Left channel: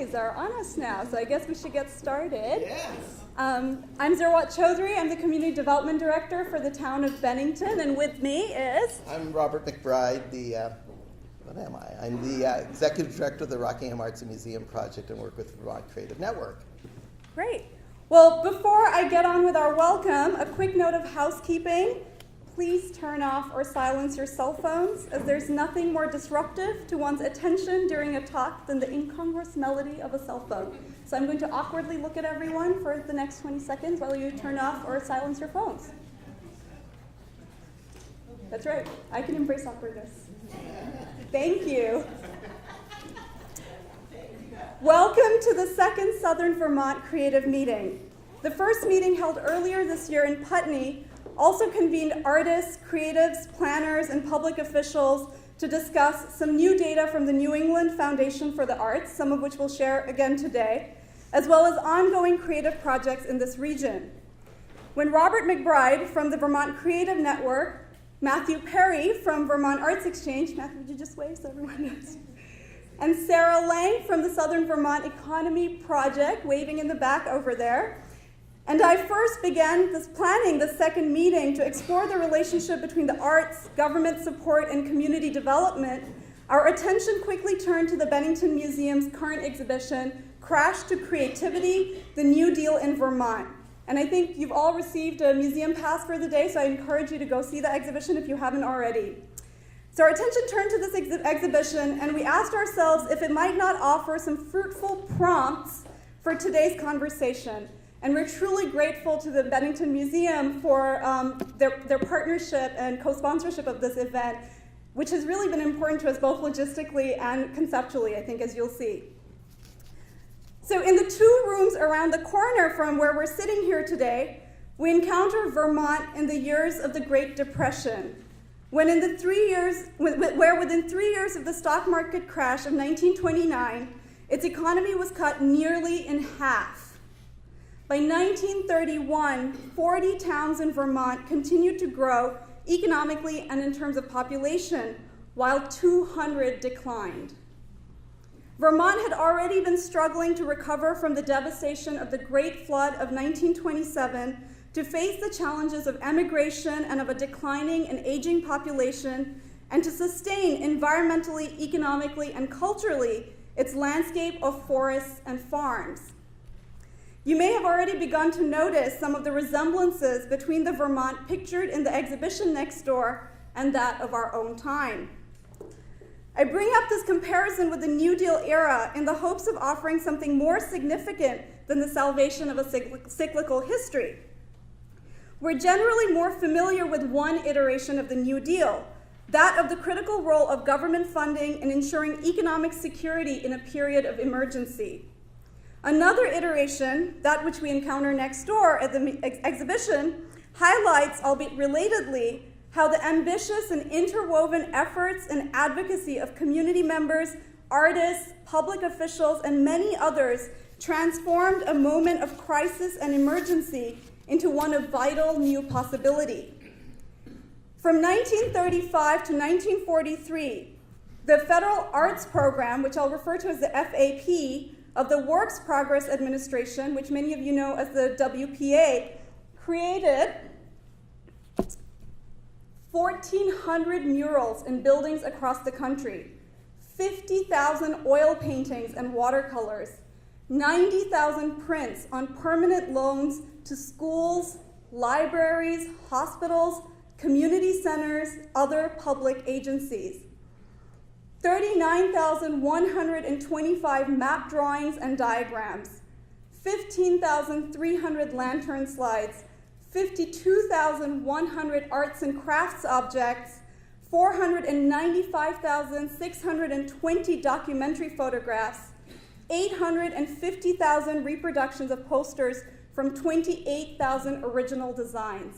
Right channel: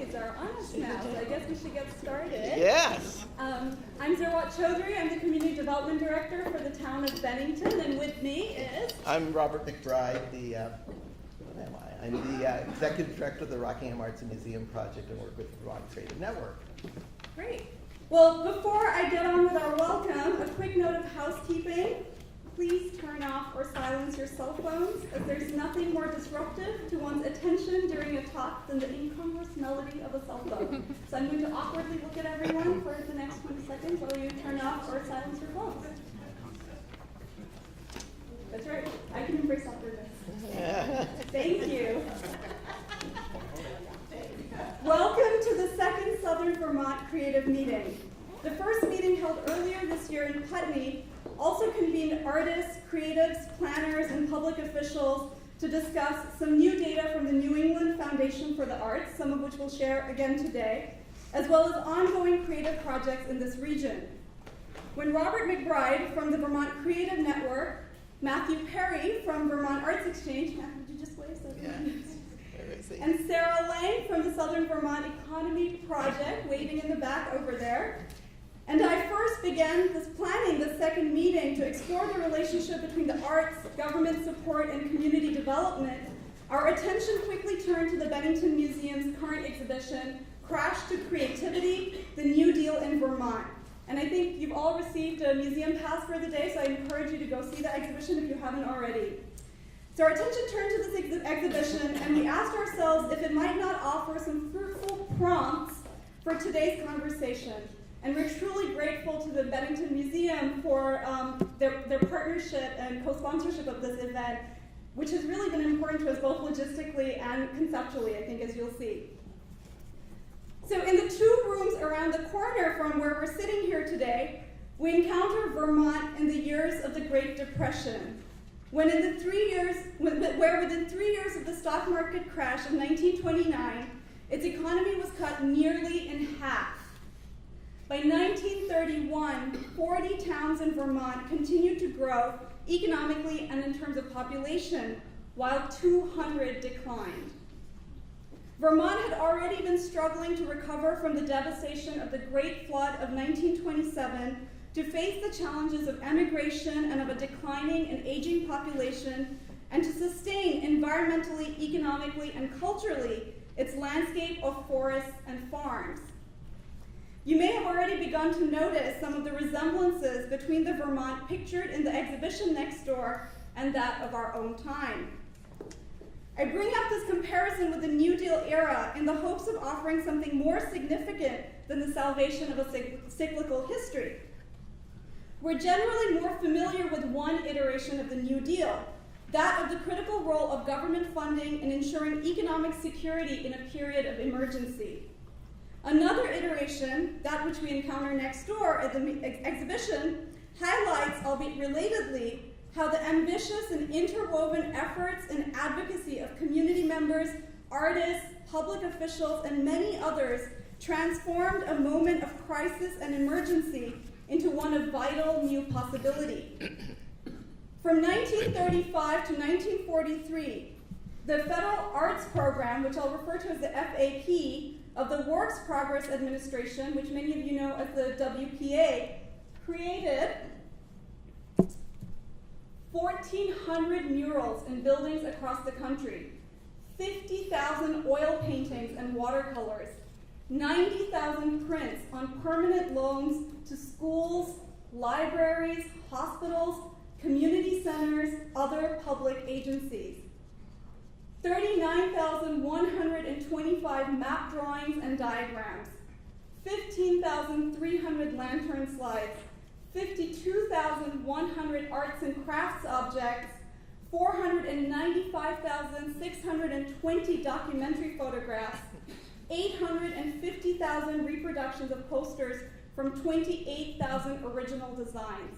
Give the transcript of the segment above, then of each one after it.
eyes are on us now, so I guess we should get started. Yes. I'm Zerwat Chaudhry. I'm the Community Development Director for the town of Bennington, and with me is... I'm Robert McBride, what am I? I'm the Executive Director of the Rockingham Arts and Museum Project and work with the Vermont Creative Network. Great. Well, before I get on with our welcome, a quick note of housekeeping. Please turn off or silence your cell phones, as there's nothing more disruptive to one's attention during a talk than the incongruous melody of a cell phone. So I'm going to awkwardly look at everyone for the next 20 seconds while you turn off or silence your phones. That's right, I can embrace awkwardness. Thank you. Welcome to the second Southern Vermont Creative Meeting. The first meeting held earlier this year in Putney also convened artists, creatives, planners, and public officials to discuss some new data from the New England Foundation for the Arts, some of which we'll share again today, as well as ongoing creative projects in this region. When Robert McBride from the Vermont Creative Network, Matthew Perry from Vermont Arts Exchange, Matthew, would you just wave so everyone knows? And Sarah Lang from the Southern Vermont Economy Project, waving in the back over there. And I first began planning the second meeting to explore the relationship between the arts, government support, and community development. Our attention quickly turned to the Bennington Museum's current exhibition, Crash to Creativity, The New Deal in Vermont. And I think you've all received a museum pass for the day, so I encourage you to go see that exhibition if you haven't already. So our attention turned to this exhibition, and we asked ourselves if it might not offer some fruitful prompts for today's conversation. And we're truly grateful to the Bennington Museum for their partnership and co-sponsorship of this event, which has really been important to us both logistically and conceptually, I think, as you'll see. So in the two rooms around the corner from where we're sitting here today, we encounter Vermont in the years of the Great Depression, within 3 years of the stock market crash of 1929, its economy was cut nearly in half. By 1931, 40 towns in Vermont continued to grow economically and in terms of population, while 200 declined. Vermont had already been struggling to recover from the devastation of the Great Flood of 1927 to face the challenges of emigration and of a declining and aging population, and to sustain environmentally, economically, and culturally its landscape of forests and farms. You may have already begun to notice some of the resemblances between the Vermont pictured in the exhibition next door and that of our own time. I bring up this comparison with the New Deal era in the hopes of offering something more significant than the salvation of a cyclical history. We're generally more familiar with one iteration of the New Deal, that of the critical role of government funding in ensuring economic security in a period of emergency. Another iteration, that which we encounter next door at the exhibition, highlights, albeit relatedly, how the ambitious and interwoven efforts and advocacy of community members, artists, public officials, and many others transformed a moment of crisis and emergency into one of vital new possibility. From 1935 to 1943, the Federal Arts Program, which I'll refer to as the FAP, of the Works Progress Administration, which many of you know as the WPA, created 1,400 murals in buildings across the country, 50,000 oil paintings and watercolors, 90,000 prints on permanent loans to schools, libraries, hospitals, community centers, other public agencies. 39,125 map drawings and diagrams, 15,300 lantern slides, 52,100 arts and crafts objects, 495,620 documentary photographs, 850,000 reproductions of posters from 28,000 original designs.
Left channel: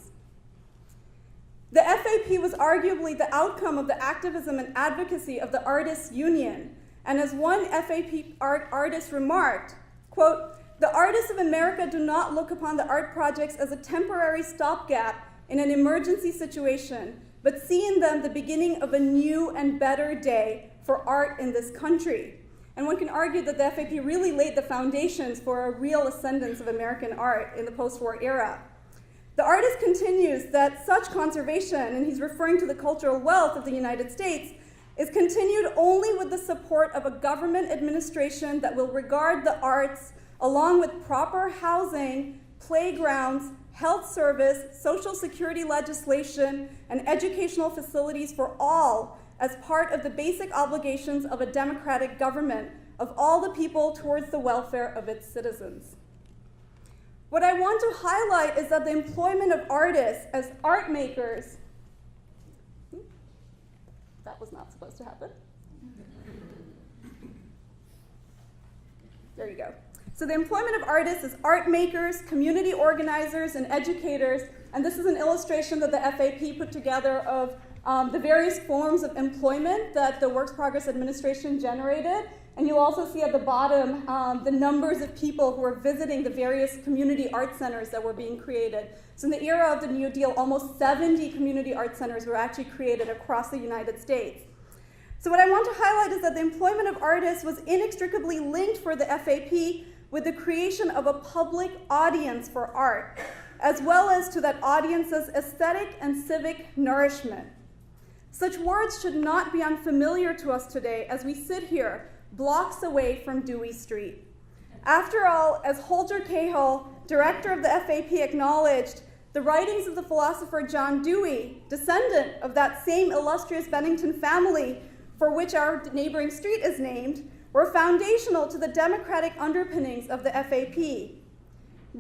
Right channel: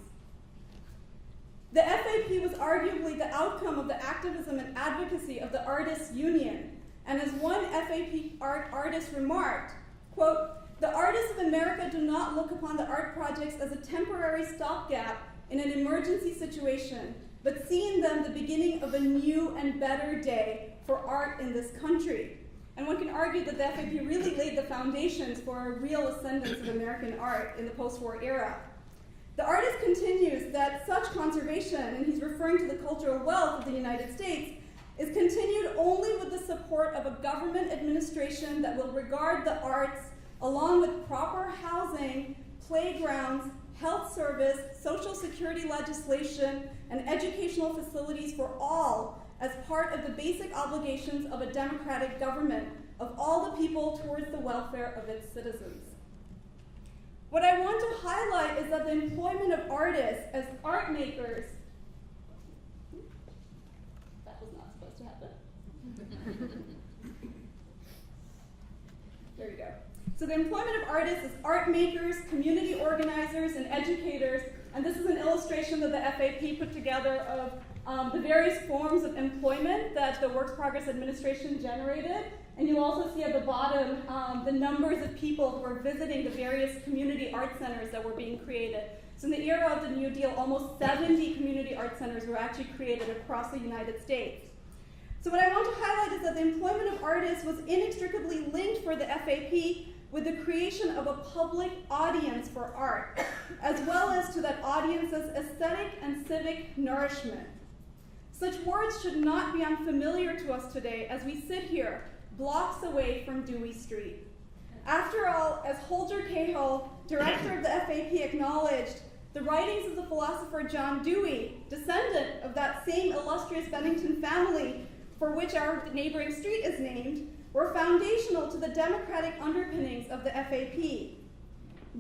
The FAP was arguably the outcome of the activism and advocacy of the Artists' Union, and as one FAP artist remarked, quote, "The artists of America do not look upon the art projects as a temporary stopgap in an emergency situation, but see in them the beginning of a new and better day for art in this country. And one can argue that the FAP really laid the foundations for a real ascendance of American art in the post-war era. The artist continues that such conservation, and he's referring to the cultural wealth of the United States, is continued only with the support of a government administration that will regard the arts along with proper housing, playgrounds, health service, social security legislation, and educational facilities for all as part of the basic obligations of a democratic government of all the people towards the welfare of its citizens. What I want to highlight is that the employment of artists as art makers, that was not supposed to happen. There you go. So the employment of artists as art makers, community organizers, and educators, and this is an illustration that the FAP put together of the various forms of employment that the Works Progress Administration generated. And you'll also see at the bottom the numbers of people who are visiting the various community art centers that were being created. So in the era of the New Deal, almost 70 community art centers were actually created across the United States. So what I want to highlight is that the employment of artists was inextricably linked for the FAP with the creation of a public audience for art, as well as to that audience's aesthetic and civic nourishment. Such words should not be unfamiliar to us today as we sit here, blocks away from Dewey Street. After all, as Holger Cahill, director of the FAP, acknowledged, the writings of the philosopher John Dewey, descendant of that same illustrious Bennington family for which our neighboring street is named, were foundational to the democratic underpinnings of the FAP.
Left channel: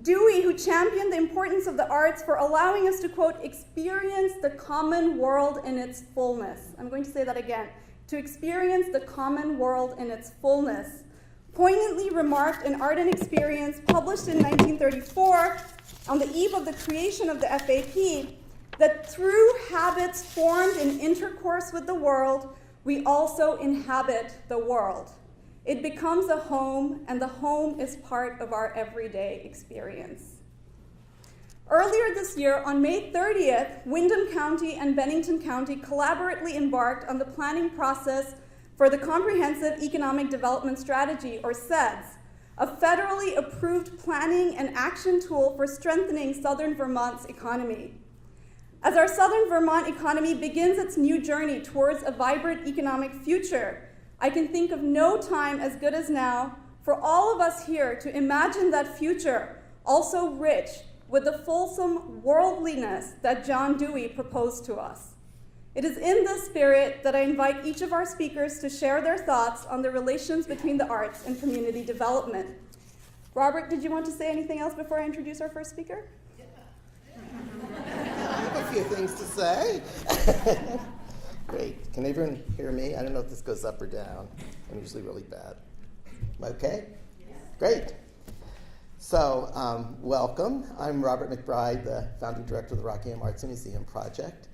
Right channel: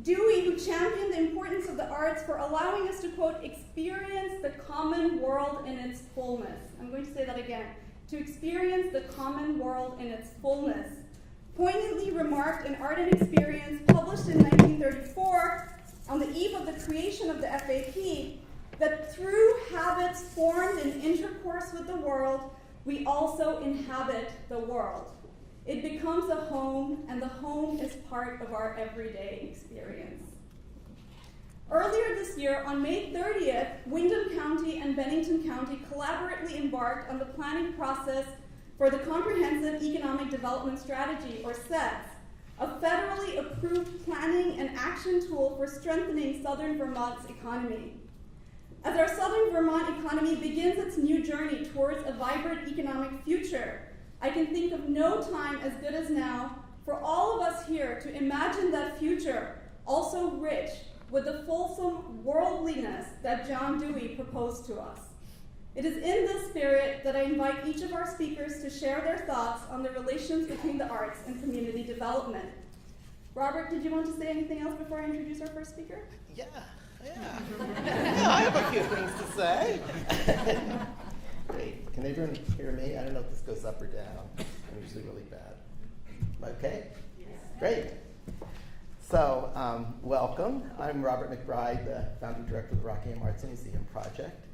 Dewey, who championed the importance of the arts for allowing us to, quote, experience the common world in its fullness. I'm going to say that again. To experience the common world in its fullness, poignantly remarked in Art and Experience, published in 1934, on the eve of the creation of the FAP, that through habits formed in intercourse with the world, we also inhabit the world. It becomes a home, and the home is part of our everyday experience. Earlier this year, on May 30th, Windham County and Bennington County collaboratively embarked on the planning process for the Comprehensive Economic Development Strategy, or CEDS, a federally approved planning and action tool for strengthening southern Vermont's economy. As our southern Vermont economy begins its new journey towards a vibrant economic future, I can think of no time as good as now for all of us here to imagine that future also rich with the fulsome worldliness that John Dewey proposed to us. It is in this spirit that I invite each of our speakers to share their thoughts on the relations between the arts and community development. Robert, did you want to say anything else before I introduce our first speaker? Yeah, I have a few things to say. Great. Can everyone hear me? I don't know if this goes up or down. I'm usually really bad. Okay? Yes. Great. So, welcome. I'm Robert McBride, the founding director of the Rockingham Arts and Museum Project.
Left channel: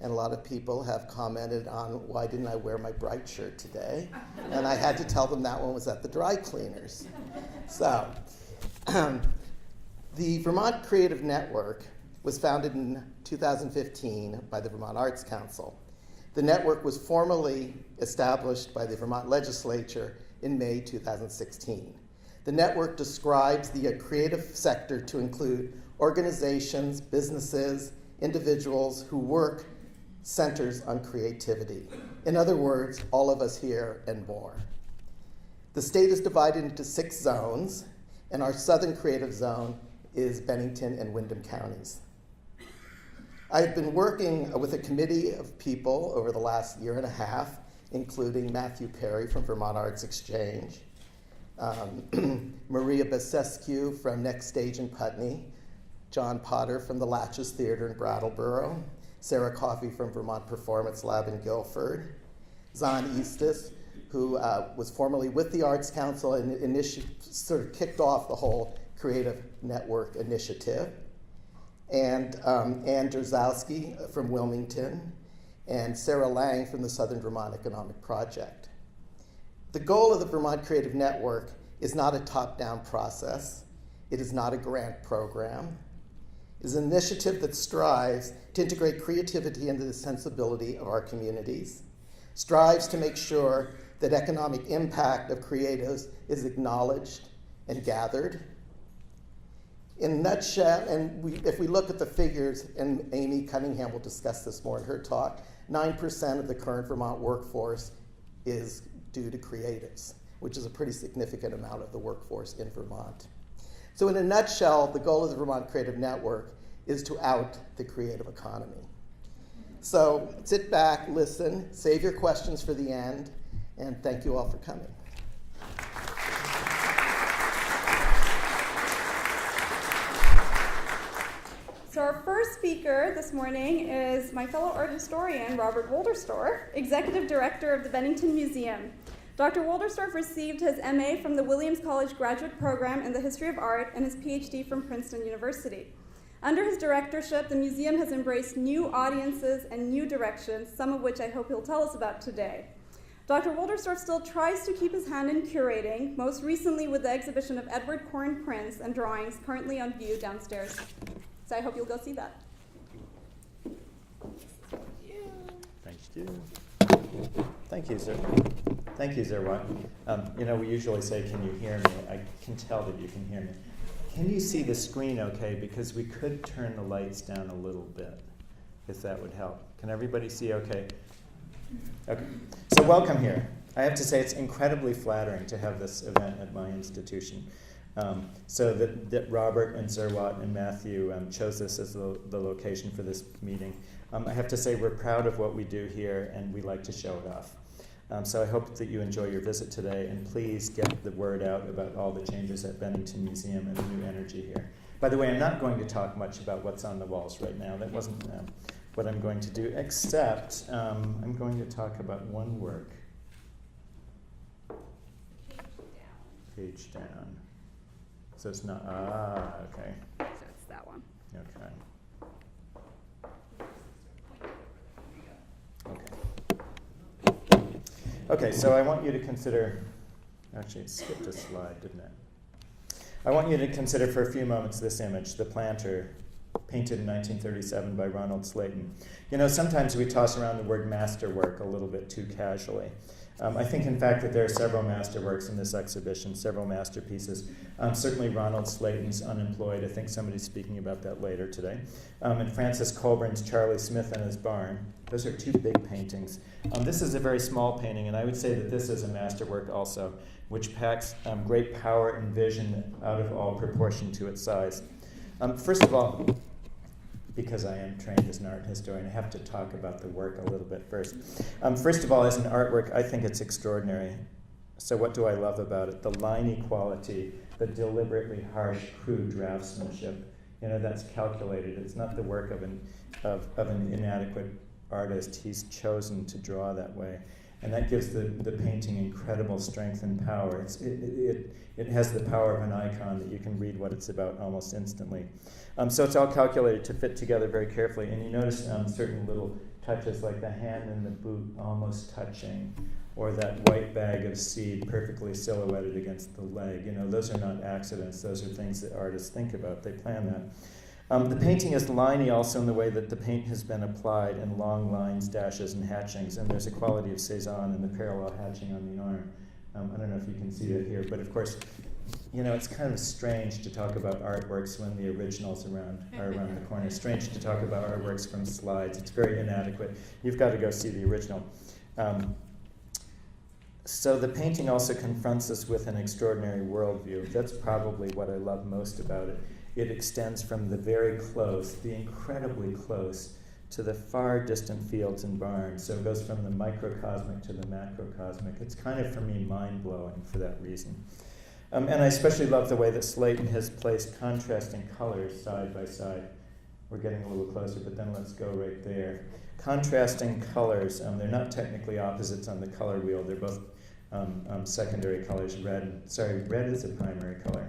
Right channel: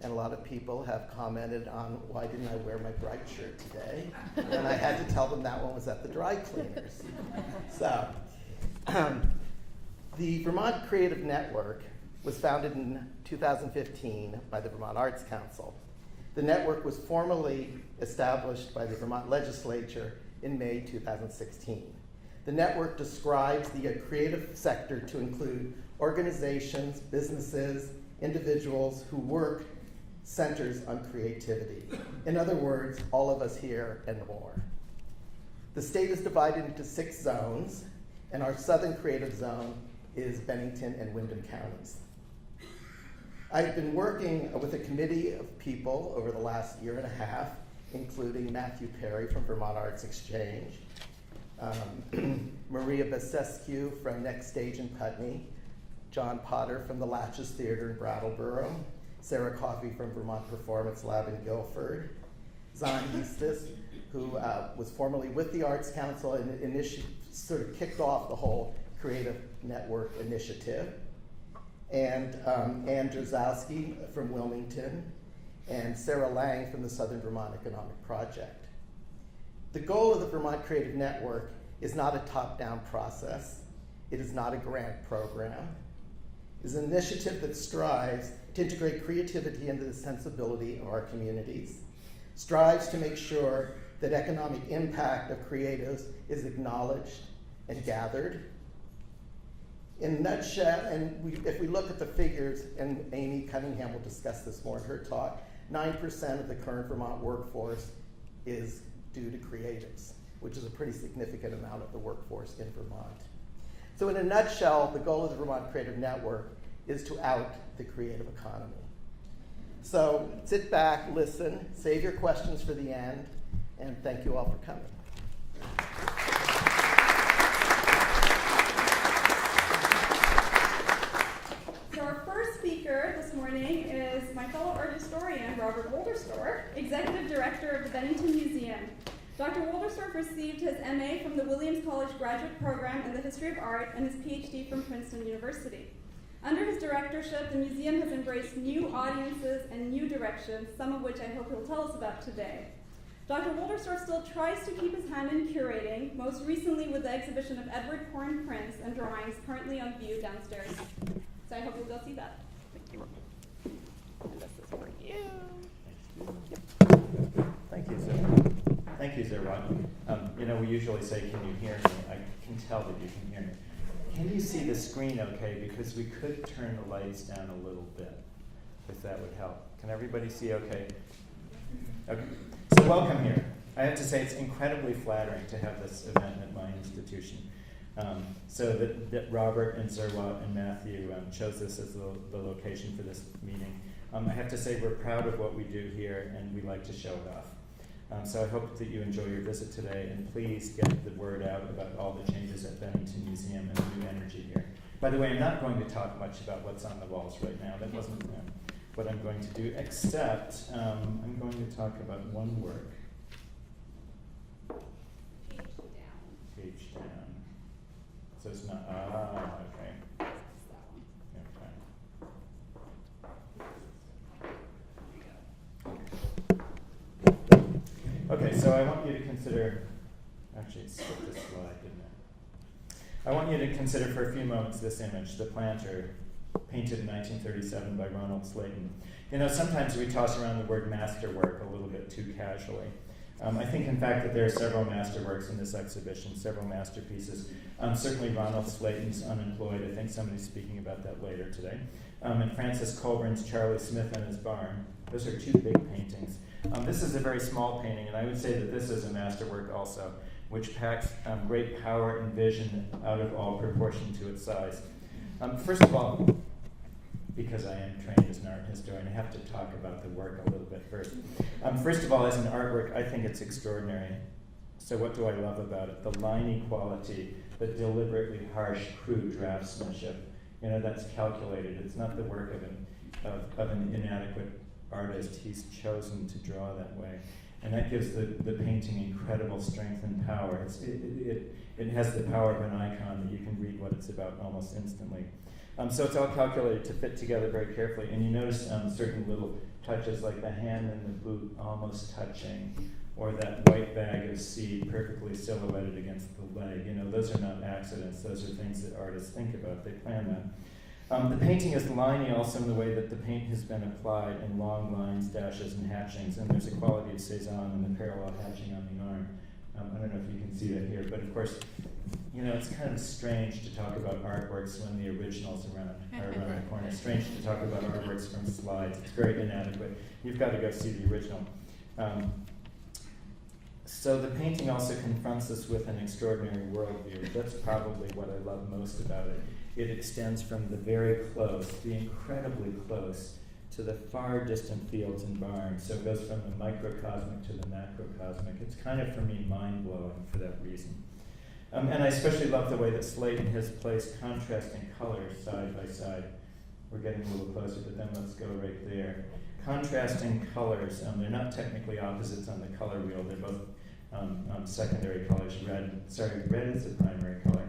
And a lot of people have commented on why didn't I wear my bright shirt today? And I had to tell them that one was at the dry cleaners. So, the Vermont Creative Network was founded in 2015 by the Vermont Arts Council. The network was formally established by the Vermont legislature in May 2016. The network describes the creative sector to include organizations, businesses, individuals who work centers on creativity. In other words, all of us here and more. The state is divided into 6 zones, and our southern creative zone is Bennington and Windham counties. I've been working with a committee of people over the last year and a half, including Matthew Perry from Vermont Arts Exchange, Maria Basescu from Next Stage in Putney, John Potter from the Latches Theater in Brattleboro, Sarah Coffey from Vermont Performance Lab in Guilford, Zahn Eastis, who was formerly with the Arts Council and sort of kicked off the whole Creative Network initiative, and Ann Drzowski from Wilmington, and Sarah Lang from the Southern Vermont Economic Project. The goal of the Vermont Creative Network is not a top-down process. It is not a grant program. It is an initiative that strives to integrate creativity into the sensibility of our communities, strives to make sure that economic impact of creatives is acknowledged and gathered. In a nutshell, if we look at the figures, and Amy Cunningham will discuss this more in her talk, 9% of the current Vermont workforce is due to creatives, which is a pretty significant amount of the workforce in Vermont. So in a nutshell, the goal of the Vermont Creative Network is to out the creative economy. So sit back, listen, save your questions for the end, and thank you all for coming. So our first speaker this morning is my fellow art historian, Robert Wolderstorff, Executive Director of the Bennington Museum. Dr. Wolderstorff received his MA from the Williams College Graduate Program in the History of Art and his PhD from Princeton University. Under his directorship, the museum has embraced new audiences and new directions, some of which I hope he'll tell us about today. Dr. Wolderstorff still tries to keep his hand in curating, most recently with the exhibition of Edward Corrin prints and drawings currently on view downstairs. So I hope you'll go see that. Thank you. This is for you. Thank you, Zerwa. Thank you, Zerwa. We usually say, can you hear me? I can tell that you can hear me. Can you see the screen okay? Because we could turn the lights down a little bit, if that would help. Can everybody see okay? Okay. So welcome here. I have to say it's incredibly flattering to have this event at my institution. So that Robert and Zerwa and Matthew chose this as the location for this meeting. I have to say we're proud of what we do here, and we like to show it off. So I hope that you enjoy your visit today, and please get the word out about all the changes at Bennington Museum and the new energy here. By the way, I'm not going to talk much about what's on the walls right now. That wasn't what I'm going to do, except I'm going to talk about one work. Page down. So it's not, okay. That's that one. Okay. Okay, so I want you to consider, actually it skipped a slide, didn't it? I want you to consider for a few moments this image, The Planter, painted in 1937 by Ronald Slayton. Sometimes we toss around the word masterwork a little bit too casually. I think, in fact, that there are several masterworks in this exhibition, several masterpieces. Certainly Ronald Slayton's Unemployed. I think somebody's speaking about that later today. And Francis Colburn's Charlie Smith and His Barn. Those are two big paintings. This is a very small painting, and I would say that this is a masterwork also, which packs great power and vision out of all proportion to its size. First of all, because I am trained as an art historian, I have to talk about the work a little bit first. First of all, as an artwork, I think it's extraordinary. So what do I love about it? The liney quality, the deliberately harsh, crude draftsmanship. That's calculated. It's not the work of an inadequate artist. He's chosen to draw that way. And that gives the painting incredible strength and power. It has the power of an icon that you can read what it's about almost instantly. So it's all calculated to fit together very carefully. And you notice certain little touches like the hand and the boot almost touching, or that white bag of seed perfectly silhouetted against the leg. Those are not accidents. Those are things that artists think about. They plan that. The painting is liney also in the way that the paint has been applied in long lines, dashes, and hatchings. And there's a quality of Cezanne in the parallel hatching on the arm. I don't know if you can see that here, but of course, it's kind of strange to talk about artworks when the originals are around the corner. It's strange to talk about artworks from slides. It's very inadequate. You've got to go see the original. So the painting also confronts us with an extraordinary worldview. That's probably what I love most about it. It extends from the very close, the incredibly close, to the far distant fields and barns. So it goes from the microcosmic to the macrocosmic. It's kind of, for me, mind-blowing for that reason. And I especially love the way that Slayton has placed contrasting colors side by side. We're getting a little closer, but then let's go right there. Contrasting colors, they're not technically opposites on the color wheel. They're both secondary colors. Red is a primary color.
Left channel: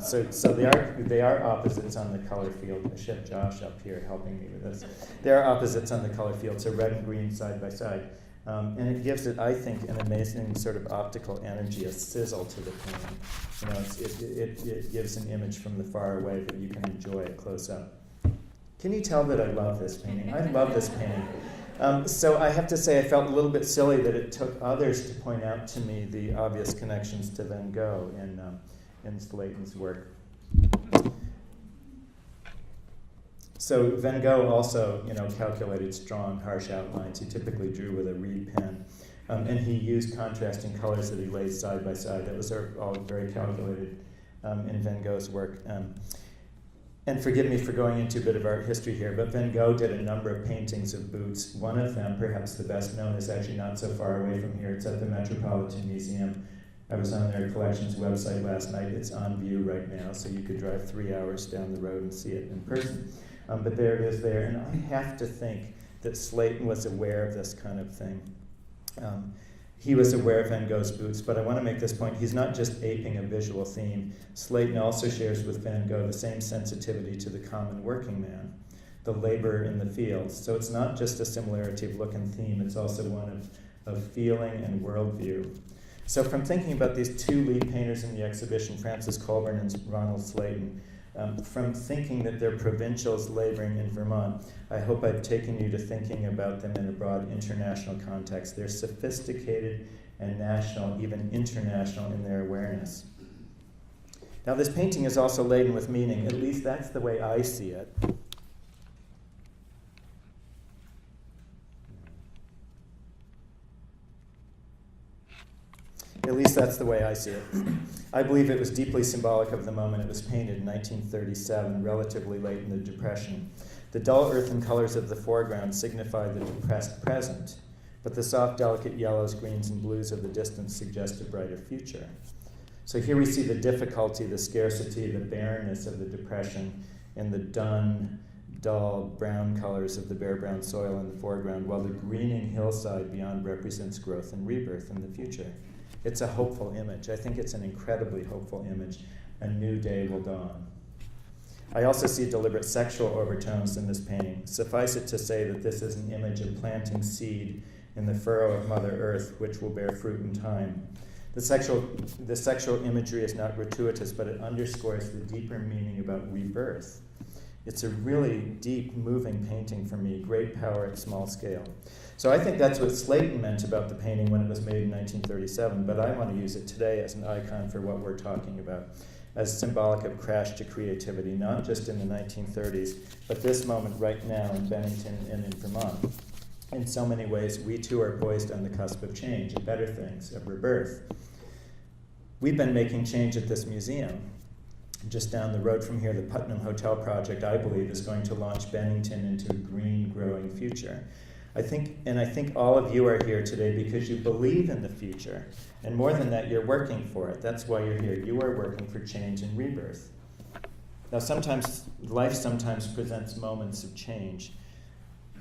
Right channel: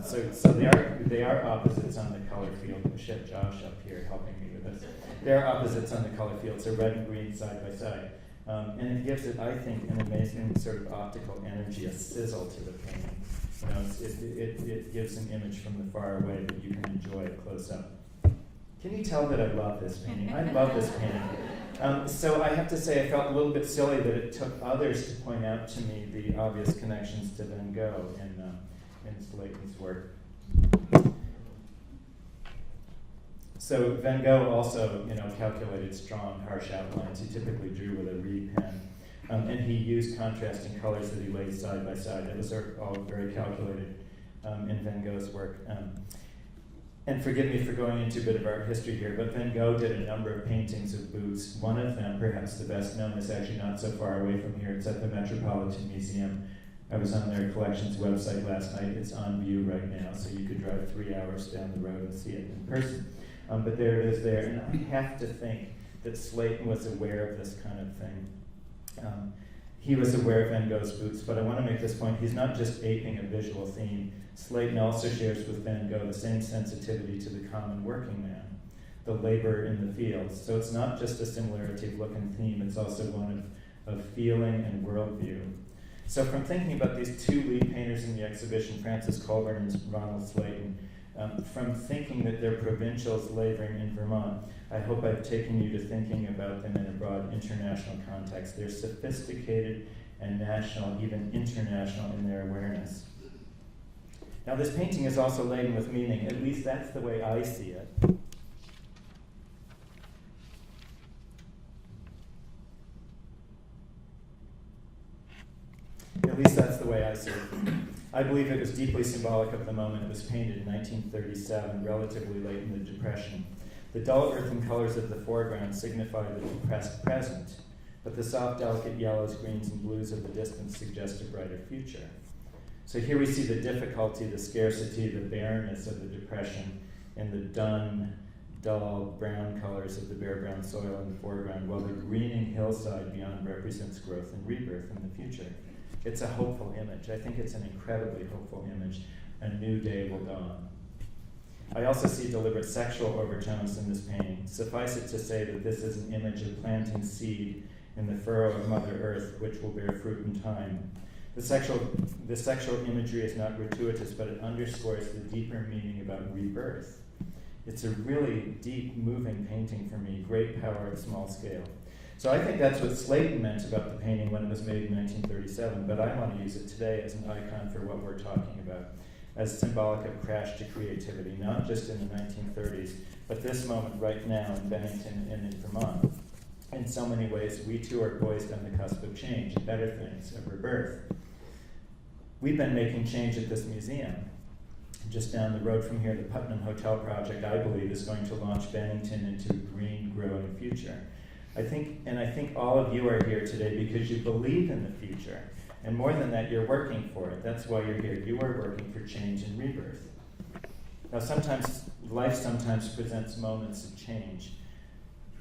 So they are opposites on the color field. I should have Josh up here helping me with this. They are opposites on the color field, so red and green side by side. And it gives it, I think, an amazing sort of optical energy, a sizzle to the painting. It gives an image from the far away that you can enjoy close up. Can you tell that I love this painting? I love this painting. So I have to say I felt a little bit silly that it took others to point out to me the obvious connections to Van Gogh in Slayton's work. So Van Gogh also, calculated strong, harsh outlines. He typically drew with a reed pen. And he used contrasting colors that he laid side by side. That was all very calculated in Van Gogh's work. And forgive me for going into a bit of art history here, but Van Gogh did a number of paintings of boots. One of them, perhaps the best known, is actually not so far away from here. It's at the Metropolitan Museum. I was on their collections website last night. It's on view right now, so you could drive 3 hours down the road and see it in person. But there it is there. And I have to think that Slayton was aware of this kind of thing. He was aware of Van Gogh's boots, but I want to make this point. He's not just aping a visual theme. Slayton also shares with Van Gogh the same sensitivity to the common working man, the labor in the fields. So it's not just a similarity of look and theme, it's also one of feeling and worldview. So from thinking about these two lead painters in the exhibition, Francis Colburn and Ronald Slayton, from thinking that they're provincials laboring in Vermont, I hope I've taken you to thinking about them in a broad international context. They're sophisticated and national, even international in their awareness. Now this painting is also laden with meaning, at least that's the way I see it. At least that's the way I see it. I believe it was deeply symbolic of the moment it was painted in 1937, relatively late in the Depression. The dull earthen colors of the foreground signify the depressed present, but the soft, delicate yellows, greens, and blues of the distance suggest a brighter future. So here we see the difficulty, the scarcity, the barrenness of the Depression in the dun, dull brown colors of the bare brown soil in the foreground, while the greening hillside beyond represents growth and rebirth in the future. It's a hopeful image. I think it's an incredibly hopeful image. A new day will dawn. I also see deliberate sexual overtones in this painting. Suffice it to say that this is an image of planting seed in the furrow of Mother Earth, which will bear fruit in time. The sexual imagery is not gratuitous, but it underscores the deeper meaning about rebirth. It's a really deep, moving painting for me, great power at small scale. So I think that's what Slayton meant about the painting when it was made in 1937, but I want to use it today as an icon for what we're talking about, as symbolic of crash to creativity, not just in the 1930s, but this moment right now in Bennington and in Vermont. In so many ways, we too are poised on the cusp of change, of better things, of rebirth. We've been making change at this museum. Just down the road from here, the Putnam Hotel project, I believe, is going to launch Bennington into a green, growing future. I think all of you are here today because you believe in the future. And more than that, you're working for it. That's why you're here. You are working for change and rebirth. Now, life sometimes presents moments of change.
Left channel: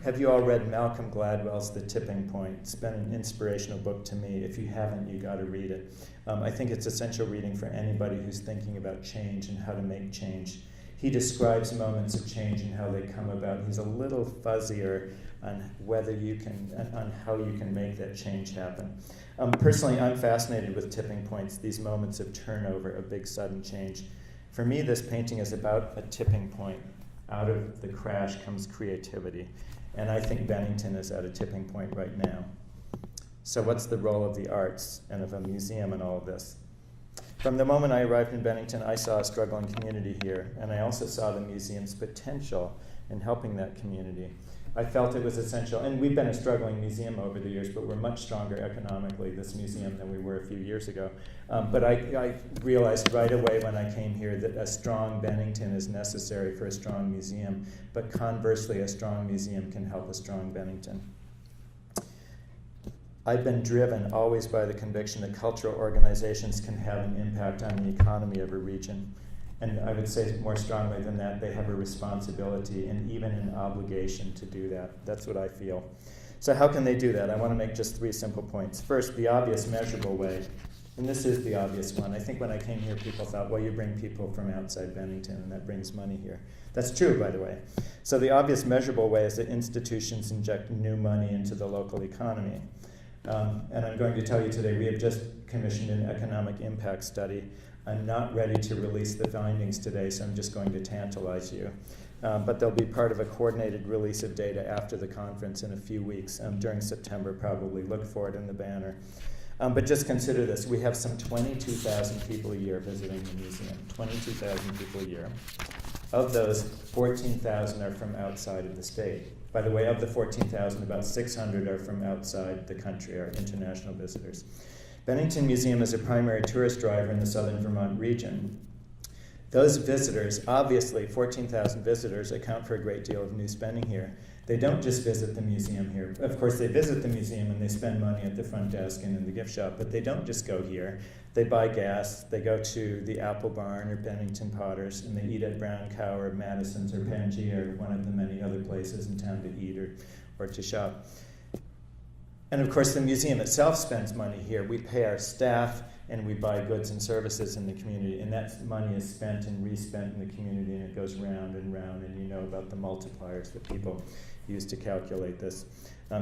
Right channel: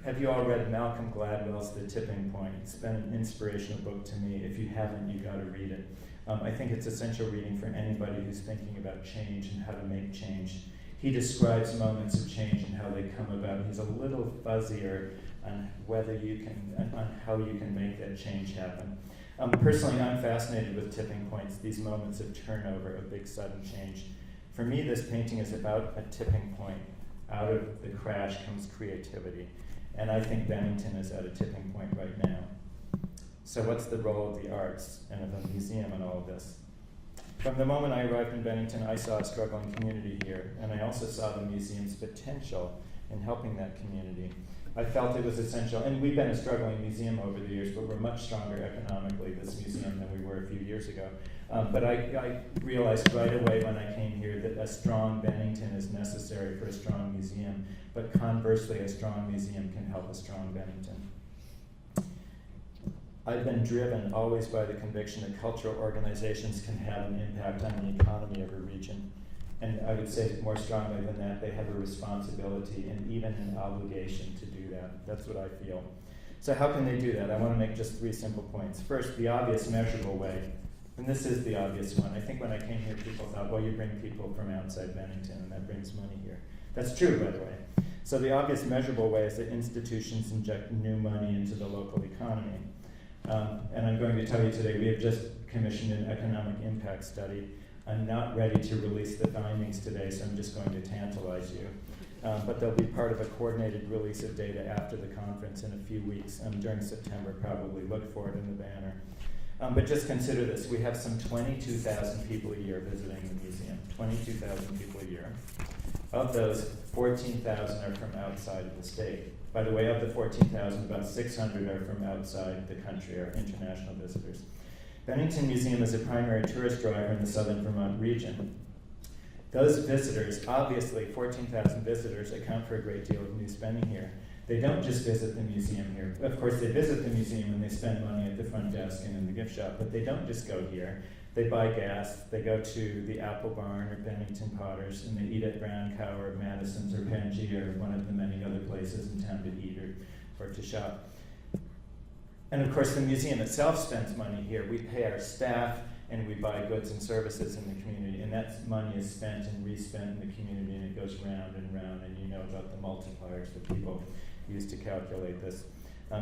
Have you all read Malcolm Gladwell's The Tipping Point? It's been an inspirational book to me. If you haven't, you got to read it. I think it's essential reading for anybody who's thinking about change and how to make change. He describes moments of change and how they come about. He's a little fuzzier on how you can make that change happen. Personally, I'm fascinated with tipping points, these moments of turnover, of big sudden change. For me, this painting is about a tipping point. Out of the crash comes creativity. And I think Bennington is at a tipping point right now. So what's the role of the arts and of a museum in all of this? From the moment I arrived in Bennington, I saw a struggling community here, and I also saw the museum's potential in helping that community. I felt it was essential, and we've been a struggling museum over the years, but we're much stronger economically, this museum, than we were a few years ago. But I realized right away when I came here that a strong Bennington is necessary for a strong museum, but conversely, a strong museum can help a strong Bennington. I've been driven always by the conviction that cultural organizations can have an impact on the economy of a region. And I would say more strongly than that, they have a responsibility and even an obligation to do that. That's what I feel. So how can they do that? I want to make just 3 simple points. First, the obvious measurable way. And this is the obvious one. I think when I came here, people thought, well, you bring people from outside Bennington, and that brings money here. That's true, by the way. So the obvious measurable way is that institutions inject new money into the local economy. And I'm going to tell you today, we have just commissioned an economic impact study. I'm not ready to release the findings today, so I'm just going to tantalize you. but they'll be part of a coordinated release of data after the conference in a few weeks, during September probably. Look for it in the banner. But just consider this. We have some 22,000 people a year visiting the museum, 22,000 people a year. Of those, 14,000 are from outside of the state. By the way, of the 14,000, about 600 are from outside the country, are international visitors. Bennington Museum is a primary tourist driver in the southern Vermont region. Those visitors, obviously 14,000 visitors, account for a great deal of new spending here. They don't just visit the museum here. Of course, they visit the museum and they spend money at the front desk and in the gift shop, but they don't just go here. They buy gas, they go to the Apple Barn or Bennington Potters, and they eat at Brown Cow or Madison's or Pangea or one of the many other places in town to eat or to shop. And of course, the museum itself spends money here. We pay our staff and we buy goods and services in the community, and that money is spent and respent in the community, and it goes round and round, and you know about the multipliers that people use to calculate this.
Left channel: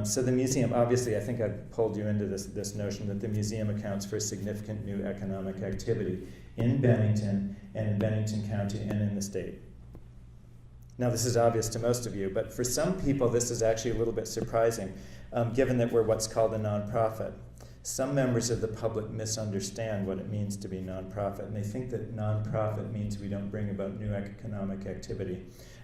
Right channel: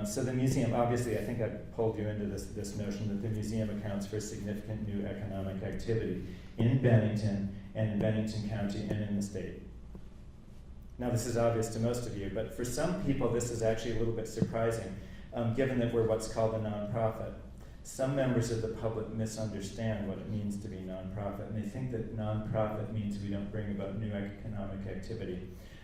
So the museum, obviously, I think I pulled you into this notion that the museum accounts for significant new economic activity in Bennington and in Bennington County and in the state. Now, this is obvious to most of you, but for some people, this is actually a little bit surprising, given that we're what's called a nonprofit. Some members of the public misunderstand what it means to be nonprofit, and they think that nonprofit means we don't bring about new economic activity.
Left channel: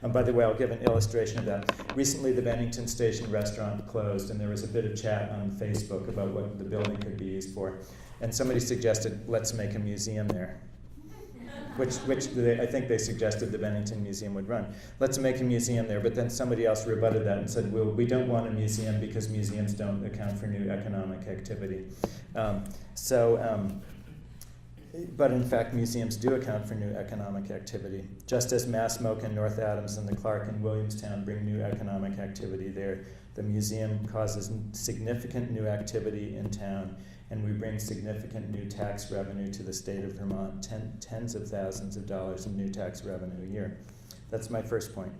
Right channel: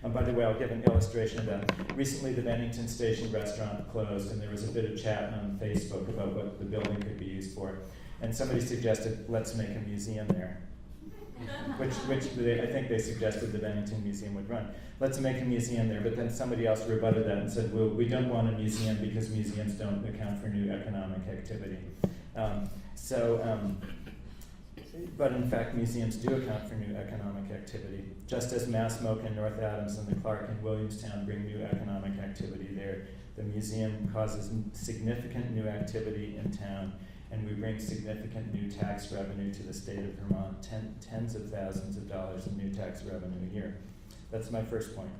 By the way, I'll give an illustration of that. Recently, the Bennington Station restaurant closed, and there was a bit of chat on Facebook about what the building could be used for. And somebody suggested, let's make a museum there, which I think they suggested the Bennington Museum would run. Let's make a museum there, but then somebody else rebutted that and said, well, we don't want a museum because museums don't account for new economic activity. But in fact, museums do account for new economic activity. Just as Massmoke and North Adams and the Clark and Williamstown bring new economic activity there, the museum causes significant new activity in town, and we bring significant new tax revenue to the state of Vermont, tens of thousands of dollars in new tax revenue a year. That's my first point.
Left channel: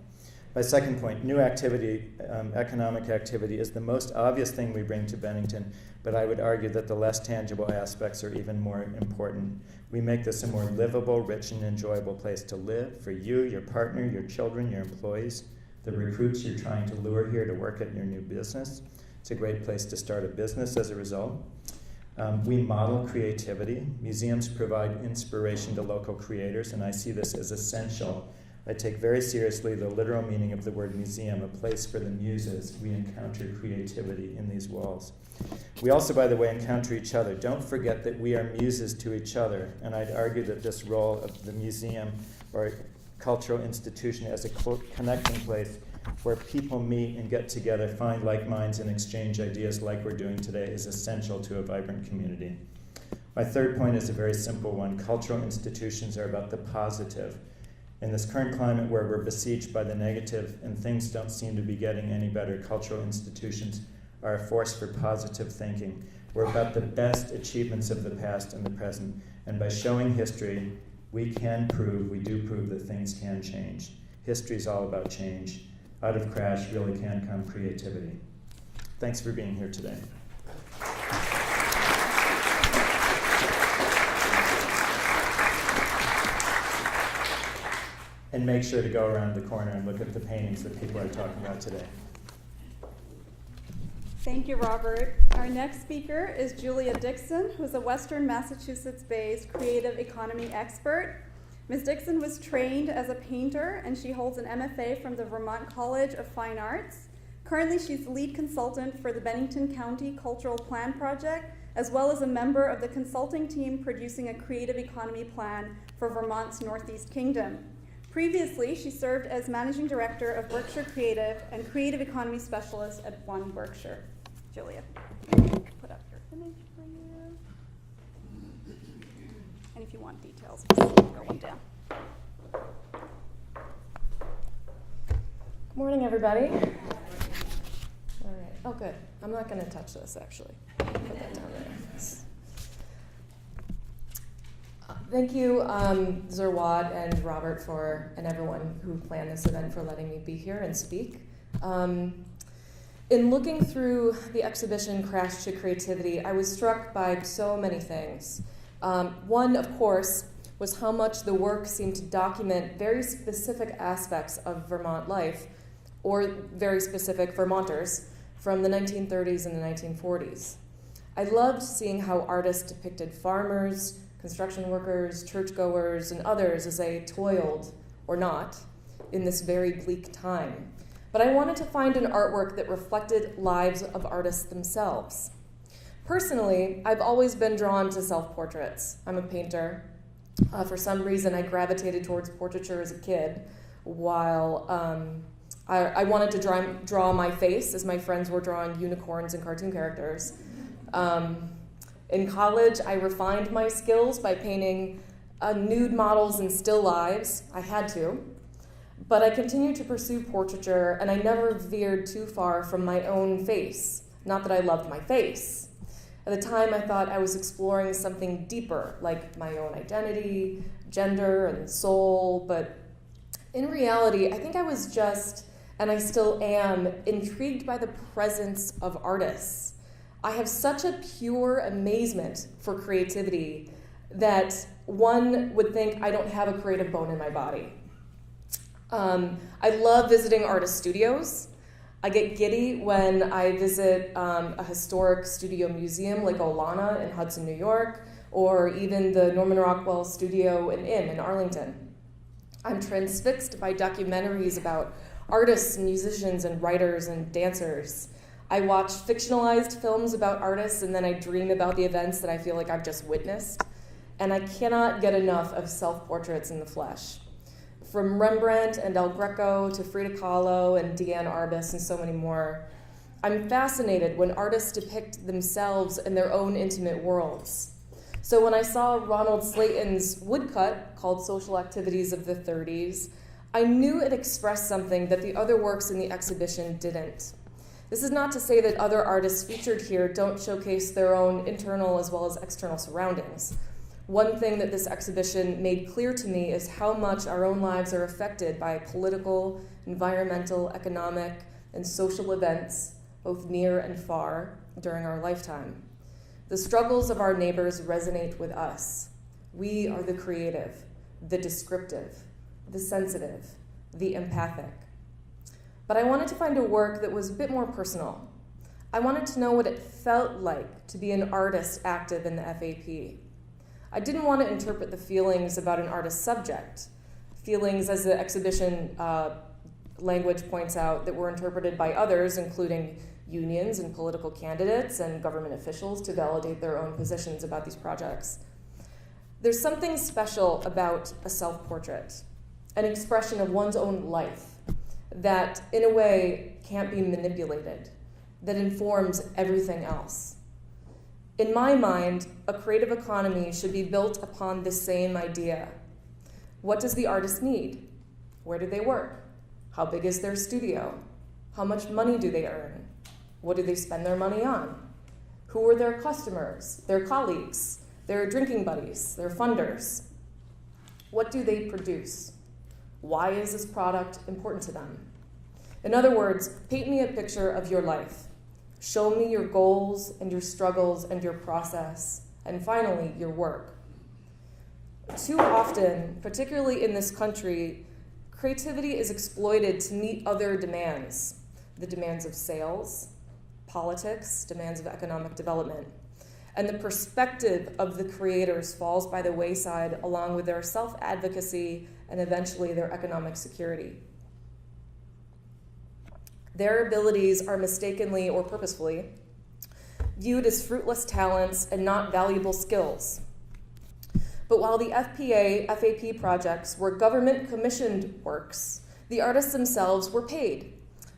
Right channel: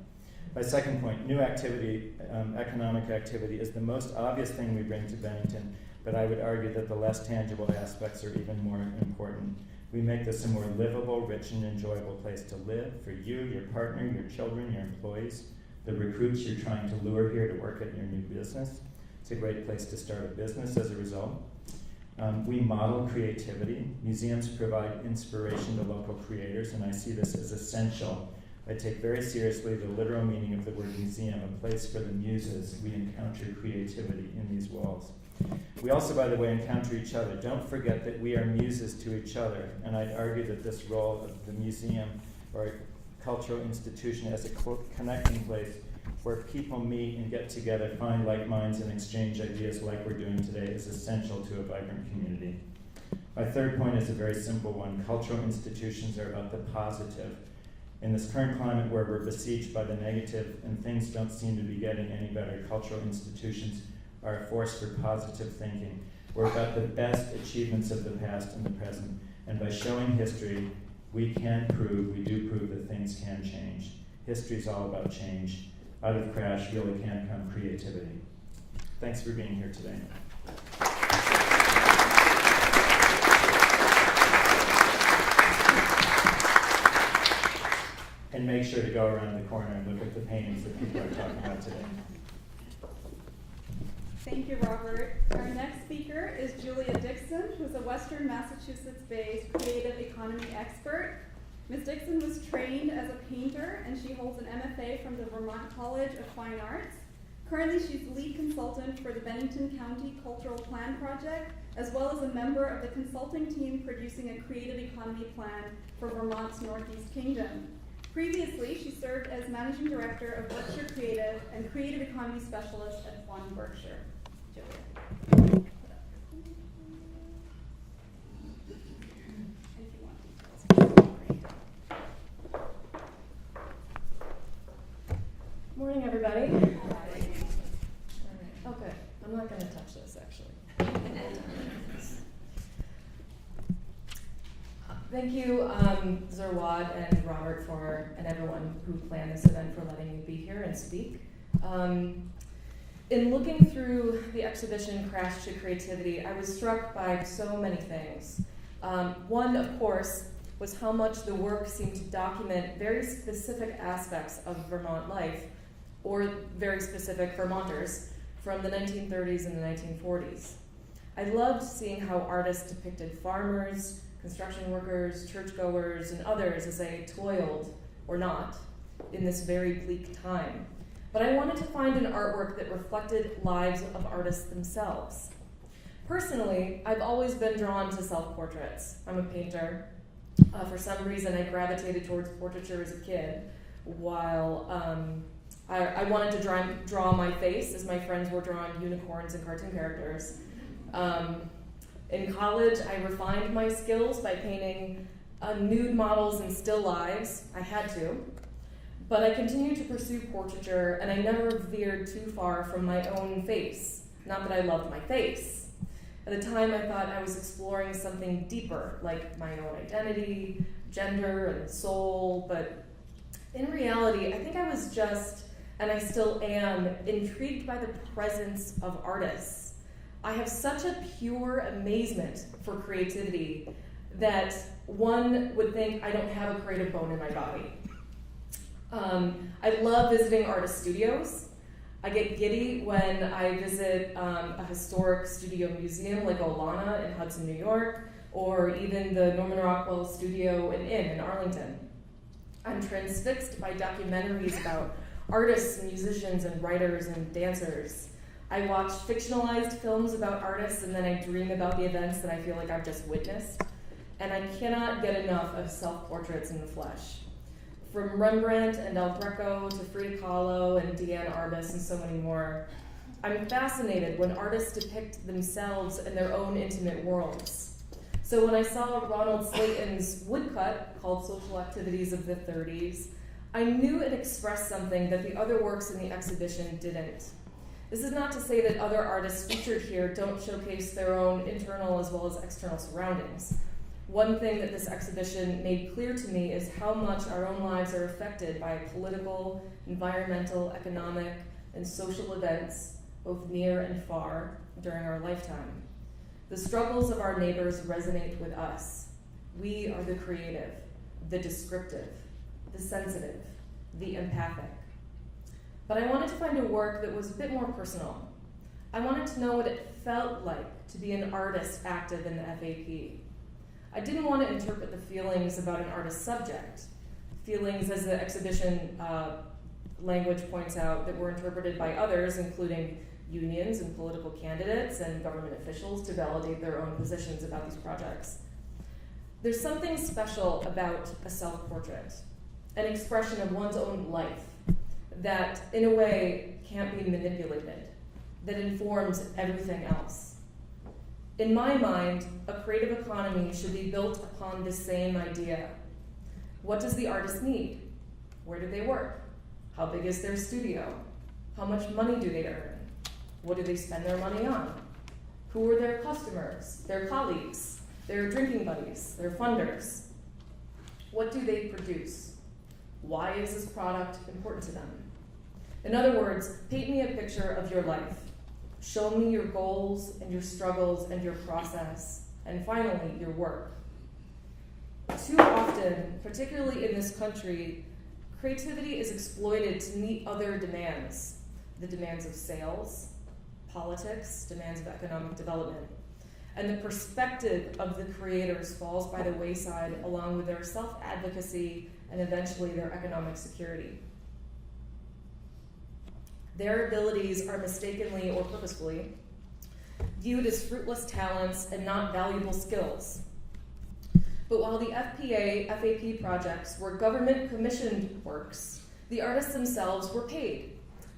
My second point, new activity, economic activity, is the most obvious thing we bring to Bennington, but I would argue that the less tangible aspects are even more important. We make this a more livable, rich, and enjoyable place to live for you, your partner, your children, your employees, the recruits you're trying to lure here to work at your new business. It's a great place to start a business as a result. We model creativity. Museums provide inspiration to local creators, and I see this as essential. I take very seriously the literal meaning of the word museum, a place for the muses. We encounter creativity in these walls. We also, by the way, encounter each other. Don't forget that we are muses to each other, and I'd argue that this role of the museum or cultural institution as a connecting place where people meet and get together, find like minds, and exchange ideas like we're doing today is essential to a vibrant community. My third point is a very simple one. Cultural institutions are about the positive. In this current climate where we're besieged by the negative and things don't seem to be getting any better, cultural institutions are a force for positive thinking. We're about the best achievements of the past and the present, and by showing history, we do prove that things can change. History's all about change. Out of crash really can come creativity. Thanks for being here today. And make sure to go around the corner and look at the paintings that people are talking about today. Thank you, Robert. Our next speaker is Julia Dixon, who's a Western Massachusetts-based creative economy expert. Ms. Dixon was trained as a painter, and she holds an MFA from the Vermont College of Fine Arts. Currently, she's lead consultant for the Bennington County Cultural Plan Project, as well as a member of the consulting team producing a creative economy plan for Vermont's Northeast Kingdom. Previously, she served as managing director of Berkshire Creative and creative economy specialist at One Berkshire. Julia, put up her image for you. And if you want details, write it down. Morning, everybody. All right. Oh, good. I'm not going to touch this, actually. Put that down there. Thank you, Zerwad and Robert and everyone who planned this event for letting me be here and speak. In looking through the exhibition Crash to Creativity, I was struck by so many things. One, of course, was how much the work seemed to document very specific aspects of Vermont life, or very specific Vermonters, from the 1930s and the 1940s. I loved seeing how artists depicted farmers, construction workers, churchgoers, and others as they toiled, or not, in this very bleak time. But I wanted to find an artwork that reflected lives of artists themselves. Personally, I've always been drawn to self-portraits. I'm a painter. For some reason, I gravitated towards portraiture as a kid, while I wanted to draw my face as my friends were drawing unicorns and cartoon characters. In college, I refined my skills by painting nude models and still lives. I had to. But I continued to pursue portraiture, and I never veered too far from my own face. Not that I loved my face. At the time, I thought I was exploring something deeper, like my own identity, gender, and soul. But in reality, I think I was just, and I still am, intrigued by the presence of artists. I have such a pure amazement for creativity that one would think I don't have a creative bone in my body. I love visiting artist studios. I get giddy when I visit a historic studio museum like Olana in Hudson, New York, or even the Norman Rockwell Studio and Inn in Arlington. I'm transfixed by documentaries about artists, musicians, and writers and dancers. I watch fictionalized films about artists, and then I dream about the events that I feel like I've just witnessed. And I cannot get enough of self-portraits in the flesh. From Rembrandt and El Greco to Frida Kahlo and Diane Arbus and so many more, I'm fascinated when artists depict themselves in their own intimate worlds. So when I saw Ronald Slayton's woodcut called Social Activities of the 30s, I knew it expressed something that the other works in the exhibition didn't. This is not to say that other artists featured here don't showcase their own internal as well as external surroundings. One thing that this exhibition made clear to me is how much our own lives are affected by political, environmental, economic, and social events, both near and far, during our lifetime. The struggles of our neighbors resonate with us. We are the creative, the descriptive, the sensitive, the empathic. But I wanted to find a work that was a bit more personal. I wanted to know what it felt like to be an artist active in the FAP. I didn't want to interpret the feelings about an artist's subject, feelings, as the exhibition language points out, that were interpreted by others, including unions and political candidates and government officials, to validate their own positions about these projects. There's something special about a self-portrait, an expression of one's own life that, in a way, can't be manipulated, that informs everything else. In my mind, a creative economy should be built upon the same idea. What does the artist need? Where do they work? How big is their studio? How much money do they earn? What do they spend their money on? Who are their customers, their colleagues, their drinking buddies, their funders? What do they produce? Why is this product important to them? In other words, paint me a picture of your life. Show me your goals and your struggles and your process, and finally, your work. Too often, particularly in this country, creativity is exploited to meet other demands, the demands of sales, politics, demands of economic development. And the perspective of the creators falls by the wayside along with their self-advocacy and eventually their economic security. Their abilities are mistakenly or purposefully viewed as fruitless talents and not valuable skills. But while the FAP projects were government-commissioned works, the artists themselves were paid.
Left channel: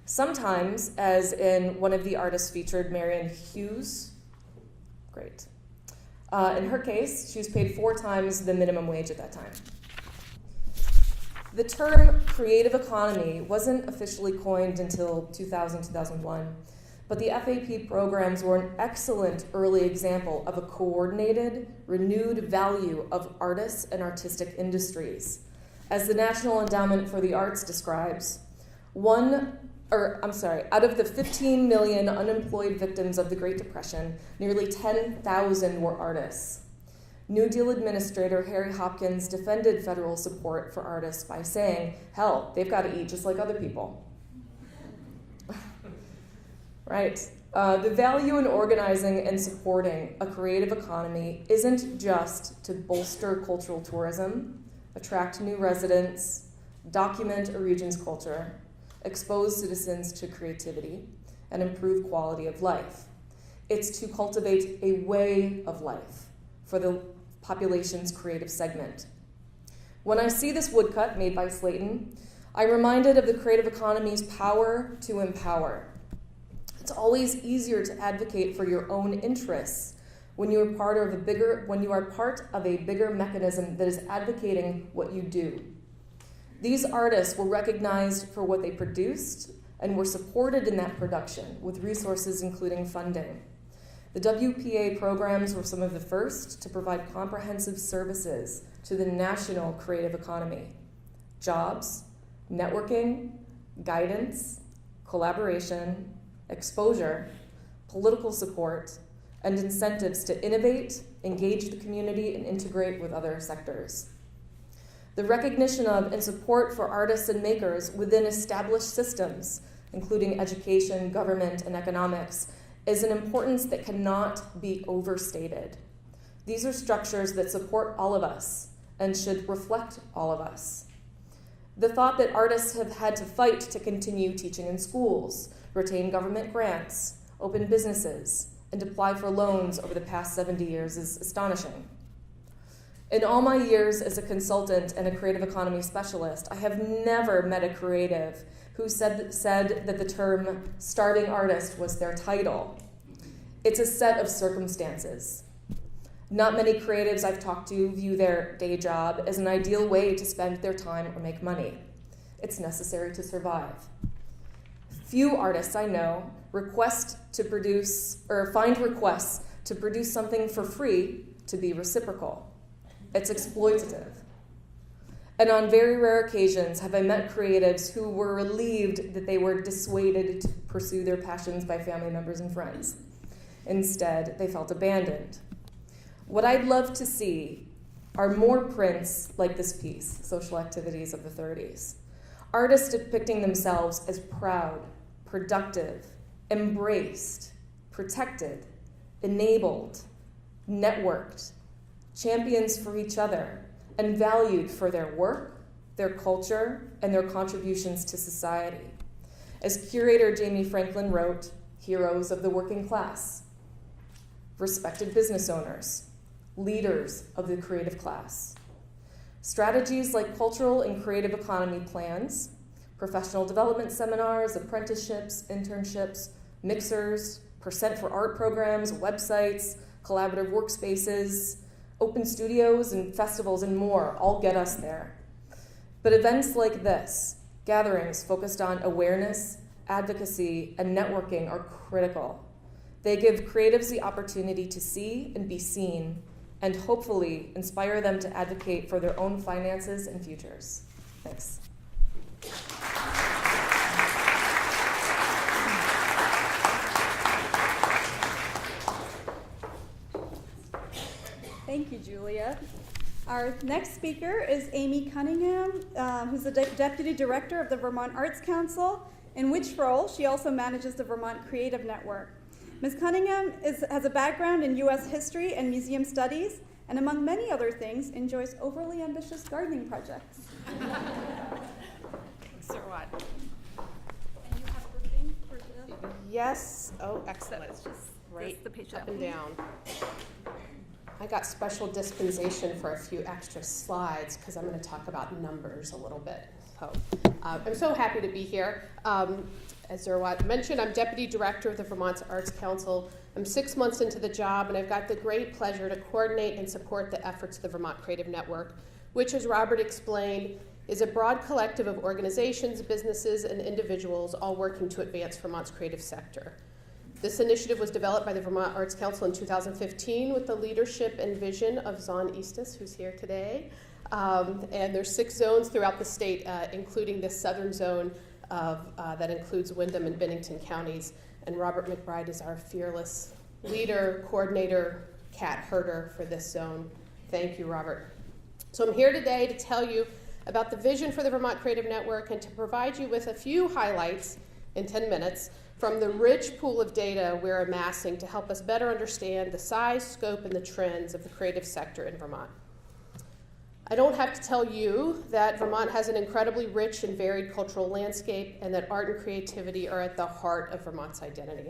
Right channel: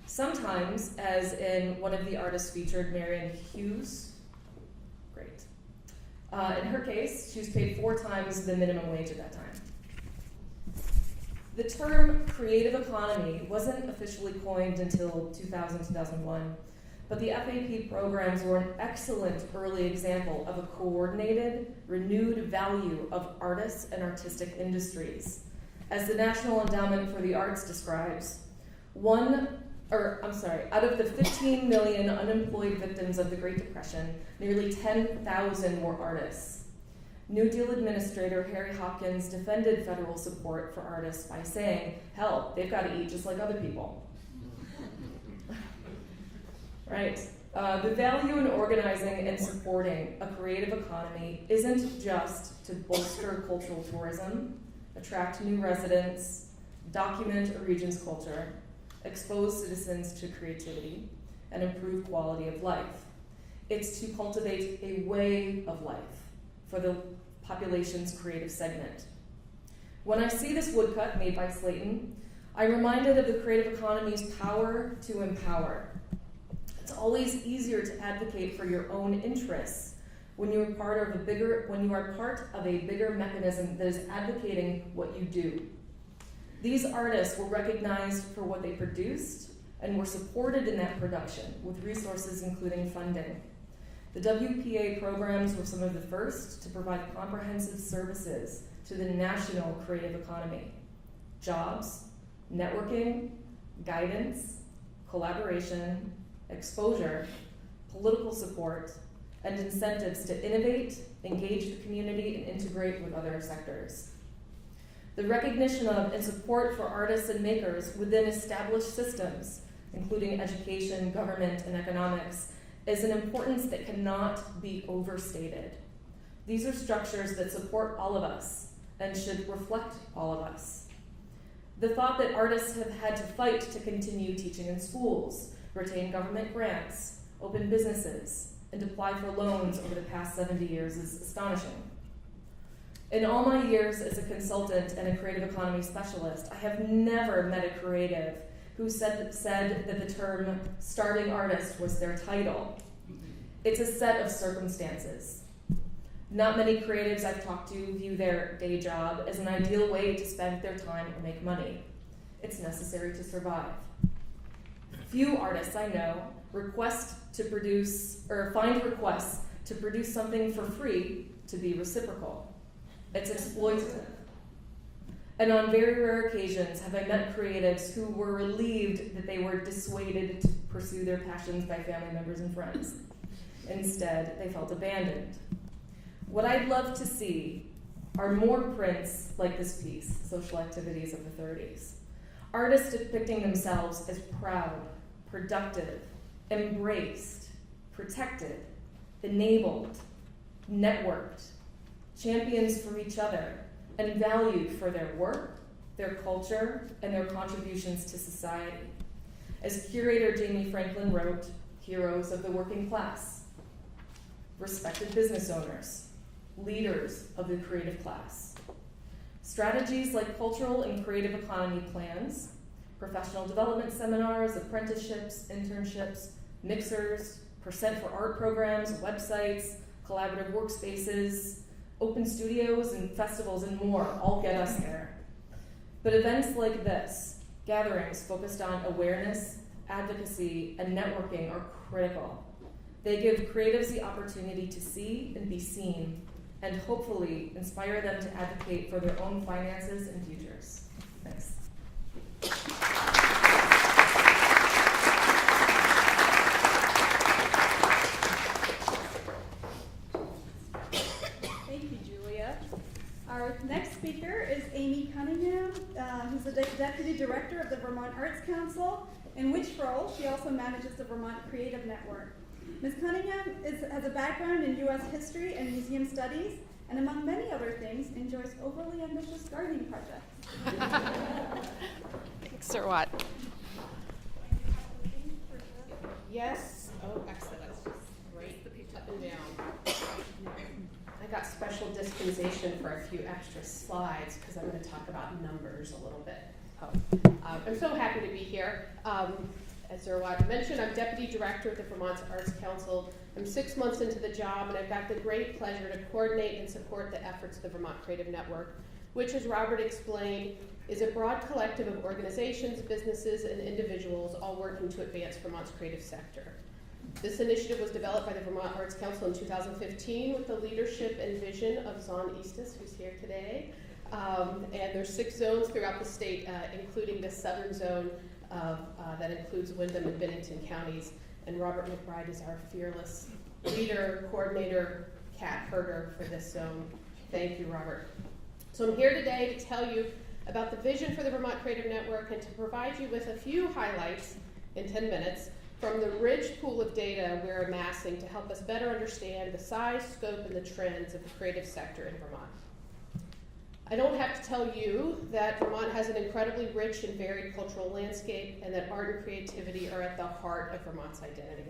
Sometimes, as in one of the artists featured, Marion Hughes. Great. In her case, she was paid 4 times the minimum wage at that time. The term creative economy wasn't officially coined until 2000-2001, but the FAP programs were an excellent early example of a coordinated, renewed value of artists and artistic industries. As the National Endowment for the Arts describes, out of the 15 million unemployed victims of the Great Depression, nearly 10,000 were artists. New Deal Administrator Harry Hopkins defended federal support for artists by saying, hell, they've got to eat just like other people. Right. The value in organizing and supporting a creative economy isn't just to bolster cultural tourism, attract new residents, document a region's culture, expose citizens to creativity, and improve quality of life. It's to cultivate a way of life for the population's creative segment. When I see this woodcut made by Slayton, I'm reminded of the creative economy's power to empower. It's always easier to advocate for your own interests when you are part of a bigger mechanism that is advocating what you do. These artists were recognized for what they produced and were supported in that production with resources including funding. The WPA programs were some of the first to provide comprehensive services to the national creative economy: jobs, networking, guidance, collaboration, exposure, political support, and incentives to innovate, engage the community, and integrate with other sectors. The recognition of and support for artists and makers within established systems, including education, government, and economics, is an importance that cannot be overstated. These are structures that support all of us and should reflect all of us. The thought that artists have had to fight to continue teaching in schools, retain government grants, open businesses, and apply for loans over the past 70 years is astonishing. In all my years as a consultant and a creative economy specialist, I have never met a creative who said that the term starving artist was their title. It's a set of circumstances. Not many creatives I've talked to view their day job as an ideal way to spend their time or make money. It's necessary to survive. Few artists I know find requests to produce something for free to be reciprocal. It's exploitative. And on very rare occasions have I met creatives who were relieved that they were dissuaded to pursue their passions by family members and friends. Instead, they felt abandoned. What I'd love to see are more prints like this piece, Social Activities of the 30s. Artists depicting themselves as proud, productive, embraced, protected, enabled, networked, champions for each other, and valued for their work, their culture, and their contributions to society. As curator Jamie Franklin wrote, heroes of the working class, respected business owners, leaders of the creative class. Strategies like cultural and creative economy plans, professional development seminars, apprenticeships, internships, mixers, percent for art programs, websites, collaborative workspaces, open studios and festivals and more all get us there. But events like this, gatherings focused on awareness, advocacy, and networking are critical. They give creatives the opportunity to see and be seen, and hopefully inspire them to advocate for their own finances and futures. Thanks. Thank you, Julia. Our next speaker is Amy Cunningham, who's the Deputy Director of the Vermont Arts Council, in which role she also manages the Vermont Creative Network. Ms. Cunningham has a background in U.S. history and museum studies, and among many other things, enjoys overly ambitious gardening projects. Thanks, or what? And you have the thing for the... Yes. Oh, excellent. It's just right up and down. I got special dispensation for a few extra slides because I'm going to talk about numbers a little bit. So I'm so happy to be here. As Zerwat mentioned, I'm Deputy Director of the Vermont Arts Council. I'm 6 months into the job, and I've got the great pleasure to coordinate and support the efforts of the Vermont Creative Network, which, as Robert explained, is a broad collective of organizations, businesses, and individuals all working to advance Vermont's creative sector. This initiative was developed by the Vermont Arts Council in 2015 with the leadership and vision of Zon Eastis, who's here today. And there's 6 zones throughout the state, including the southern zone that includes Windham and Bennington counties. And Robert McBride is our fearless leader, coordinator, cat herder for this zone. Thank you, Robert. So I'm here today to tell you about the vision for the Vermont Creative Network and to provide you with a few highlights in 10 minutes from the rich pool of data we're amassing to help us better understand the size, scope, and the trends of the creative sector in Vermont. I don't have to tell you that Vermont has an incredibly rich and varied cultural landscape and that art and creativity are at the heart of Vermont's identity.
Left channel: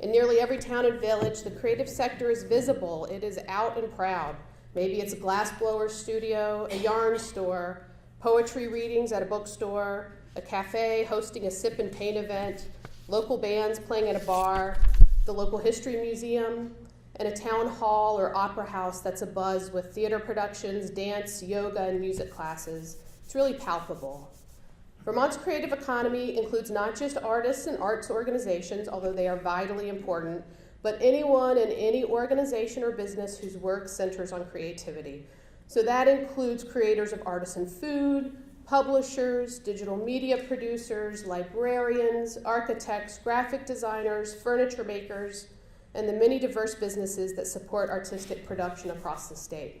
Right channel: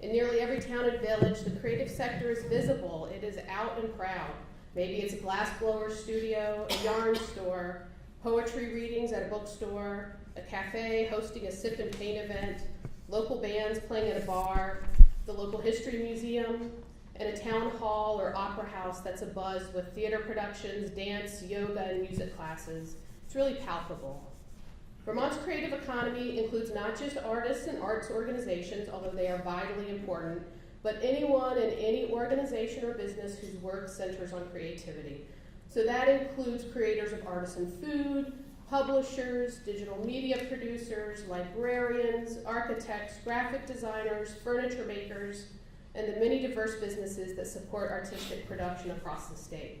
In nearly every town and village, the creative sector is visible. It is out and proud. Maybe it's a glassblower studio, a yarn store, poetry readings at a bookstore, a cafe hosting a sip and paint event, local bands playing at a bar, the local history museum, and a town hall or opera house that's abuzz with theater productions, dance, yoga, and music classes. It's really palpable. Vermont's creative economy includes not just artists and arts organizations, although they are vitally important, but anyone in any organization or business whose work centers on creativity. So that includes creators of artisan food, publishers, digital media producers, librarians, architects, graphic designers, furniture makers, and the many diverse businesses that support artistic production across the state.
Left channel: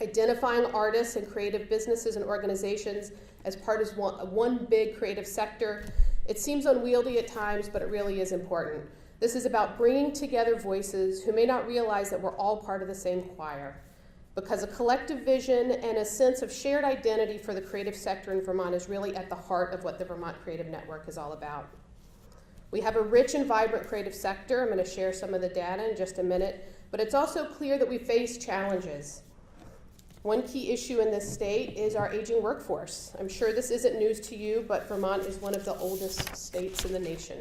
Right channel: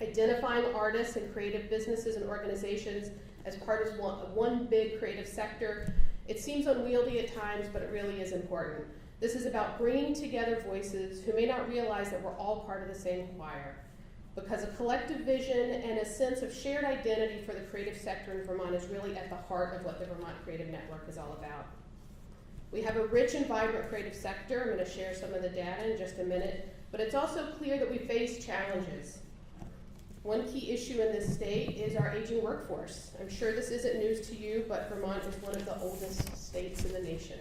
Identifying artists and creative businesses and organizations as part of one big creative sector, it seems unwieldy at times, but it really is important. This is about bringing together voices who may not realize that we're all part of the same choir, because a collective vision and a sense of shared identity for the creative sector in Vermont is really at the heart of what the Vermont Creative Network is all about. We have a rich and vibrant creative sector. I'm going to share some of the data in just a minute, but it's also clear that we face challenges. One key issue in this state is our aging workforce. I'm sure this isn't news to you, but Vermont is one of the oldest states in the nation.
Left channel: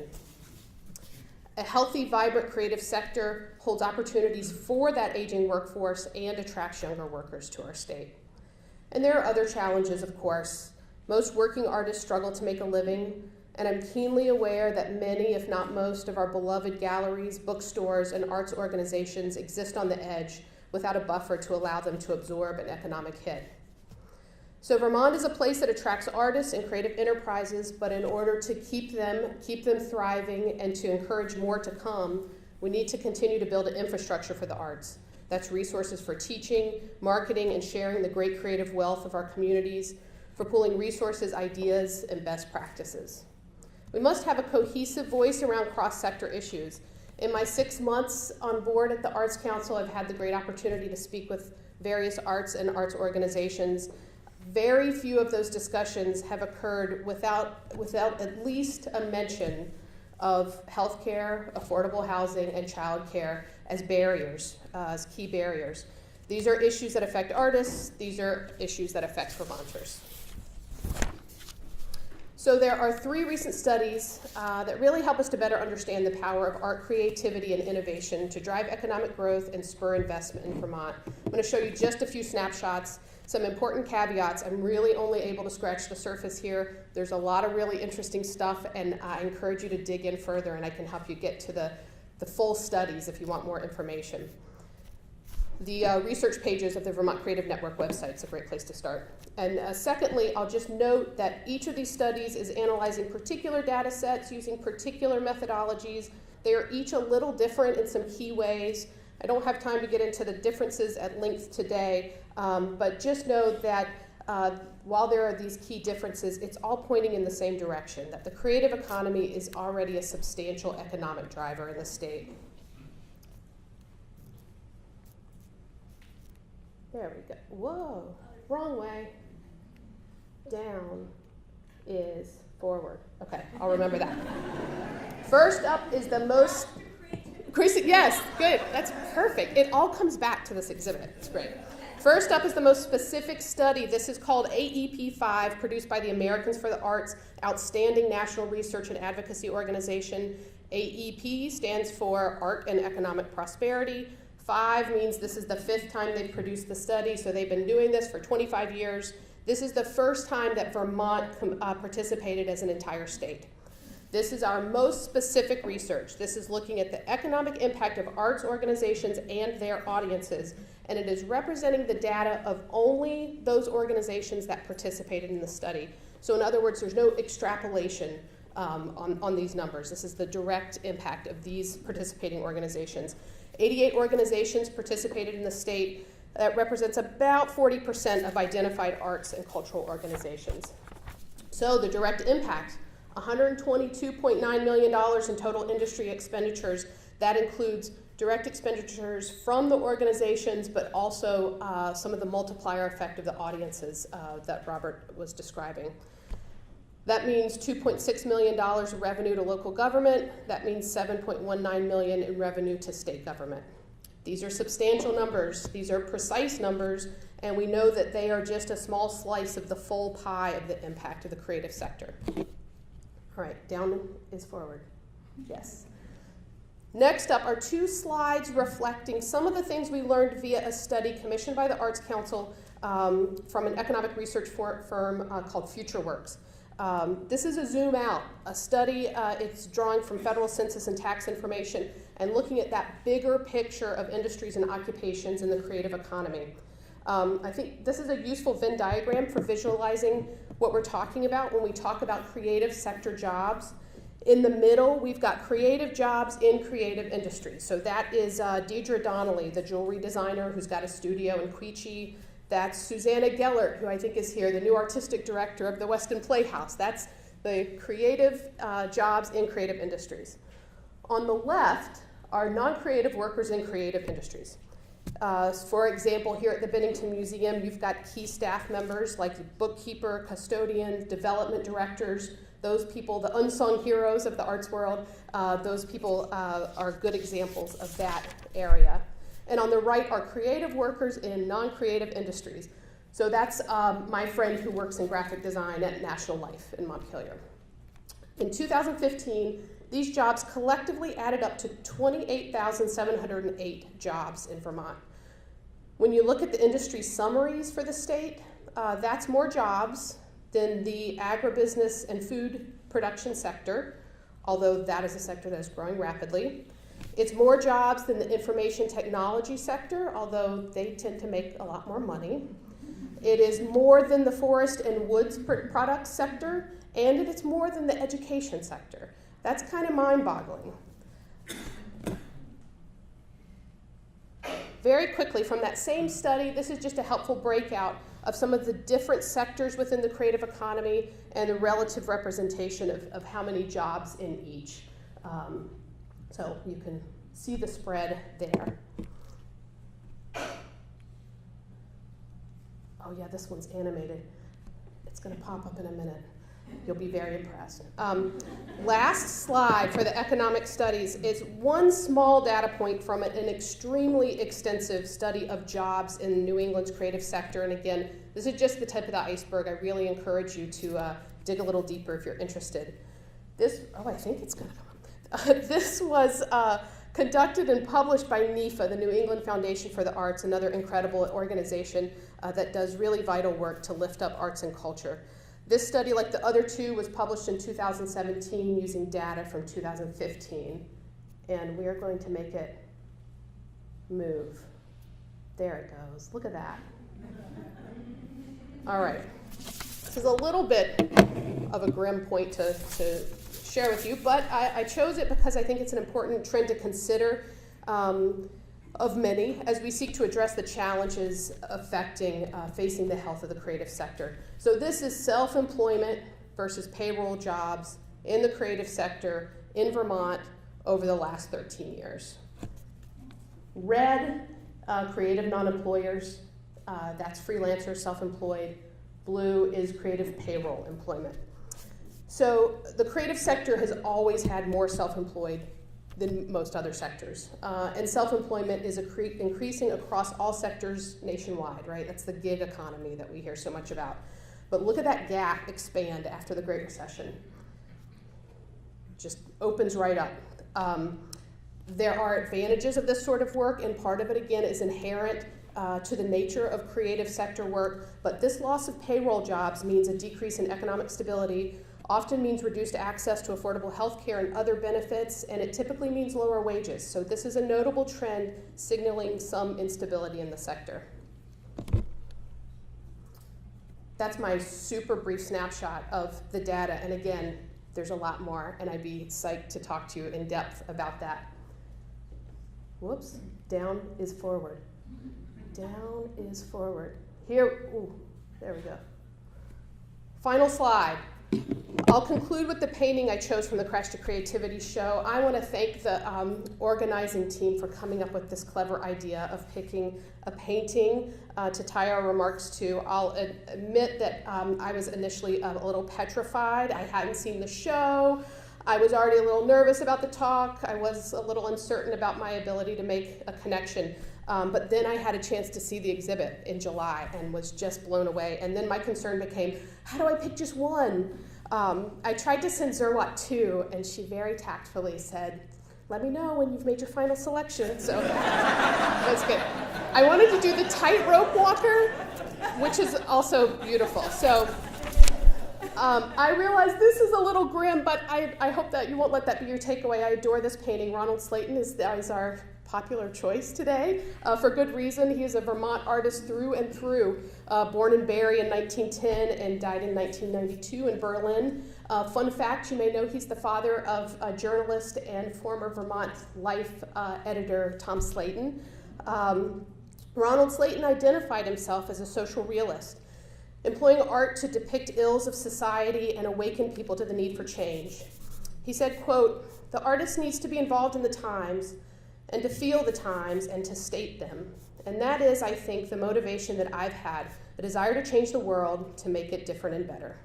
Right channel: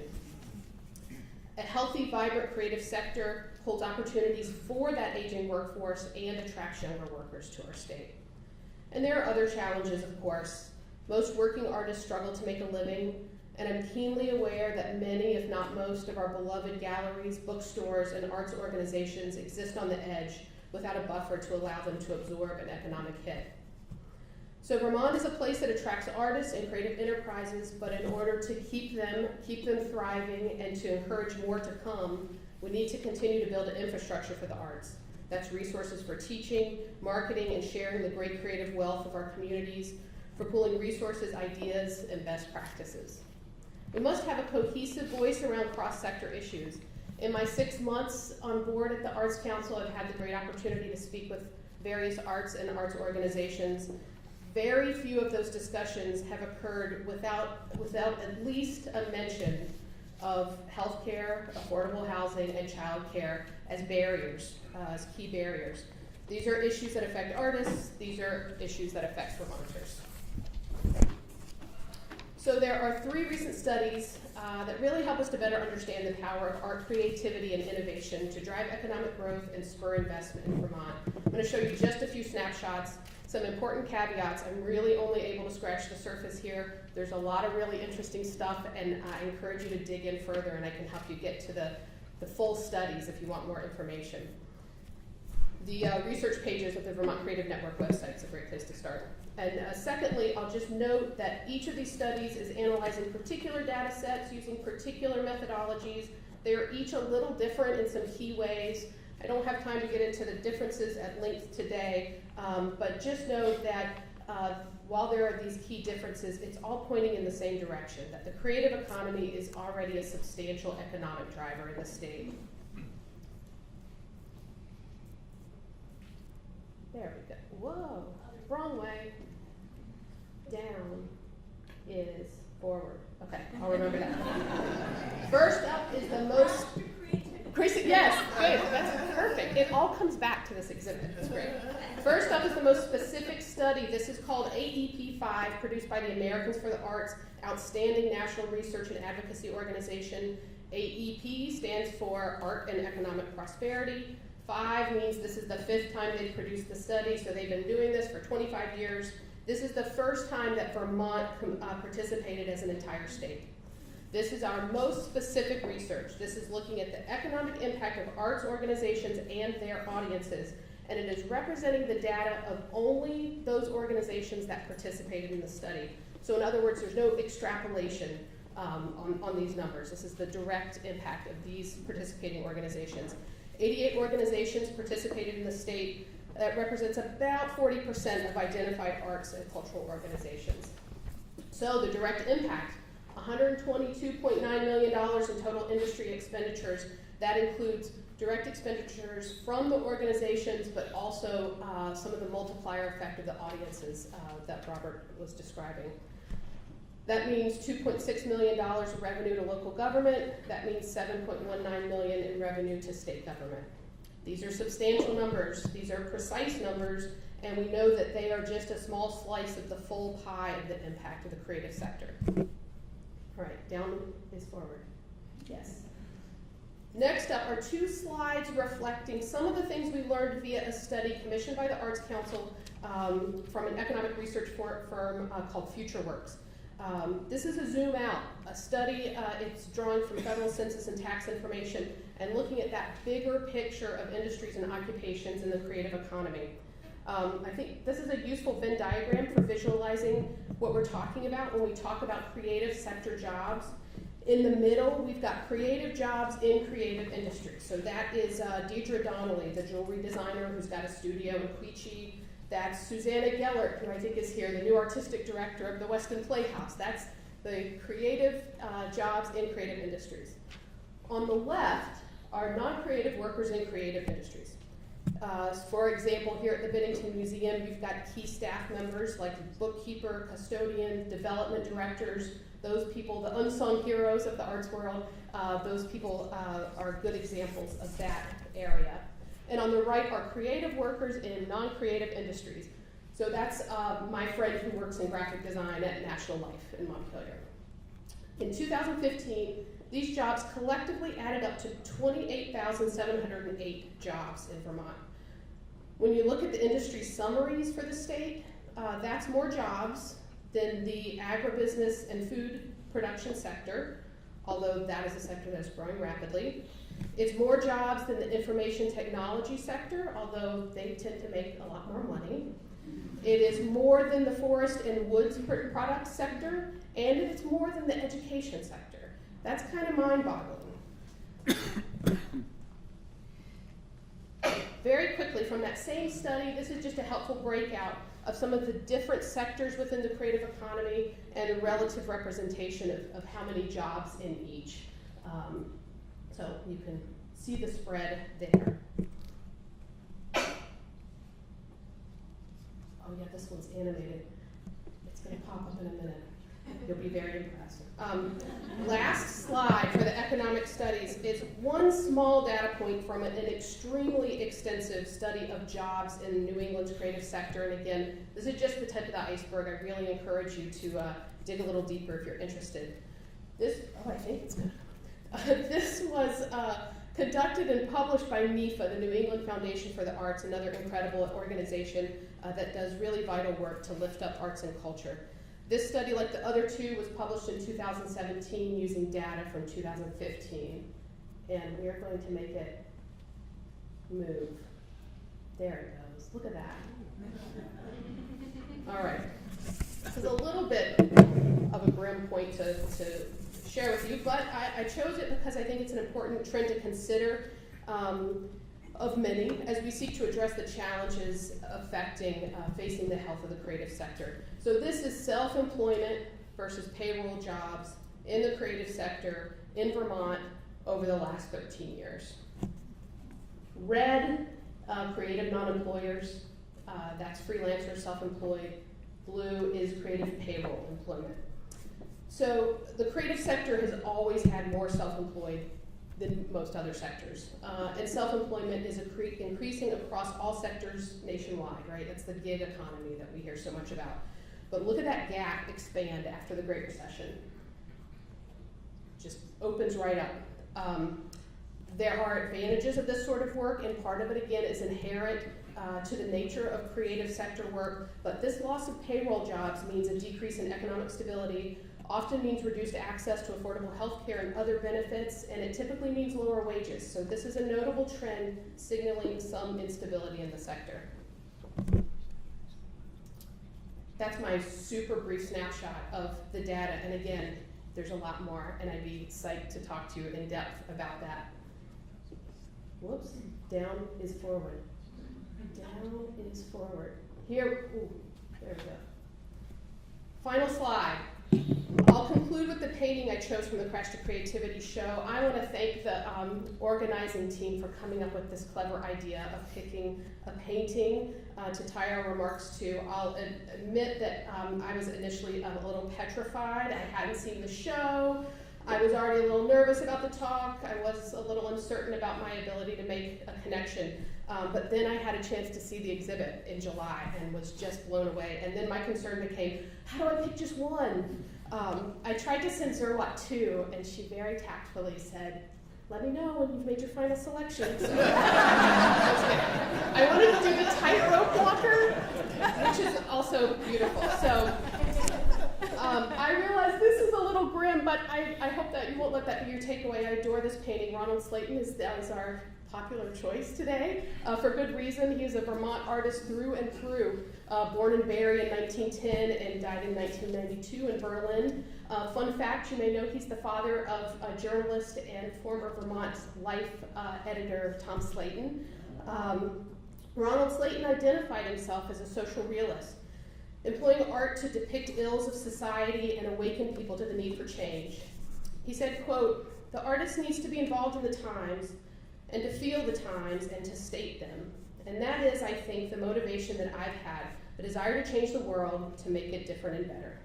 A healthy, vibrant creative sector holds opportunities for that aging workforce and attracts younger workers to our state. And there are other challenges, of course. Most working artists struggle to make a living, and I'm keenly aware that many, if not most, of our beloved galleries, bookstores, and arts organizations exist on the edge without a buffer to allow them to absorb an economic hit. So Vermont is a place that attracts artists and creative enterprises, but in order to keep them thriving and to encourage more to come, we need to continue to build an infrastructure for the arts. That's resources for teaching, marketing, and sharing the great creative wealth of our communities, for pooling resources, ideas, and best practices. We must have a cohesive voice around cross-sector issues. In my 6 months on board at the Arts Council, I've had the great opportunity to speak with various arts and arts organizations. Very few of those discussions have occurred without at least a mention of healthcare, affordable housing, and childcare as barriers, as key barriers. These are issues that affect artists. These are issues that affect Vermonters. So there are 3 recent studies that really help us to better understand the power of art creativity and innovation to drive economic growth and spur investment in Vermont. I'm going to show you just a few snapshots, some important caveats. I'm really only able to scratch the surface here. There's a lot of really interesting stuff, and I encourage you to dig in further, and I can help you get to the full studies if you want more information. The research pages of the Vermont Creative Network website is a great place to start. And secondly, I'll just note that each of these studies is analyzing particular data sets using particular methodologies. They are each a little different in some key ways. I don't have time to get into the differences at length today, but just know that while there are these key differences, it's all pointing in the same direction, that the creative economy is already a substantial economic driver in the state. There we go. Whoa, wrong way. Down is forward. Okay, I'll remember that. First up is the most... Yes, good. That's perfect. It all comes back to this exhibit. It's great. First up is the most specific study. This is called AEP5, produced by the Americans for the Arts, Outstanding National Research and Advocacy Organization. AEP stands for Art and Economic Prosperity. 5 means this is the 5th time they've produced the study, so they've been doing this for 25 years. This is the first time that Vermont participated as an entire state. This is our most specific research. This is looking at the economic impact of arts organizations and their audiences, and it is representing the data of only those organizations that participated in the study. So in other words, there's no extrapolation on these numbers. This is the direct impact of these participating organizations. 88 organizations participated in the state. That represents about 40% of identified arts and cultural organizations. So the direct impact, $122.9 million in total industry expenditures. That includes direct expenditures from the organizations, but also some of the multiplier effect of the audiences that Robert was describing. That means $2.6 million of revenue to local government. That means $7.19 million in revenue to state government. These are substantial numbers. These are precise numbers, and we know that they are just a small slice of the full pie of the impact of the creative sector. All right, down is forward. Yes. Next up are 2 slides reflecting some of the things we learned via a study commissioned by the Arts Council from an economic research firm called FutureWorks. This is a zoom out, a study. It's drawing from federal census and tax information and looking at that bigger picture of industries and occupations in the creative economy. I think this is a useful Venn diagram for visualizing what we're talking about when we talk about creative sector jobs. In the middle, we've got creative jobs in creative industries. So that is Deidre Donnelly, the jewelry designer who's got a studio in Quechee. That's Susanna Gellert, who I think is here, the new artistic director of the Weston Playhouse. That's the creative jobs in creative industries. On the left are non-creative workers in creative industries. For example, here at the Bennington Museum, you've got key staff members like bookkeeper, custodian, development directors. Those people, the unsung heroes of the arts world, those people are good examples of that area. And on the right are creative workers in non-creative industries. So that's my friend who works in graphic design at National Life in Montpelier. In 2015, these jobs collectively added up to 28,708 jobs in Vermont. When you look at the industry summaries for the state, that's more jobs than the agribusiness and food production sector, although that is a sector that is growing rapidly. It's more jobs than the information technology sector, although they tend to make a lot more money. It is more than the forest and woods products sector, and it's more than the education sector. That's kind of mind-boggling. Very quickly, from that same study, this is just a helpful breakout of some of the different sectors within the creative economy and the relative representation of how many jobs in each. So you can see the spread there. Oh yeah, this one's animated. It's going to pop up in a minute. You'll be very impressed. Last slide for the economic studies is one small data point from an extremely extensive study of jobs in New England's creative sector. And again, this is just the tip of the iceberg. I really encourage you to dig a little deeper if you're interested. I think it's going to come up. This was conducted and published by NEFA, the New England Foundation for the Arts, another incredible organization that does really vital work to lift up arts and culture. This study, like the other 2, was published in 2017 using data from 2015. And we are going to make it move. There it goes. Look at that. All right. This is a little bit of a grim point to share with you, but I chose it because I think it's an important trend to consider of many as we seek to address the challenges facing the health of the creative sector. So this is self-employment versus payroll jobs in the creative sector in Vermont over the last 13 years. Red, creative non-employers, that's freelancers, self-employed. Blue is creative payroll employment. So the creative sector has always had more self-employed than most other sectors. And self-employment is increasing across all sectors nationwide, right? That's the gig economy that we hear so much about. But look at that gap expand after the Great Recession. Just opens right up. There are advantages of this sort of work, and part of it, again, is inherent to the nature of creative sector work. But this loss of payroll jobs means a decrease in economic stability, often means reduced access to affordable health care and other benefits, and it typically means lower wages. So this is a notable trend signaling some instability in the sector. That's my super brief snapshot of the data, and again, there's a lot more, and I'd be psyched to talk to you in depth about that. Whoops, down is forward. Down is forward. Here, ooh, there we go. Final slide. I'll conclude with the painting I chose from the Crash to Creativity show. I want to thank the organizing team for coming up with this clever idea of picking a painting to tie our remarks to. I'll admit that I was initially a little petrified. I hadn't seen the show. I was already a little nervous about the talk. I was a little uncertain about my ability to make a connection. But then I had a chance to see the exhibit in July and was just blown away. And then my concern became, how do I pick just one? I tried to send Zerwatt 2, and she very tactfully said, let me know when you've made your final selection. So that's good. I wanted to do the tightrope walker, which is also beautiful. So I realize this is a little grim, but I hope that you won't let that be your takeaway. I adore this painting. Ronald Slayton is our popular choice today, for good reason. He is a Vermont artist through and through, born in Barrie in 1910 and died in 1992 in Berlin. Fun fact, you may know he's the father of journalist and former Vermont Life editor Tom Slayton. Ronald Slayton identified himself as a social realist, employing art to depict ills of society and awaken people to the need for change. He said, quote, "The artist needs to be involved in the times and to feel the times and to state them. And that is, I think, the motivation that I've had, the desire to change the world, to make it different and better."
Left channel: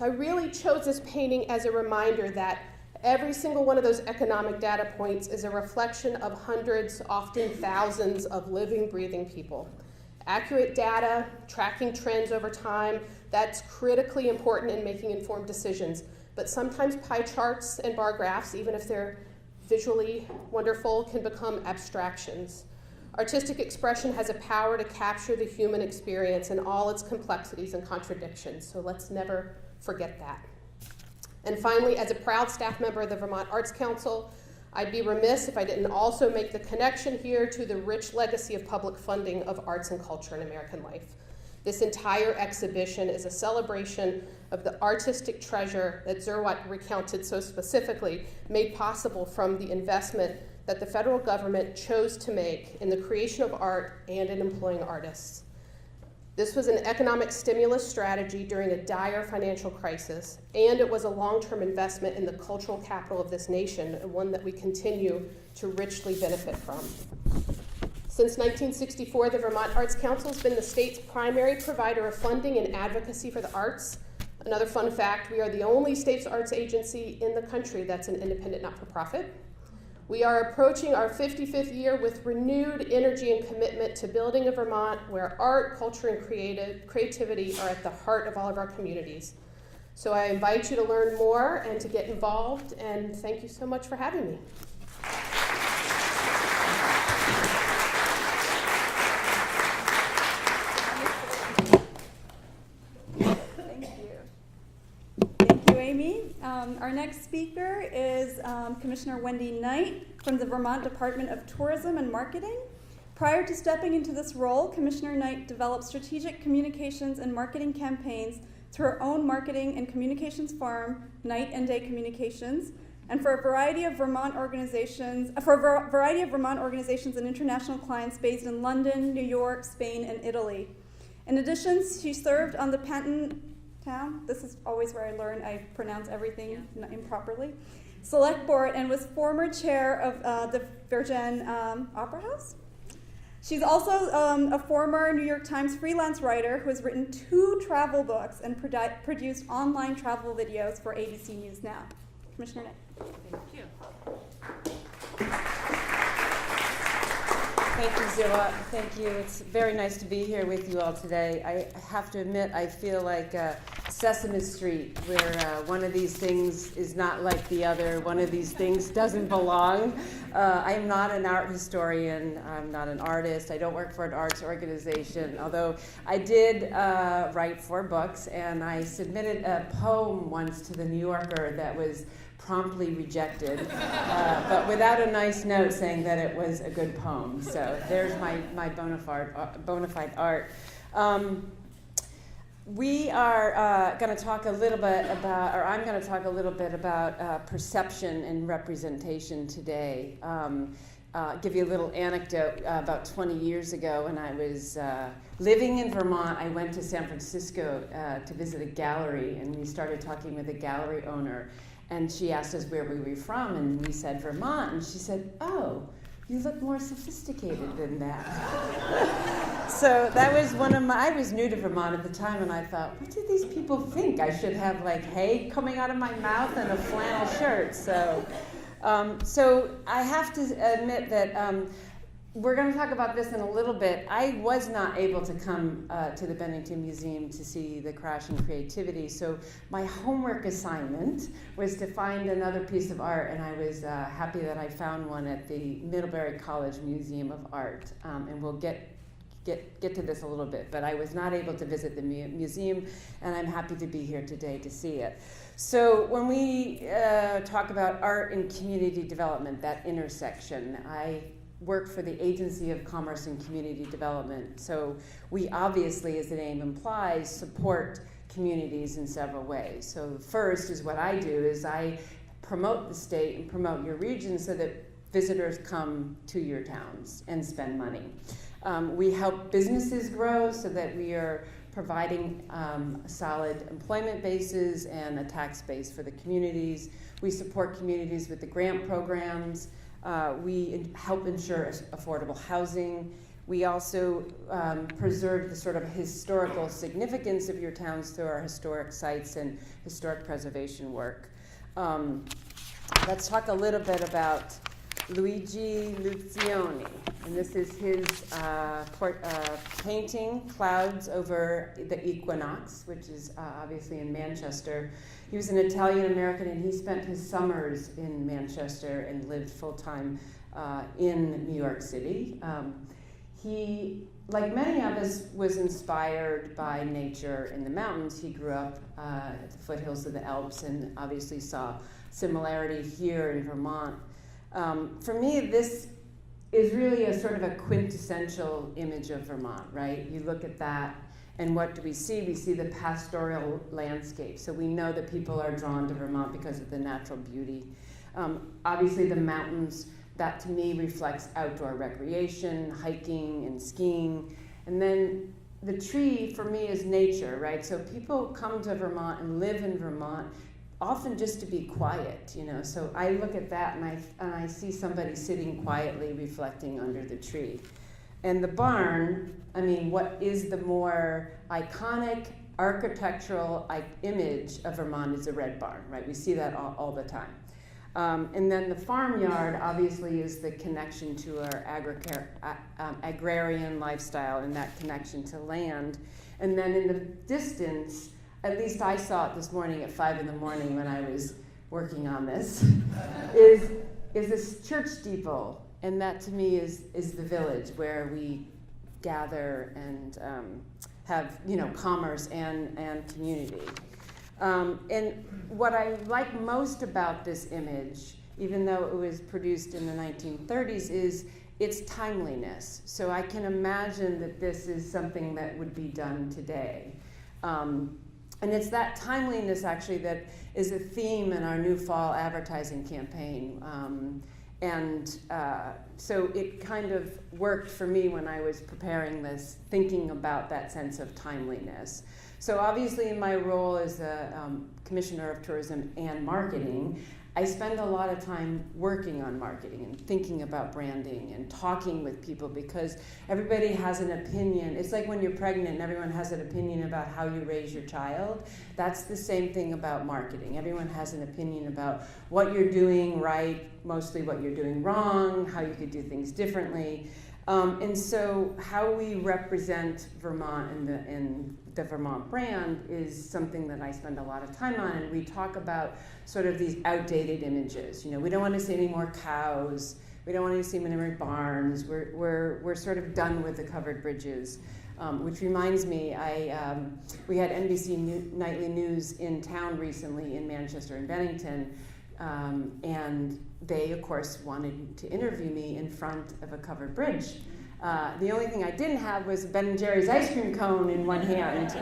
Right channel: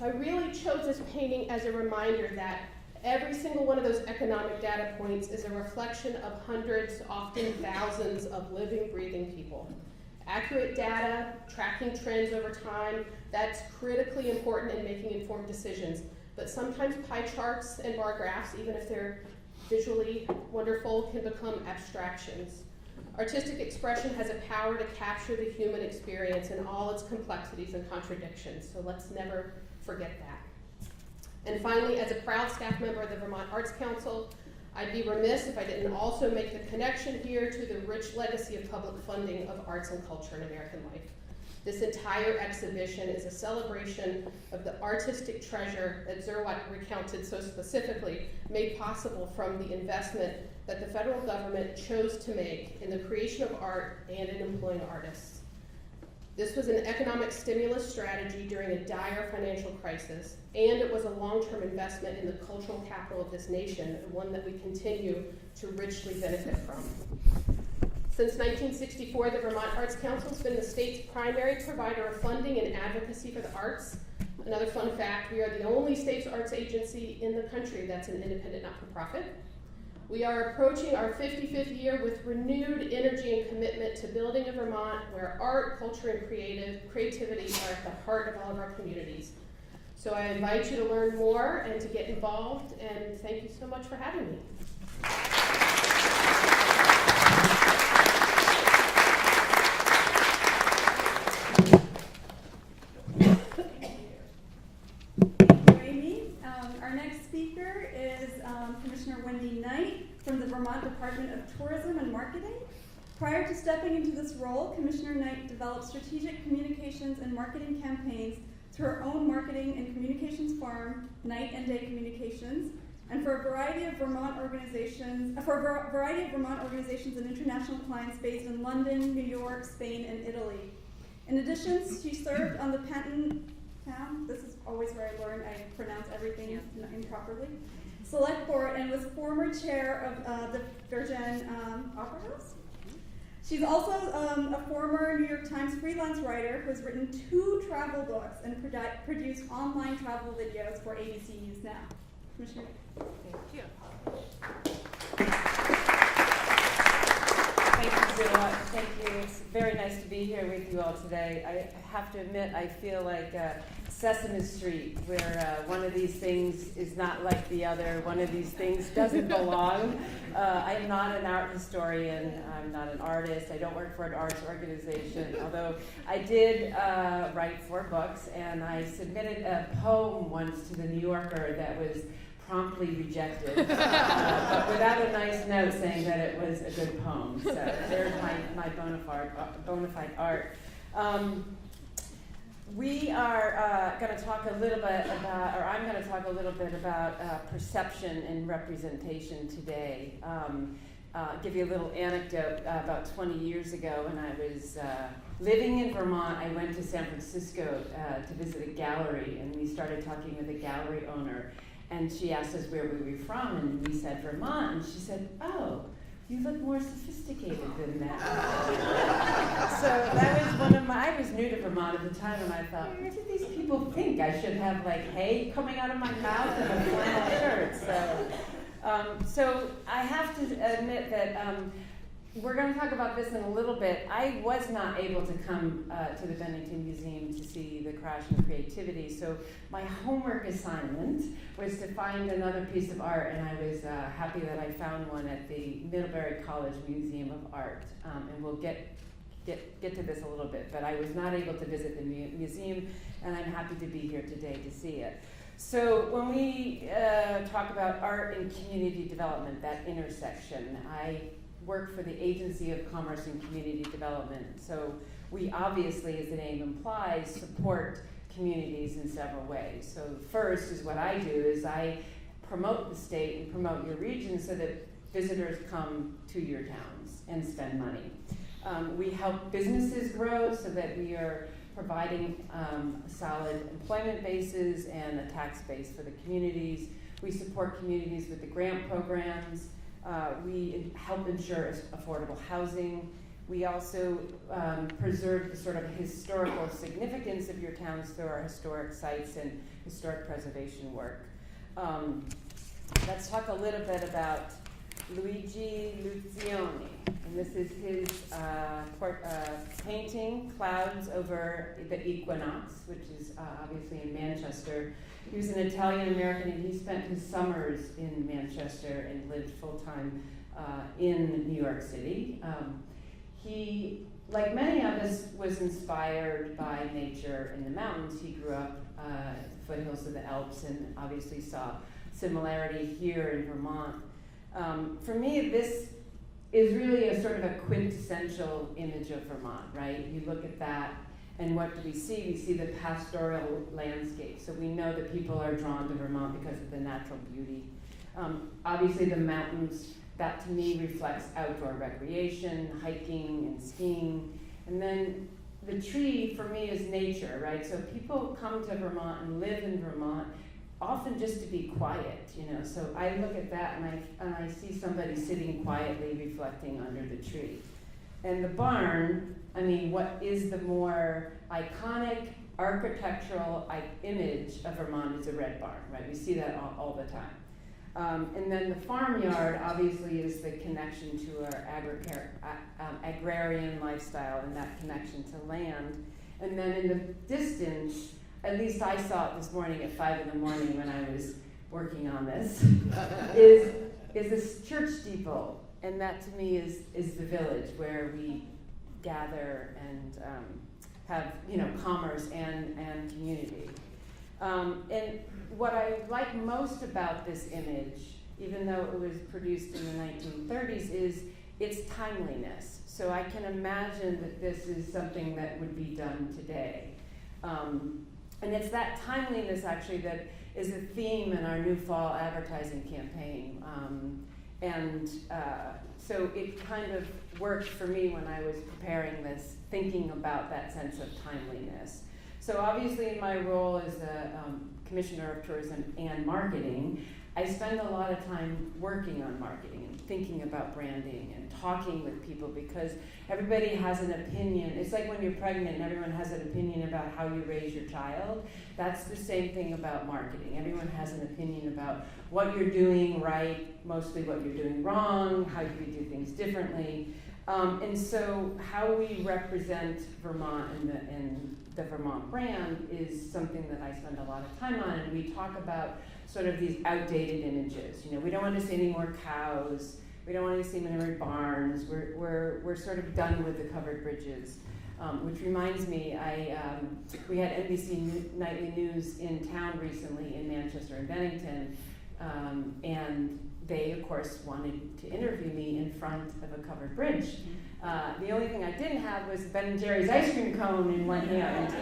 I really chose this painting as a reminder that every single one of those economic data points is a reflection of hundreds, often thousands of living, breathing people. Accurate data, tracking trends over time, that's critically important in making informed decisions. But sometimes pie charts and bar graphs, even if they're visually wonderful, can become abstractions. Artistic expression has a power to capture the human experience in all its complexities and contradictions, so let's never forget that. And finally, as a proud staff member of the Vermont Arts Council, I'd be remiss if I didn't also make the connection here to the rich legacy of public funding of arts and culture in American life. This entire exhibition is a celebration of the artistic treasure that Zerwatt recounted so specifically, made possible from the investment that the federal government chose to make in the creation of art and in employing artists. This was an economic stimulus strategy during a dire financial crisis, and it was a long-term investment in the cultural capital of this nation, and one that we continue to richly benefit from. Since 1964, the Vermont Arts Council has been the state's primary provider of funding and advocacy for the arts. Another fun fact, we are the only state's arts agency in the country that's an independent not-for-profit. We are approaching our 55th year with renewed energy and commitment to building a Vermont where art, culture, and creativity are at the heart of all of our communities. So I invite you to learn more and to get involved, and thank you so much for having me. Our next speaker is Commissioner Wendy Knight from the Vermont Department of Tourism and Marketing. Prior to stepping into this role, Commissioner Knight developed strategic communications and marketing campaigns through her own marketing and communications firm, Knight and Day Communications, and for a variety of Vermont organizations, and international clients based in London, New York, Spain, and Italy. In addition, she served on the Penton Town, this is always where I learn I pronounce everything improperly, Select Board, and was former chair of the Virgin Opera House. She's also a former New York Times freelance writer who has written 2 travel books and produced online travel videos for ABC News Now. Commissioner Knight. Thank you. Thank you, Zilla. Thank you. It's very nice to be here with you all today. I have to admit, I feel like Sesame Street, where one of these things is not like the other, one of these things doesn't belong. I am not an art historian. I'm not an artist. I don't work for an arts organization, although I did write 4 books, and I submitted a poem once to the New Yorker that was promptly rejected, but without a nice note saying that it was a good poem. So there's my bona fide art. We are going to talk a little bit about, or I'm going to talk a little bit about perception and representation today. give you a little anecdote. About 20 years ago, when I was living in Vermont, I went to San Francisco to visit a gallery, and we started talking with a gallery owner. And she asked us where we were from, and we said Vermont. And she said, "Oh, you look more sophisticated than that." So that was I was new to Vermont at the time, and I thought, what do these people think? I should have like hay coming out of my mouth and a flannel shirt. So I have to admit that we're going to talk about this in a little bit. I was not able to come to the Bennington Museum to see the Crash in Creativity, so my homework assignment was to find another piece of art, and I was happy that I found one at the Middlebury College Museum of Art, and we'll get to this a little bit, but I was not able to visit the museum, and I'm happy to be here today to see it. So when we talk about art and community development, that intersection, I work for the Agency of Commerce and Community Development. So we obviously, as the name implies, support communities in several ways. So first is what I do is I promote the state and promote your region so that visitors come to your towns and spend money. We help businesses grow so that we are providing solid employment bases and a tax base for the communities. We support communities with the grant programs. We help ensure affordable housing. We also preserve the sort of historical significance of your towns through our historic sites and historic preservation work. Let's talk a little bit about Luigi Lucioni. And this is his painting, Clouds Over the Equinox, which is obviously in Manchester. He was an Italian-American, and he spent his summers in Manchester and lived full-time in New York City. He, like many of us, was inspired by nature in the mountains. He grew up at the foothills of the Alps and obviously saw similarity here in Vermont. For me, this is really a sort of a quintessential image of Vermont, right? You look at that, and what do we see? We see the pastoral landscape. So we know that people are drawn to Vermont because of the natural beauty. Obviously the mountains, that to me reflects outdoor recreation, hiking and skiing. And then the tree for me is nature, right? So people come to Vermont and live in Vermont often just to be quiet, you know. So I look at that and I see somebody sitting quietly reflecting under the tree. And the barn, I mean, what is the more iconic architectural image of Vermont is a red barn, right? We see that all the time. And then the farmyard obviously is the connection to our agrarian lifestyle and that connection to land. And then in the distance, at least I saw it this morning at 5 in the morning when I was working on this, is this church steeple. And that to me is the village where we gather and have, you know, commerce and community. And what I like most about this image, even though it was produced in the 1930s, is its timeliness. So I can imagine that this is something that would be done today. And it's that timeliness actually that is a theme in our new fall advertising campaign. So it kind of worked for me when I was preparing this, thinking about that sense of timeliness. So obviously in my role as the Commissioner of Tourism and Marketing, I spend a lot of time working on marketing and thinking about branding and talking with people because everybody has an opinion. It's like when you're pregnant and everyone has an opinion about how you raise your child. That's the same thing about marketing. Everyone has an opinion about what you're doing right, mostly what you're doing wrong, how you could do things differently. And so how we represent Vermont and the Vermont brand is something that I spend a lot of time on, and we talk about sort of these outdated images. You know, we don't want to see any more cows, we don't want to see any more barns, we're sort of done with the covered bridges. Which reminds me, we had NBC Nightly News in town recently in Manchester and Bennington, and they, of course, wanted to interview me in front of a covered bridge. The only thing I didn't have was Ben & Jerry's ice cream cone in one hand.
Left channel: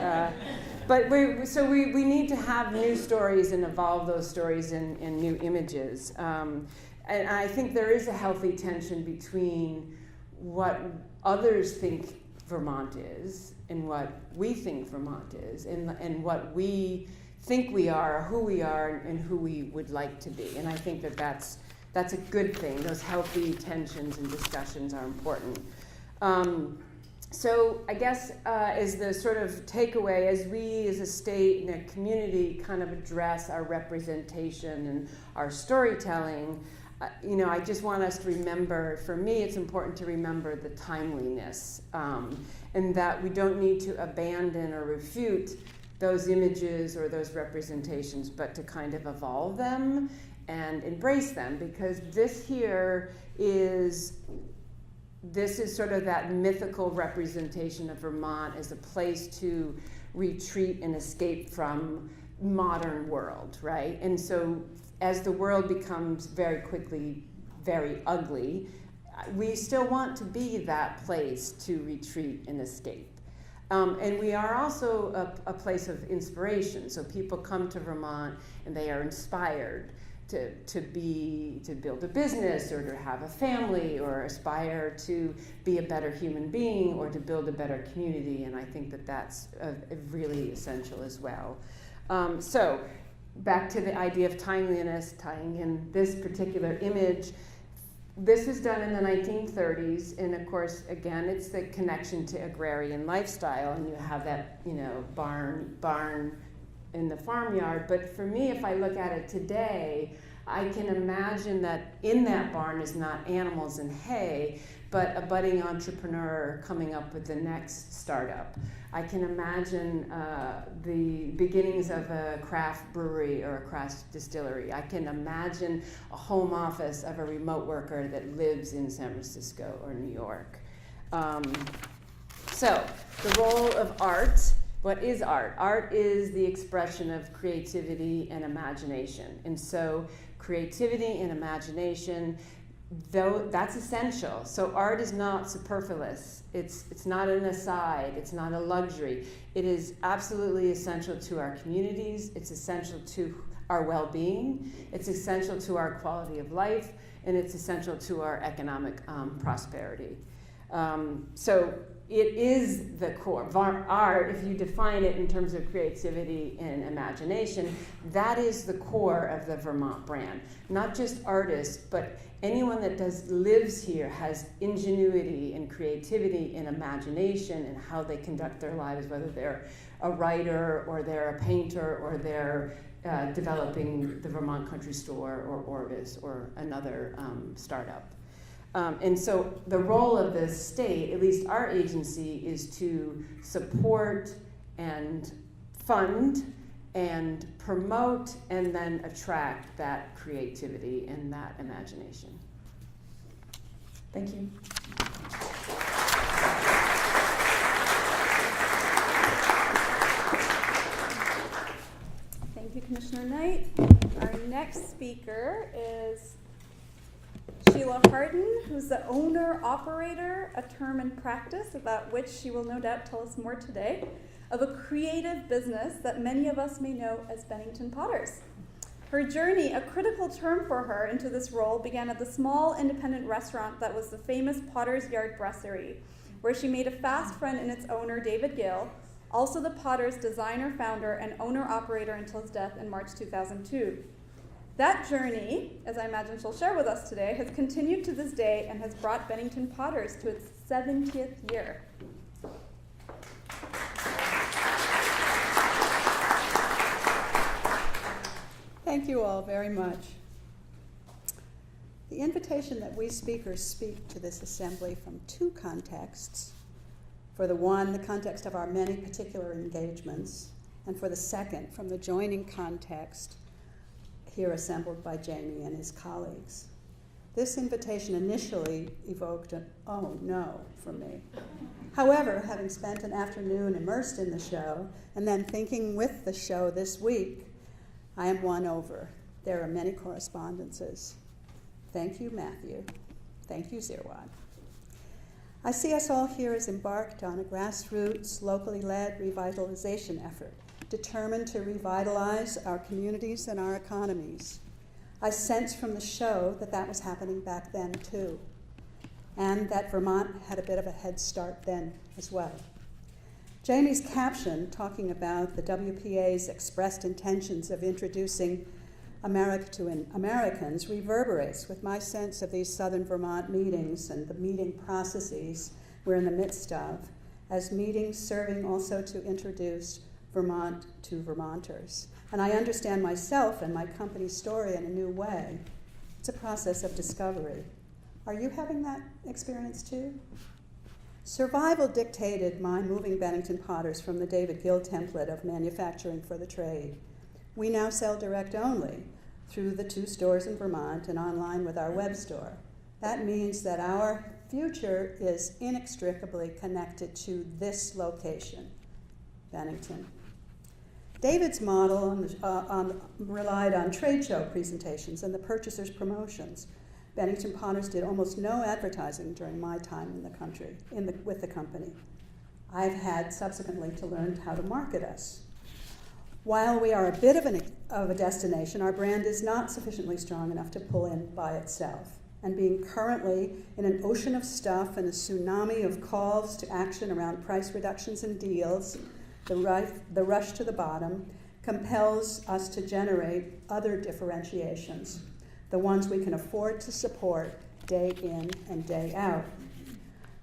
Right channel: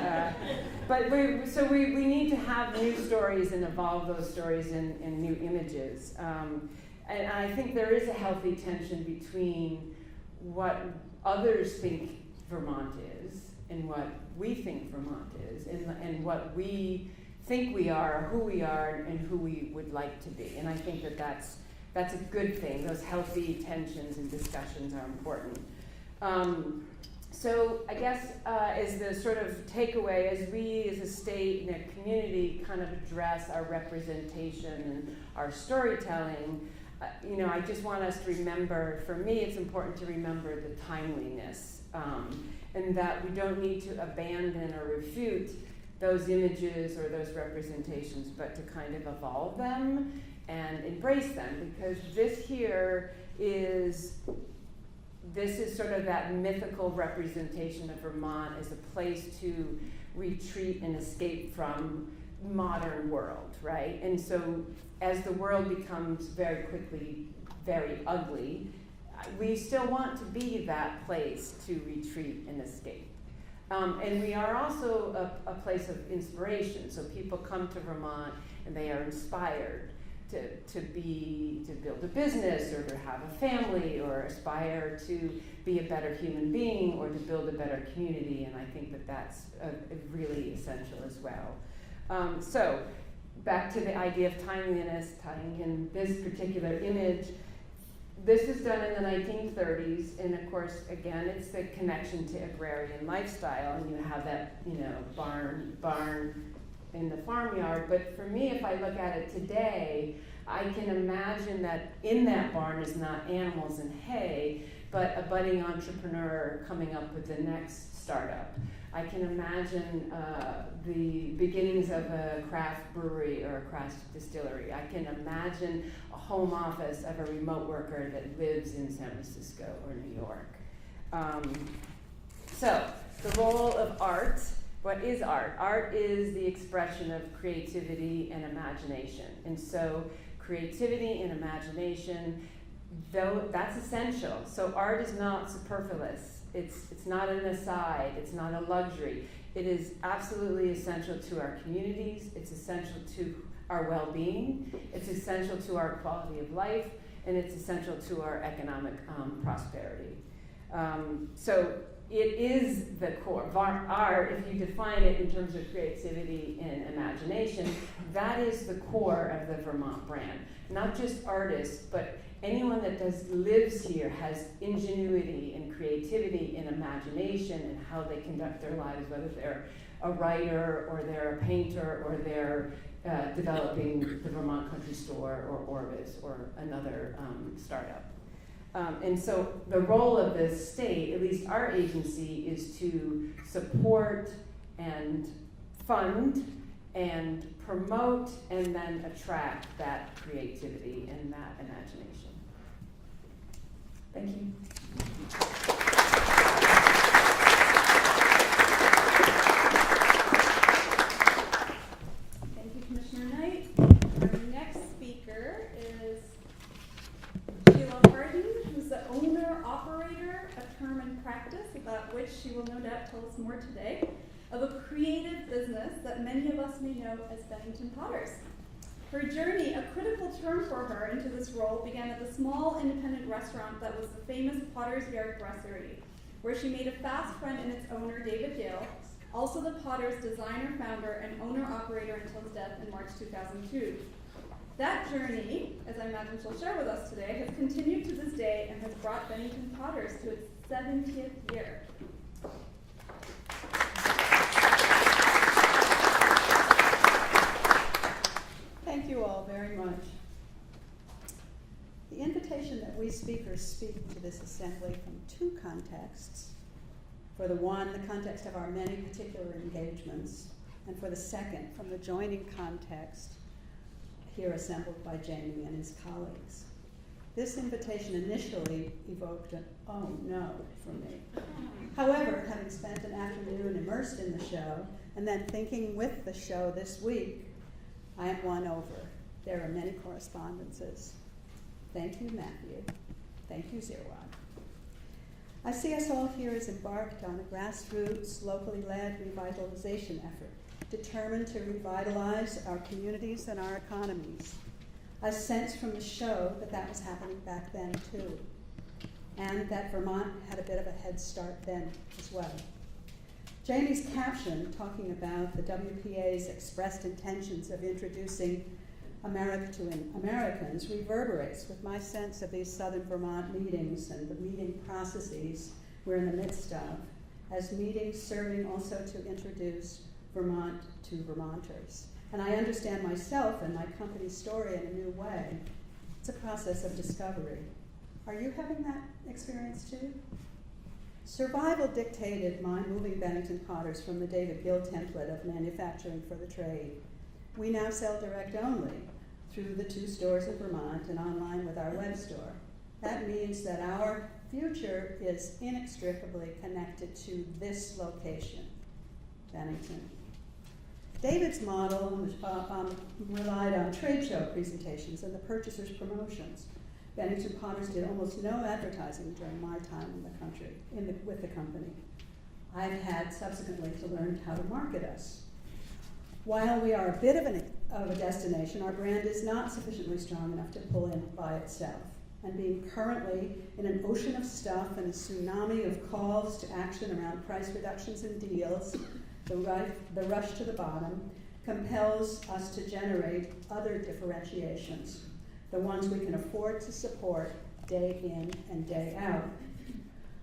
But we need to have new stories and evolve those stories in new images. And I think there is a healthy tension between what others think Vermont is and what we think Vermont is, and what we think we are, who we are, and who we would like to be. And I think that that's a good thing. Those healthy tensions and discussions are important. So I guess as the sort of takeaway, as we as a state and a community kind of address our representation and our storytelling, I just want us to remember, for me it's important to remember the timeliness, and that we don't need to abandon or refute those images or those representations, but to kind of evolve them and embrace them, because this is sort of that mythical representation of Vermont as a place to retreat and escape from modern world, right? And so as the world becomes very quickly very ugly, we still want to be that place to retreat and escape. And we are also a place of inspiration. So people come to Vermont and they are inspired to build a business, or to have a family, or aspire to be a better human being, or to build a better community. And I think that that's really essential as well. So back to the idea of timeliness, tying in this particular image. This is done in the 1930s, and of course, again, it's the connection to agrarian lifestyle, and you have that, barn in the farmyard. But for me, if I look at it today, I can imagine that in that barn is not animals and hay, but a budding entrepreneur coming up with the next startup. I can imagine the beginnings of a craft brewery or a craft distillery. I can imagine a home office of a remote worker that lives in San Francisco or New York. So the role of art. What is art? Art is the expression of creativity and imagination. And so creativity and imagination, though that's essential. So art is not superfluous. It's not an aside. It's not a luxury. It is absolutely essential to our communities. It's essential to our well-being. It's essential to our quality of life, and it's essential to our economic prosperity. So it is the core. Art, if you define it in terms of creativity and imagination, that is the core of the Vermont brand. Not just artists, but anyone that lives here has ingenuity and creativity and imagination in how they conduct their lives, whether they're a writer or they're a painter or they're developing the Vermont Country Store or Orvis or another startup. And so the role of the state, at least our agency, is to support and fund and promote and then attract that creativity and that imagination. Thank you. Thank you, Commissioner Knight. Our next speaker is Sheila Harden, who's the owner-operator, a term in practice about which she will no doubt tell us more today, of a creative business that many of us may know as Bennington Potters. Her journey, a critical term for her into this role, began at the small independent restaurant that was the famous Potter's Yard Brasserie, where she made a fast friend in its owner, David Gill, also the Potter's designer, founder, and owner-operator until his death in March 2002. That journey, as I imagine she'll share with us today, has continued to this day and has brought Bennington Potters to its 70th year. Thank you all very much. The invitation that we speakers speak to this assembly from two contexts. For the one, the context of our many particular engagements, and for the second, from the joining context here assembled by Jamie and his colleagues. This invitation initially evoked an "oh no" from me. However, having spent an afternoon immersed in the show and then thinking with the show this week, I am won over. There are many correspondences. Thank you, Matthew. Thank you, Zirwan. I see us all here as embarked on a grassroots, locally led revitalization effort, determined to revitalize our communities and our economies. I sensed from the show that that was happening back then too, and that Vermont had a bit of a head start then as well. Jamie's caption, talking about the WPA's expressed intentions of introducing America to Americans, reverberates with my sense of these Southern Vermont meetings and the meeting processes we're in the midst of, as meetings serving also to introduce Vermont to Vermonters. And I understand myself and my company's story in a new way. It's a process of discovery. Are you having that experience too? Survival dictated my moving Bennington Potters from the David Gill template of manufacturing for the trade. We now sell direct only through the 2 stores in Vermont and online with our web store. That means that our future is inextricably connected to this location, Bennington. David's model relied on trade show presentations and the purchasers' promotions. Bennington Potters did almost no advertising during my time in the country, with the company. I've had subsequently to learn how to market us. While we are a bit of a destination, our brand is not sufficiently strong enough to pull in by itself. And being currently in an ocean of stuff and a tsunami of calls to action around price reductions and deals, the rush to the bottom compels us to generate other differentiations, the ones we can afford to support day in and day out.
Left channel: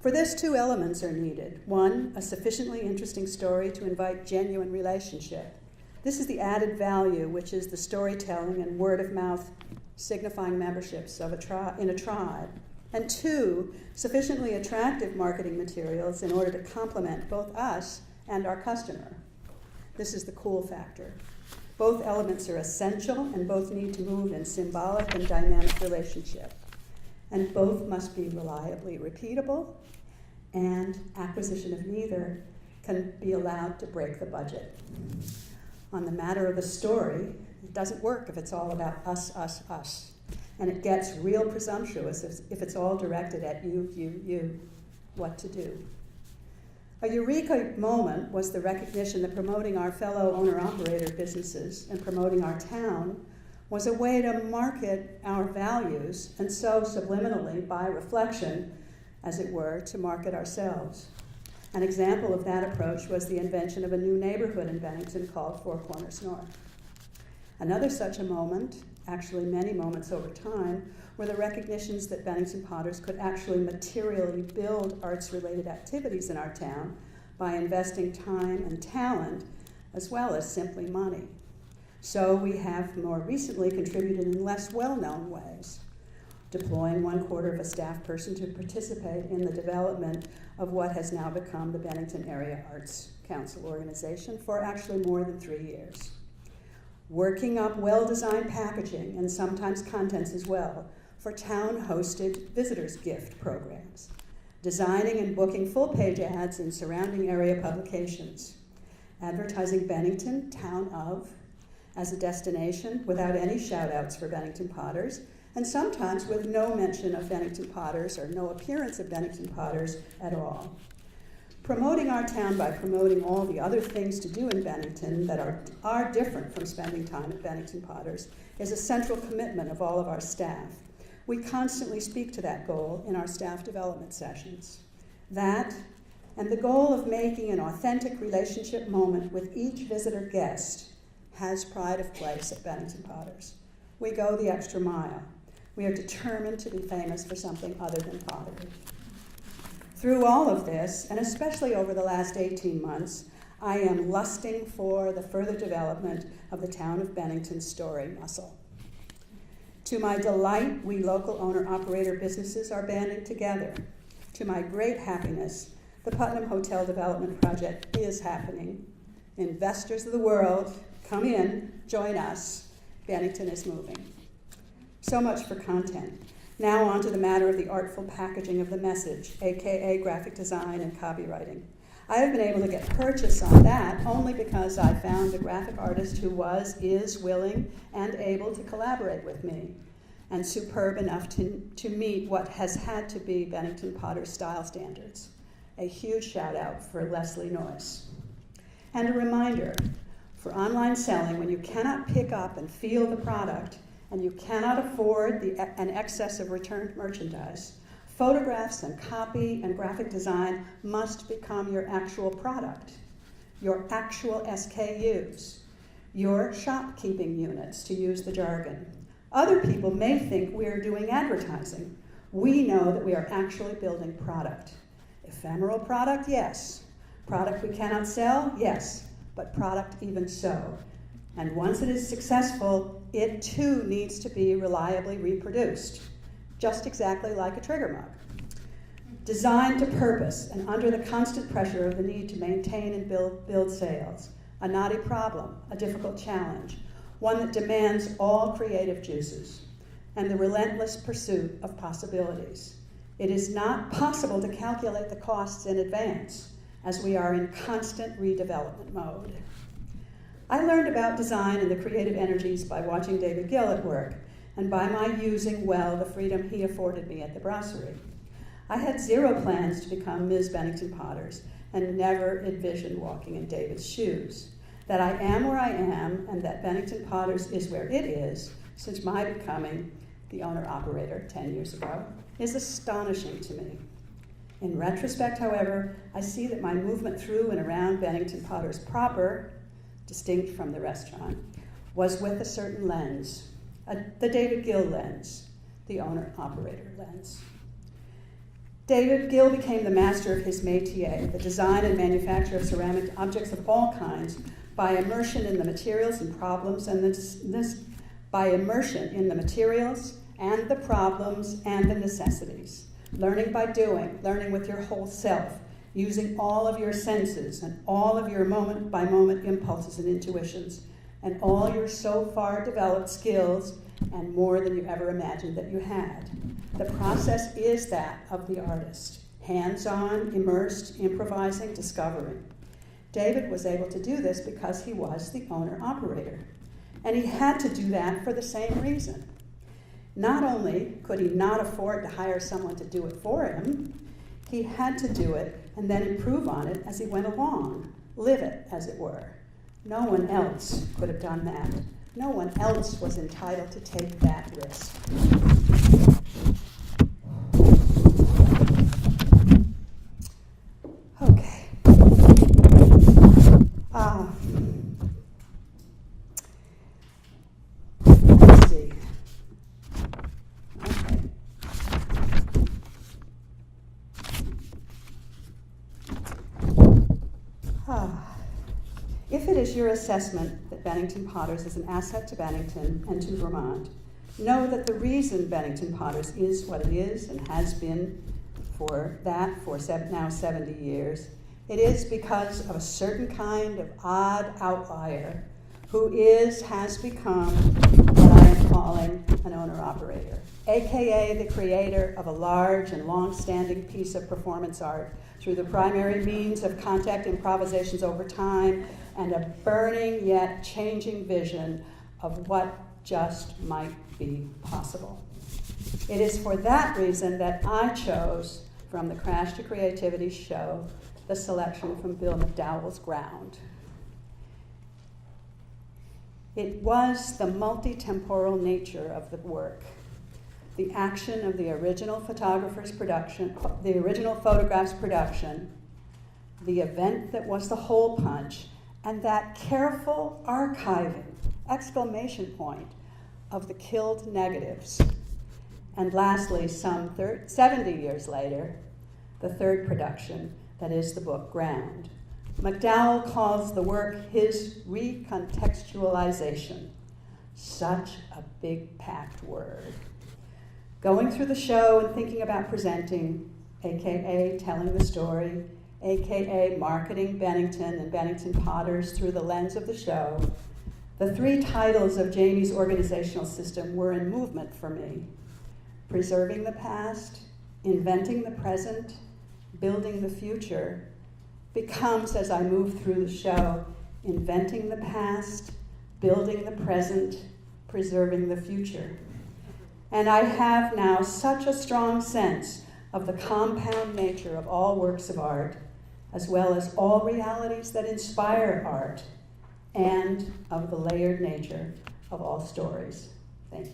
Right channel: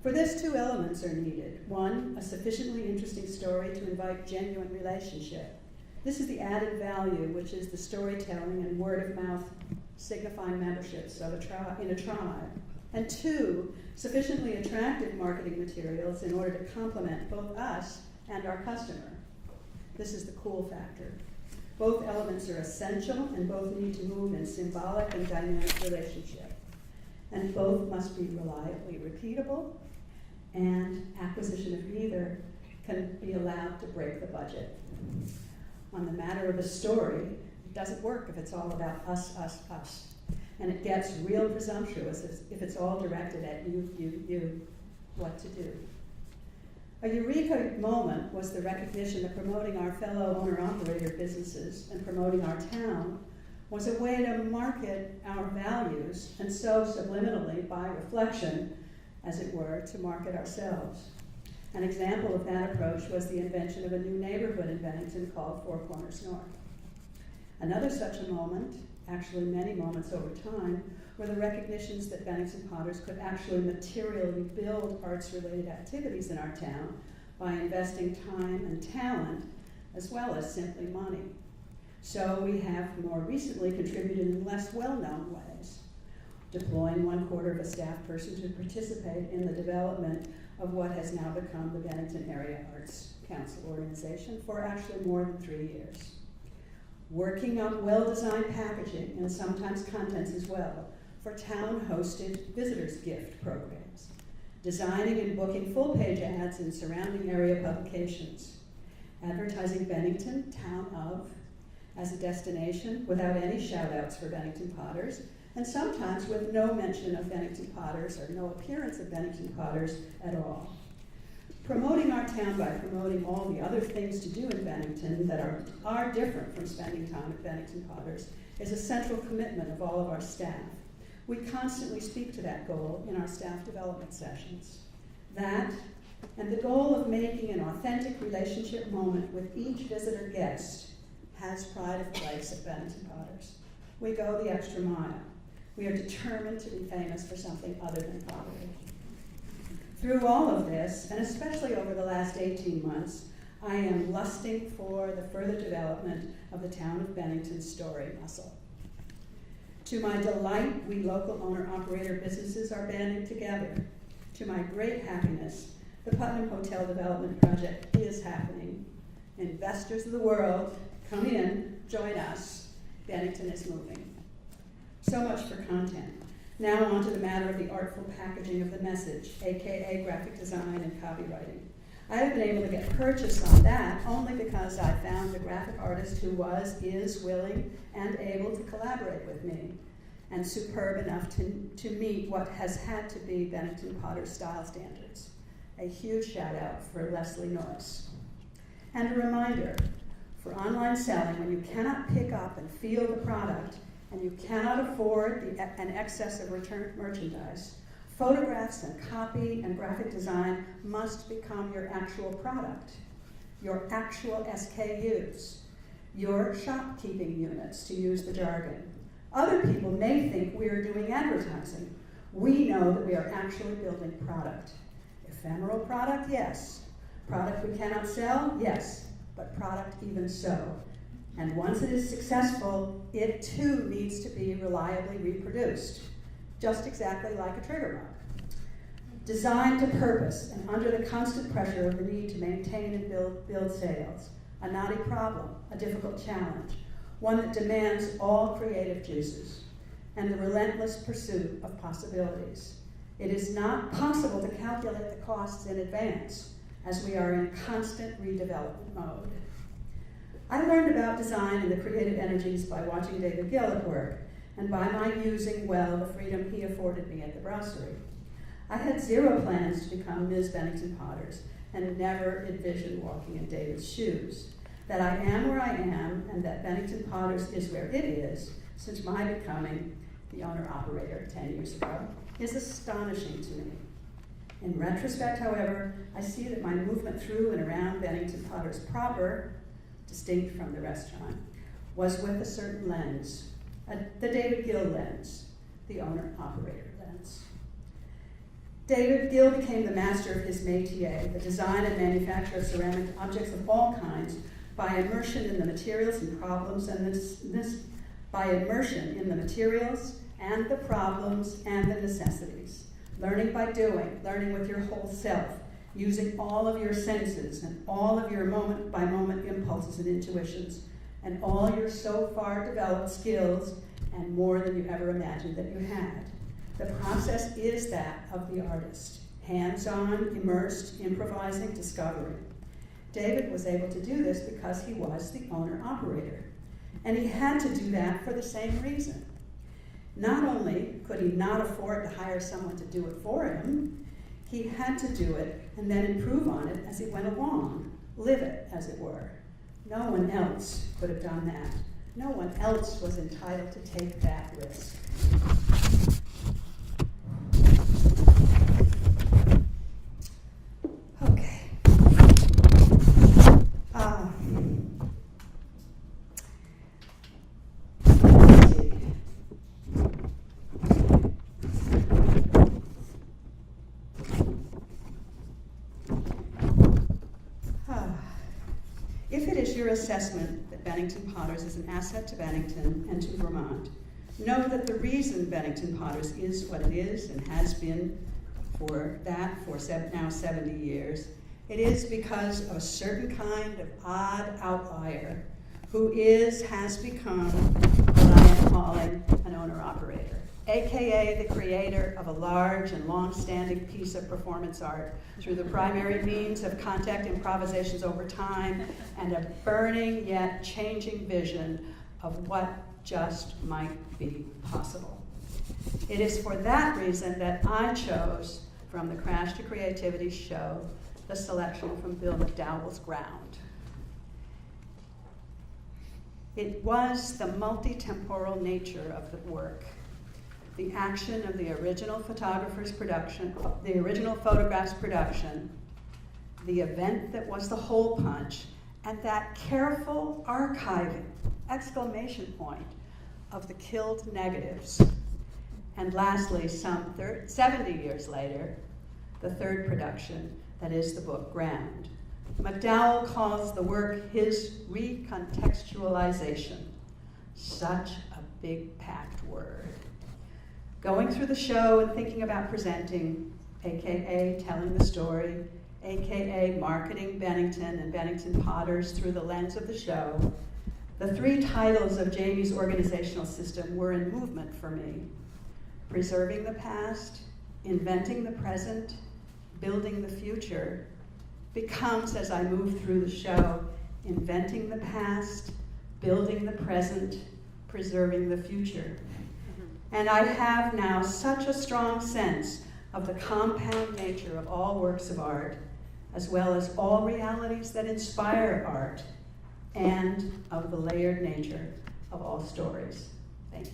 For this, 2 elements are needed. 1, a sufficiently interesting story to invite genuine relationship. This is the added value, which is the storytelling and word of mouth signifying memberships of in a tribe. And 2, sufficiently attractive marketing materials in order to complement both us and our customer. This is the cool factor. Both elements are essential and both need to move in symbolic and dynamic relationship. And both must be reliably repeatable, and acquisition of neither can be allowed to break the budget. On the matter of the story, it doesn't work if it's all about us, us, us. And it gets real presumptuous if it's all directed at you, what to do. A eureka moment was the recognition that promoting our fellow owner-operator businesses and promoting our town was a way to market our values, and so subliminally, by reflection, as it were, to market ourselves. An example of that approach was the invention of a new neighborhood in Bennington called Four Corners North. Another such a moment, actually many moments over time, were the recognitions that Bennington Potters could actually materially build arts-related activities in our town by investing time and talent, as well as simply money. So we have more recently contributed in less well-known ways, deploying 1/4 of a staff person to participate in the development of what has now become the Bennington Area Arts Council organization for actually more than 3 years. Working up well-designed packaging and sometimes contents as well for town-hosted visitors gift programs, designing and booking full-page ads in surrounding area publications, advertising Bennington, town of, as a destination without any shout-outs for Bennington Potters, and sometimes with no mention of Bennington Potters or no appearance of Bennington Potters at all. Promoting our town by promoting all the other things to do in Bennington that are different from spending time at Bennington Potters is a central commitment of all of our staff. We constantly speak to that goal in our staff development sessions. That, and the goal of making an authentic relationship moment with each visitor guest, has pride of place at Bennington Potters. We go the extra mile. We are determined to be famous for something other than pottery. Through all of this, and especially over the last 18 months, I am lusting for the further development of the town of Bennington's story muscle. To my delight, we local owner-operator businesses are banding together. To my great happiness, the Putnam Hotel Development Project is happening. Investors of the world, come in, join us. Bennington is moving. So much for content. Now on to the matter of the artful packaging of the message, aka graphic design and copywriting. I have been able to get purchase on that only because I found a graphic artist who is willing and able to collaborate with me, and superb enough to meet what has had to be Bennington Potters style standards. A huge shout out for Leslie Noyce. And a reminder, for online selling, when you cannot pick up and feel the product, and you cannot afford an excess of returned merchandise, photographs and copy and graphic design must become your actual product, your actual SKUs, your shopkeeping units, to use the jargon. Other people may think we are doing advertising. We know that we are actually building product. Ephemeral product, yes. Product we cannot sell, yes. But product even so. And once it is successful, it too needs to be reliably reproduced, just exactly like a trigger mug. Designed to purpose and under the constant pressure of the need to maintain and build sales, a knotty problem, a difficult challenge, one that demands all creative juices and the relentless pursuit of possibilities. It is not possible to calculate the costs in advance, as we are in constant redevelopment mode. I learned about design and the creative energies by watching David Gill at work, and by my using well the freedom he afforded me at the brasserie. I had zero plans to become Ms. Bennington Potters, and never envisioned walking in David's shoes. That I am where I am, and that Bennington Potters is where it is, since my becoming the owner-operator 10 years ago, is astonishing to me. In retrospect, however, I see that my movement through and around Bennington Potters proper, distinct from the restaurant, was with a certain lens, the David Gill lens, the owner-operator lens. David Gill became the master of his métier, the design and manufacture of ceramic objects of all kinds, by immersion in the materials and problems, by immersion in the materials and the problems and the necessities. Learning by doing, learning with your whole self, using all of your senses and all of your moment-by-moment impulses and intuitions, and all your so far developed skills, and more than you ever imagined that you had. The process is that of the artist, hands-on, immersed, improvising, discovering. David was able to do this because he was the owner-operator. And he had to do that for the same reason. Not only could he not afford to hire someone to do it for him, he had to do it and then improve on it as he went along, live it, as it were. No one else could have done that. No one else was entitled to take that risk. Okay. Let's see. If it is your assessment that Bennington Potters is an asset to Bennington and to Vermont, know that the reason Bennington Potters is what it is and has been for now 70 years, it is because of a certain kind of odd outlier who has become what I am calling an owner-operator, aka the creator of a large and long-standing piece of performance art through the primary means of contact improvisations over time and a burning yet changing vision of what just might be possible. It is for that reason that I chose, from the Crash to Creativity show, the selection from Bill McDowell's Ground. It was the multi-temporal nature of the work, the action of the original photographer's production, the original photograph's production, the event that was the hole punch, and that careful archiving, exclamation point, of the killed negatives. And lastly, some 70 years later, the third production, that is the book Ground. McDowell calls the work his recontextualization. Such a big, packed word. Going through the show and thinking about presenting, aka telling the story, aka marketing Bennington and Bennington Potters through the lens of the show, the three titles of Jamie's organizational system were in movement for me. Preserving the past, inventing the present, building the future, becomes, as I move through the show, inventing the past, building the present, preserving the future. And I have now such a strong sense of the compound nature of all works of art, as well as all realities that inspire art, and of the layered nature of all stories. Thank you.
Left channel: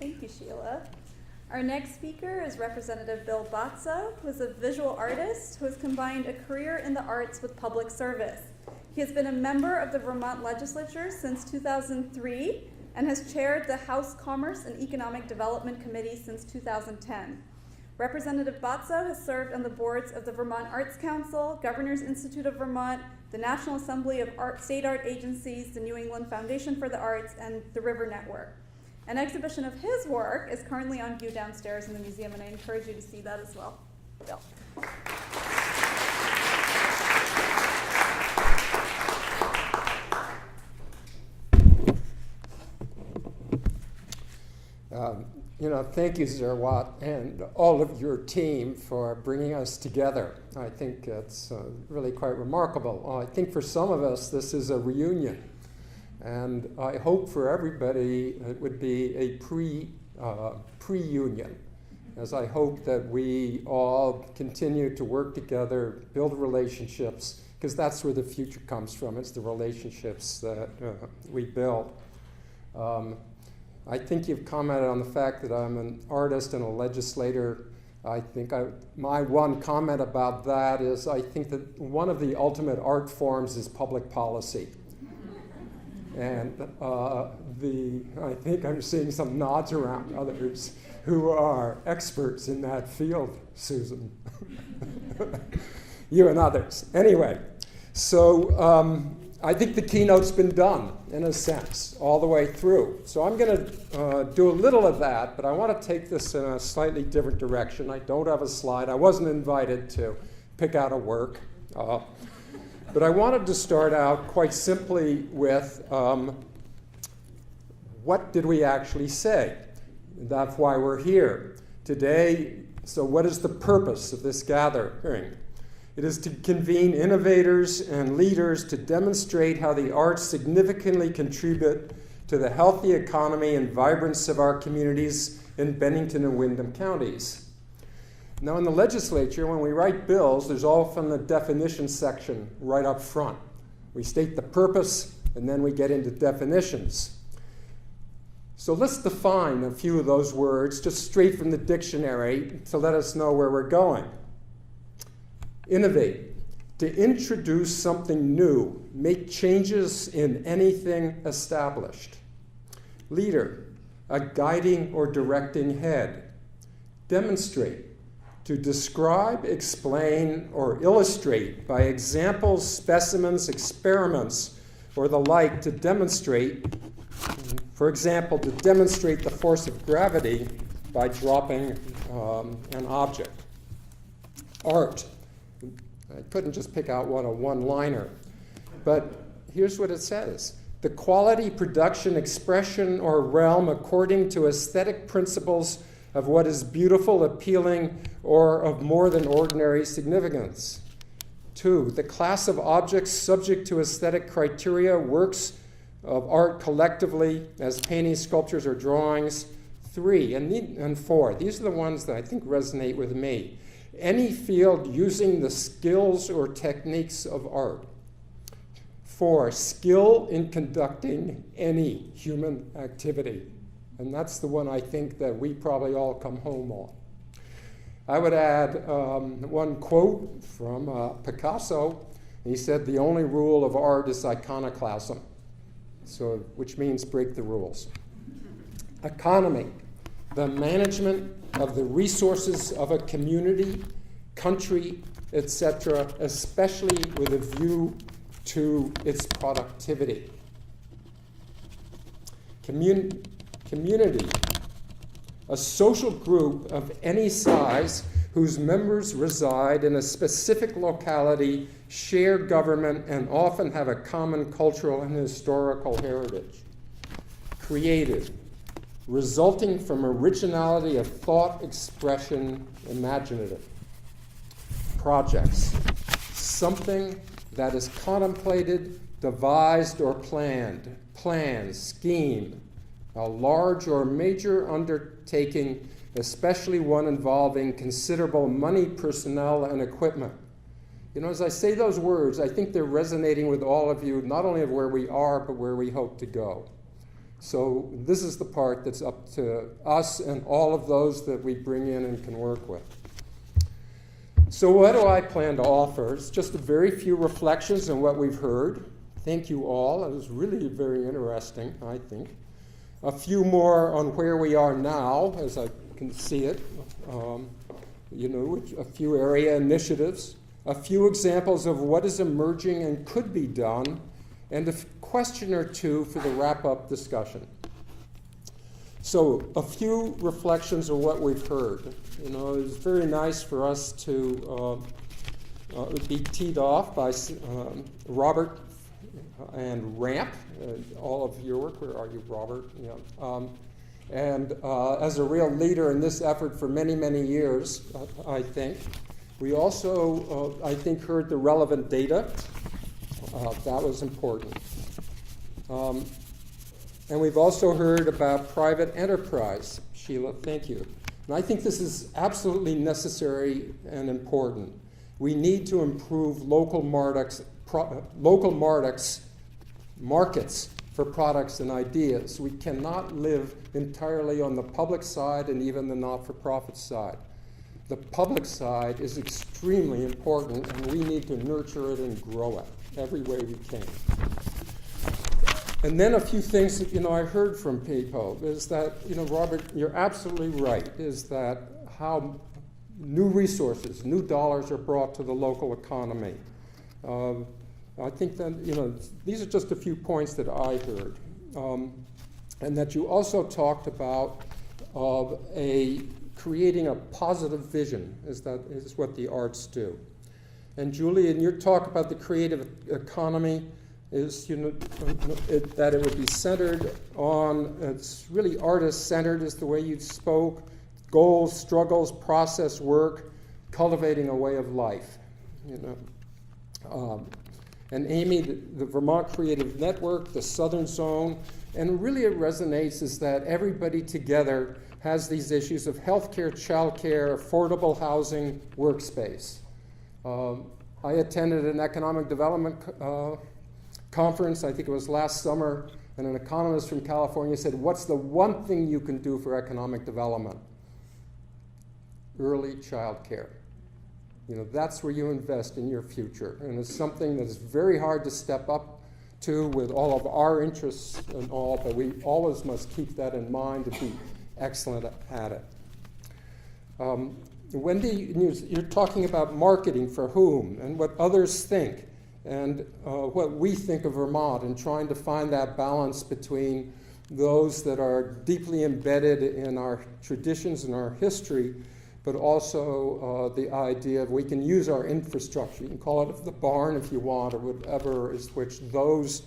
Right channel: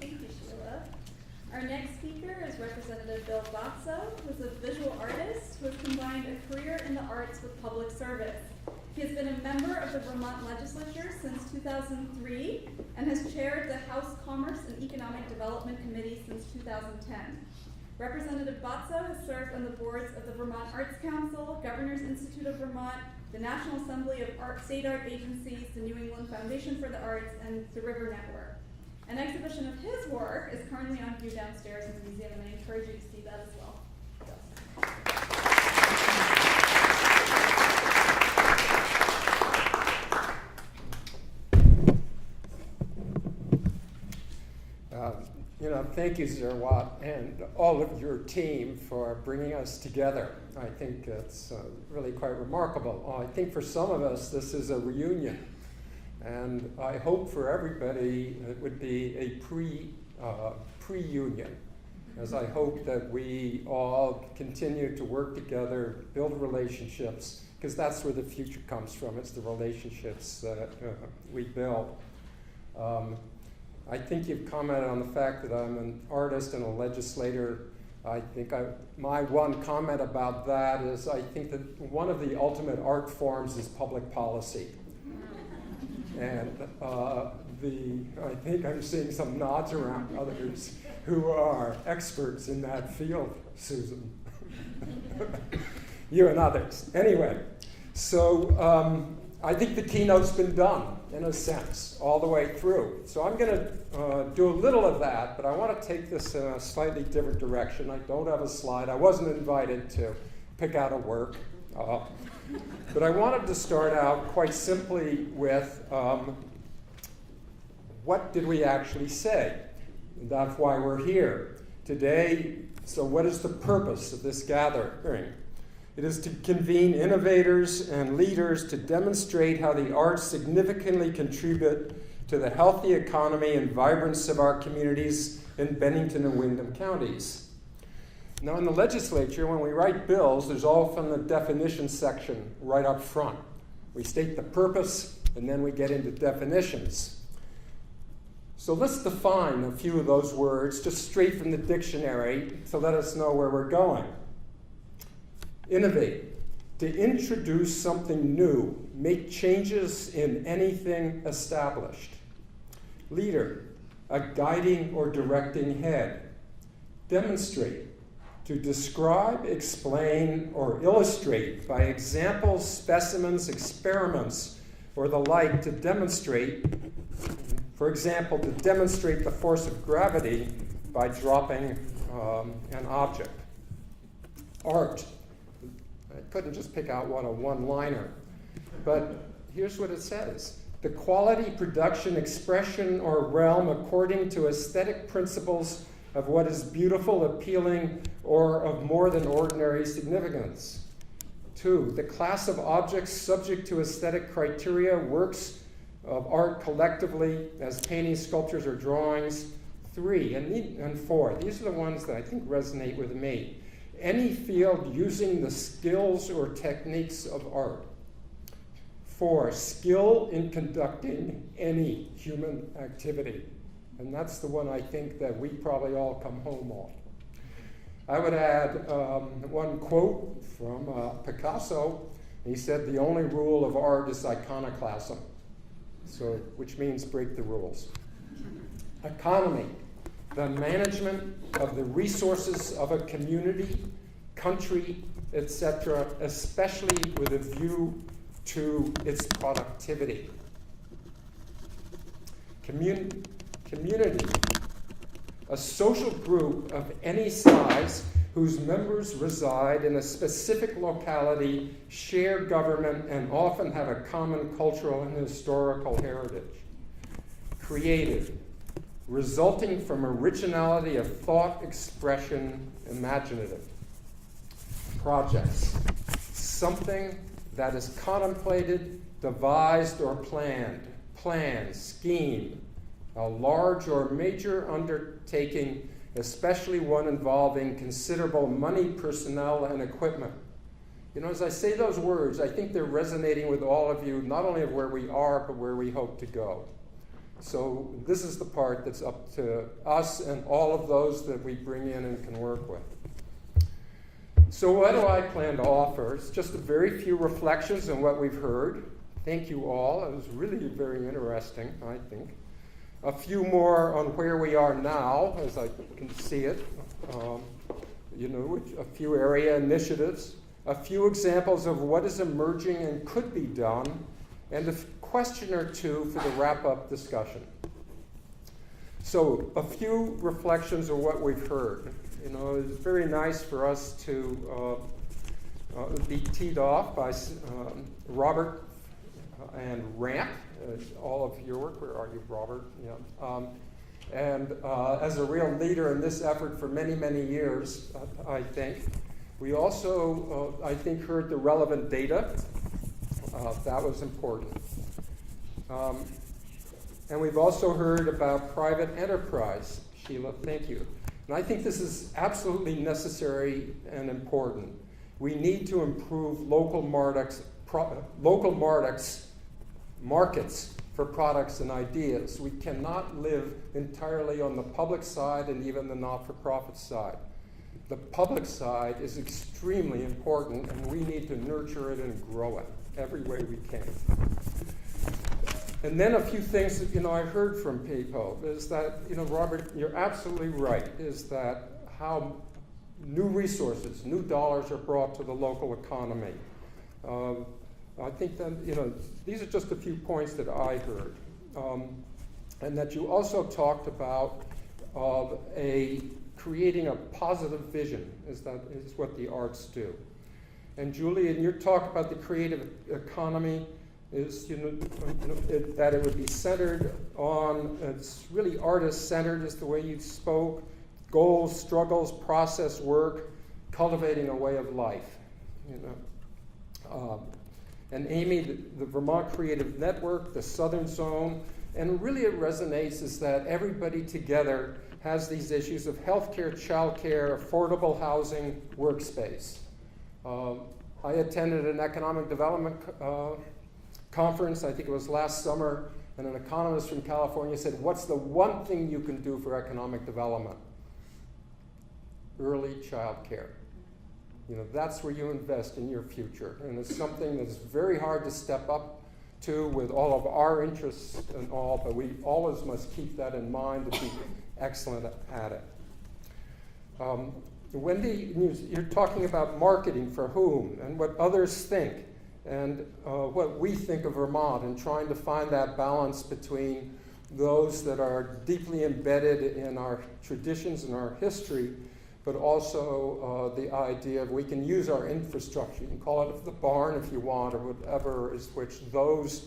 Thank you, Sheila. Our next speaker is Representative Bill Botso, who is a visual artist who has combined a career in the arts with public service. He has been a member of the Vermont Legislature since 2003 and has chaired the House Commerce and Economic Development Committee since 2010. Representative Botso has served on the boards of the Vermont Arts Council, Governor's Institute of Vermont, the National Assembly of State Art Agencies, the New England Foundation for the Arts, and the River Network. An exhibition of his work is currently on view downstairs in the museum, and I encourage you to see that as well. Bill. Thank you, Zerwatt, and all of your team for bringing us together. I think it's really quite remarkable. I think for some of us, this is a reunion. And I hope for everybody it would be a pre-union, as I hope that we all continue to work together, build relationships, because that's where the future comes from. It's the relationships that we build. I think you've commented on the fact that I'm an artist and a legislator. I think my one comment about that is I think that one of the ultimate art forms is public policy. And I think I'm seeing some nods around others who are experts in that field, Susan. You and others. Anyway, so I think the keynote's been done, in a sense, all the way through. So I'm going to do a little of that, but I want to take this in a slightly different direction. I don't have a slide. I wasn't invited to pick out a work. But I wanted to start out quite simply with what did we actually say? That's why we're here today. So what is the purpose of this gathering? It is to convene innovators and leaders to demonstrate how the arts significantly contribute to the healthy economy and vibrance of our communities in Bennington and Windham counties. Now, in the legislature, when we write bills, there's often the definition section right up front. We state the purpose, and then we get into definitions. So let's define a few of those words just straight from the dictionary to let us know where we're going. Innovate, to introduce something new, make changes in anything established. Leader, a guiding or directing head. Demonstrate, to describe, explain, or illustrate by examples, specimens, experiments, or the like to demonstrate, for example, to demonstrate the force of gravity by dropping an object. Art. I couldn't just pick out a one-liner, but here's what it says. The quality, production, expression, or realm according to aesthetic principles of what is beautiful, appealing, or of more than ordinary significance. 2, the class of objects subject to aesthetic criteria, works of art collectively as paintings, sculptures, or drawings. 3, and 4, these are the ones that I think resonate with me. Any field using the skills or techniques of art. 4, skill in conducting any human activity. And that's the one I think that we probably all come home on. I would add one quote from Picasso. He said, the only rule of art is iconoclasm, so, which means break the rules. Economy, the management of the resources of a community, country, etc., especially with a view to its productivity. Community, a social group of any size whose members reside in a specific locality, share government, and often have a common cultural and historical heritage. Creative, resulting from originality of thought, expression, imaginative. Projects, something that is contemplated, devised, or planned, schemed, a large or major undertaking especially one involving considerable money, personnel, and equipment. You know, as I say those words, I think they're resonating with all of you, not only of where we are, but where we hope to go. So this is the part that's up to us and all of those that we bring in and can work with. So what do I plan to offer? It's just a very few reflections on what we've heard. Thank you all. It was really very interesting, I think. A few more on where we are now, as I can see it. A few area initiatives. A few examples of what is emerging and could be done. And a question or two for the wrap-up discussion. So a few reflections of what we've heard. You know, it's very nice for us to be teed off by Robert and RAMP, all of your work. Where are you, Robert? Yeah. And as a real leader in this effort for many, many years, I think. We also, I think, heard the relevant data. That was important. And we've also heard about private enterprise. Sheila, thank you. And I think this is absolutely necessary and important. We need to improve local markets for products and ideas. We cannot live entirely on the public side and even the not-for-profit side. The public side is extremely important, and we need to nurture it and grow it every way we can. And then a few things that, I heard from people is that, Robert, you're absolutely right, is that how new resources, new dollars are brought to the local economy. I think that, these are just a few points that I heard. And that you also talked about creating a positive vision, is what the arts do. And Julie, in your talk about the creative economy, is that it would be centered on, it's really artist-centered is the way you spoke, goals, struggles, process, work, cultivating a way of life. And Amy, the Vermont Creative Network, the Southern Zone, and really it resonates is that everybody together has these issues of healthcare, childcare, affordable housing, workspace. I attended an economic development conference, I think it was last summer, and an economist from California said, what's the one thing you can do for economic development? Early child care. That's where you invest in your future. And it's something that's very hard to step up to with all of our interests and all, but we always must keep that in mind to be excellent at it. Wendy, you're talking about marketing for whom and what others think and what we think of Vermont and trying to find that balance between those that are deeply embedded in our traditions and our history, but also the idea of we can use our infrastructure. You can call it the barn if you want, or whatever, is which those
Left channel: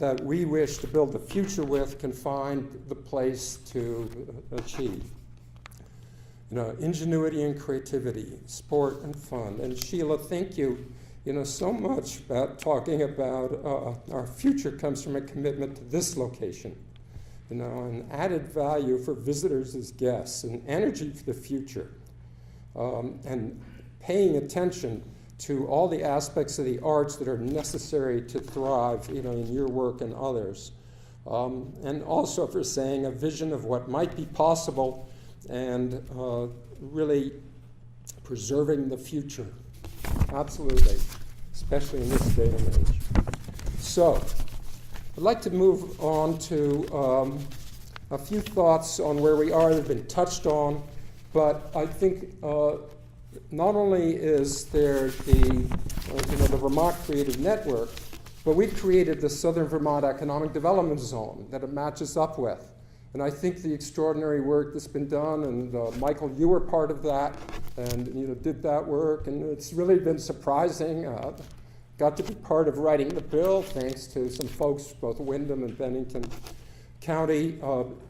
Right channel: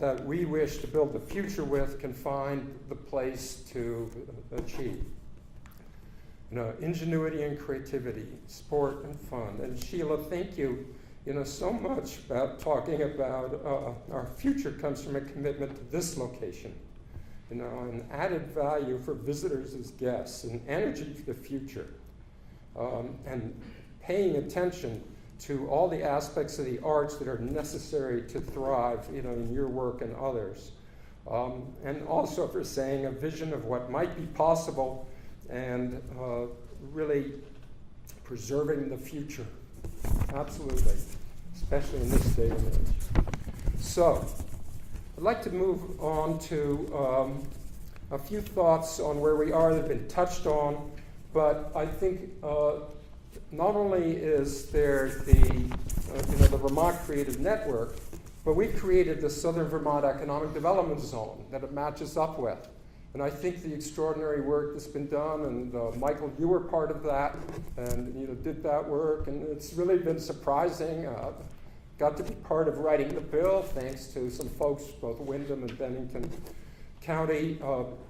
that we wish to build the future with can find the place to achieve. Ingenuity and creativity, sport and fun. And Sheila, thank you. So much about talking about our future comes from a commitment to this location. And added value for visitors as guests, and energy for the future, and paying attention to all the aspects of the arts that are necessary to thrive, in your work and others. And also for saying a vision of what might be possible and really preserving the future. Absolutely, especially in this day and age. So, I'd like to move on to a few thoughts on where we are that have been touched on, but I think not only is there the Vermont Creative Network, but we've created the Southern Vermont Economic Development Zone that it matches up with. And I think the extraordinary work that's been done, and Michael, you were part of that, and did that work, and it's really been surprising. Got to be part of writing the bill, thanks to some folks, both Windham and Bennington County,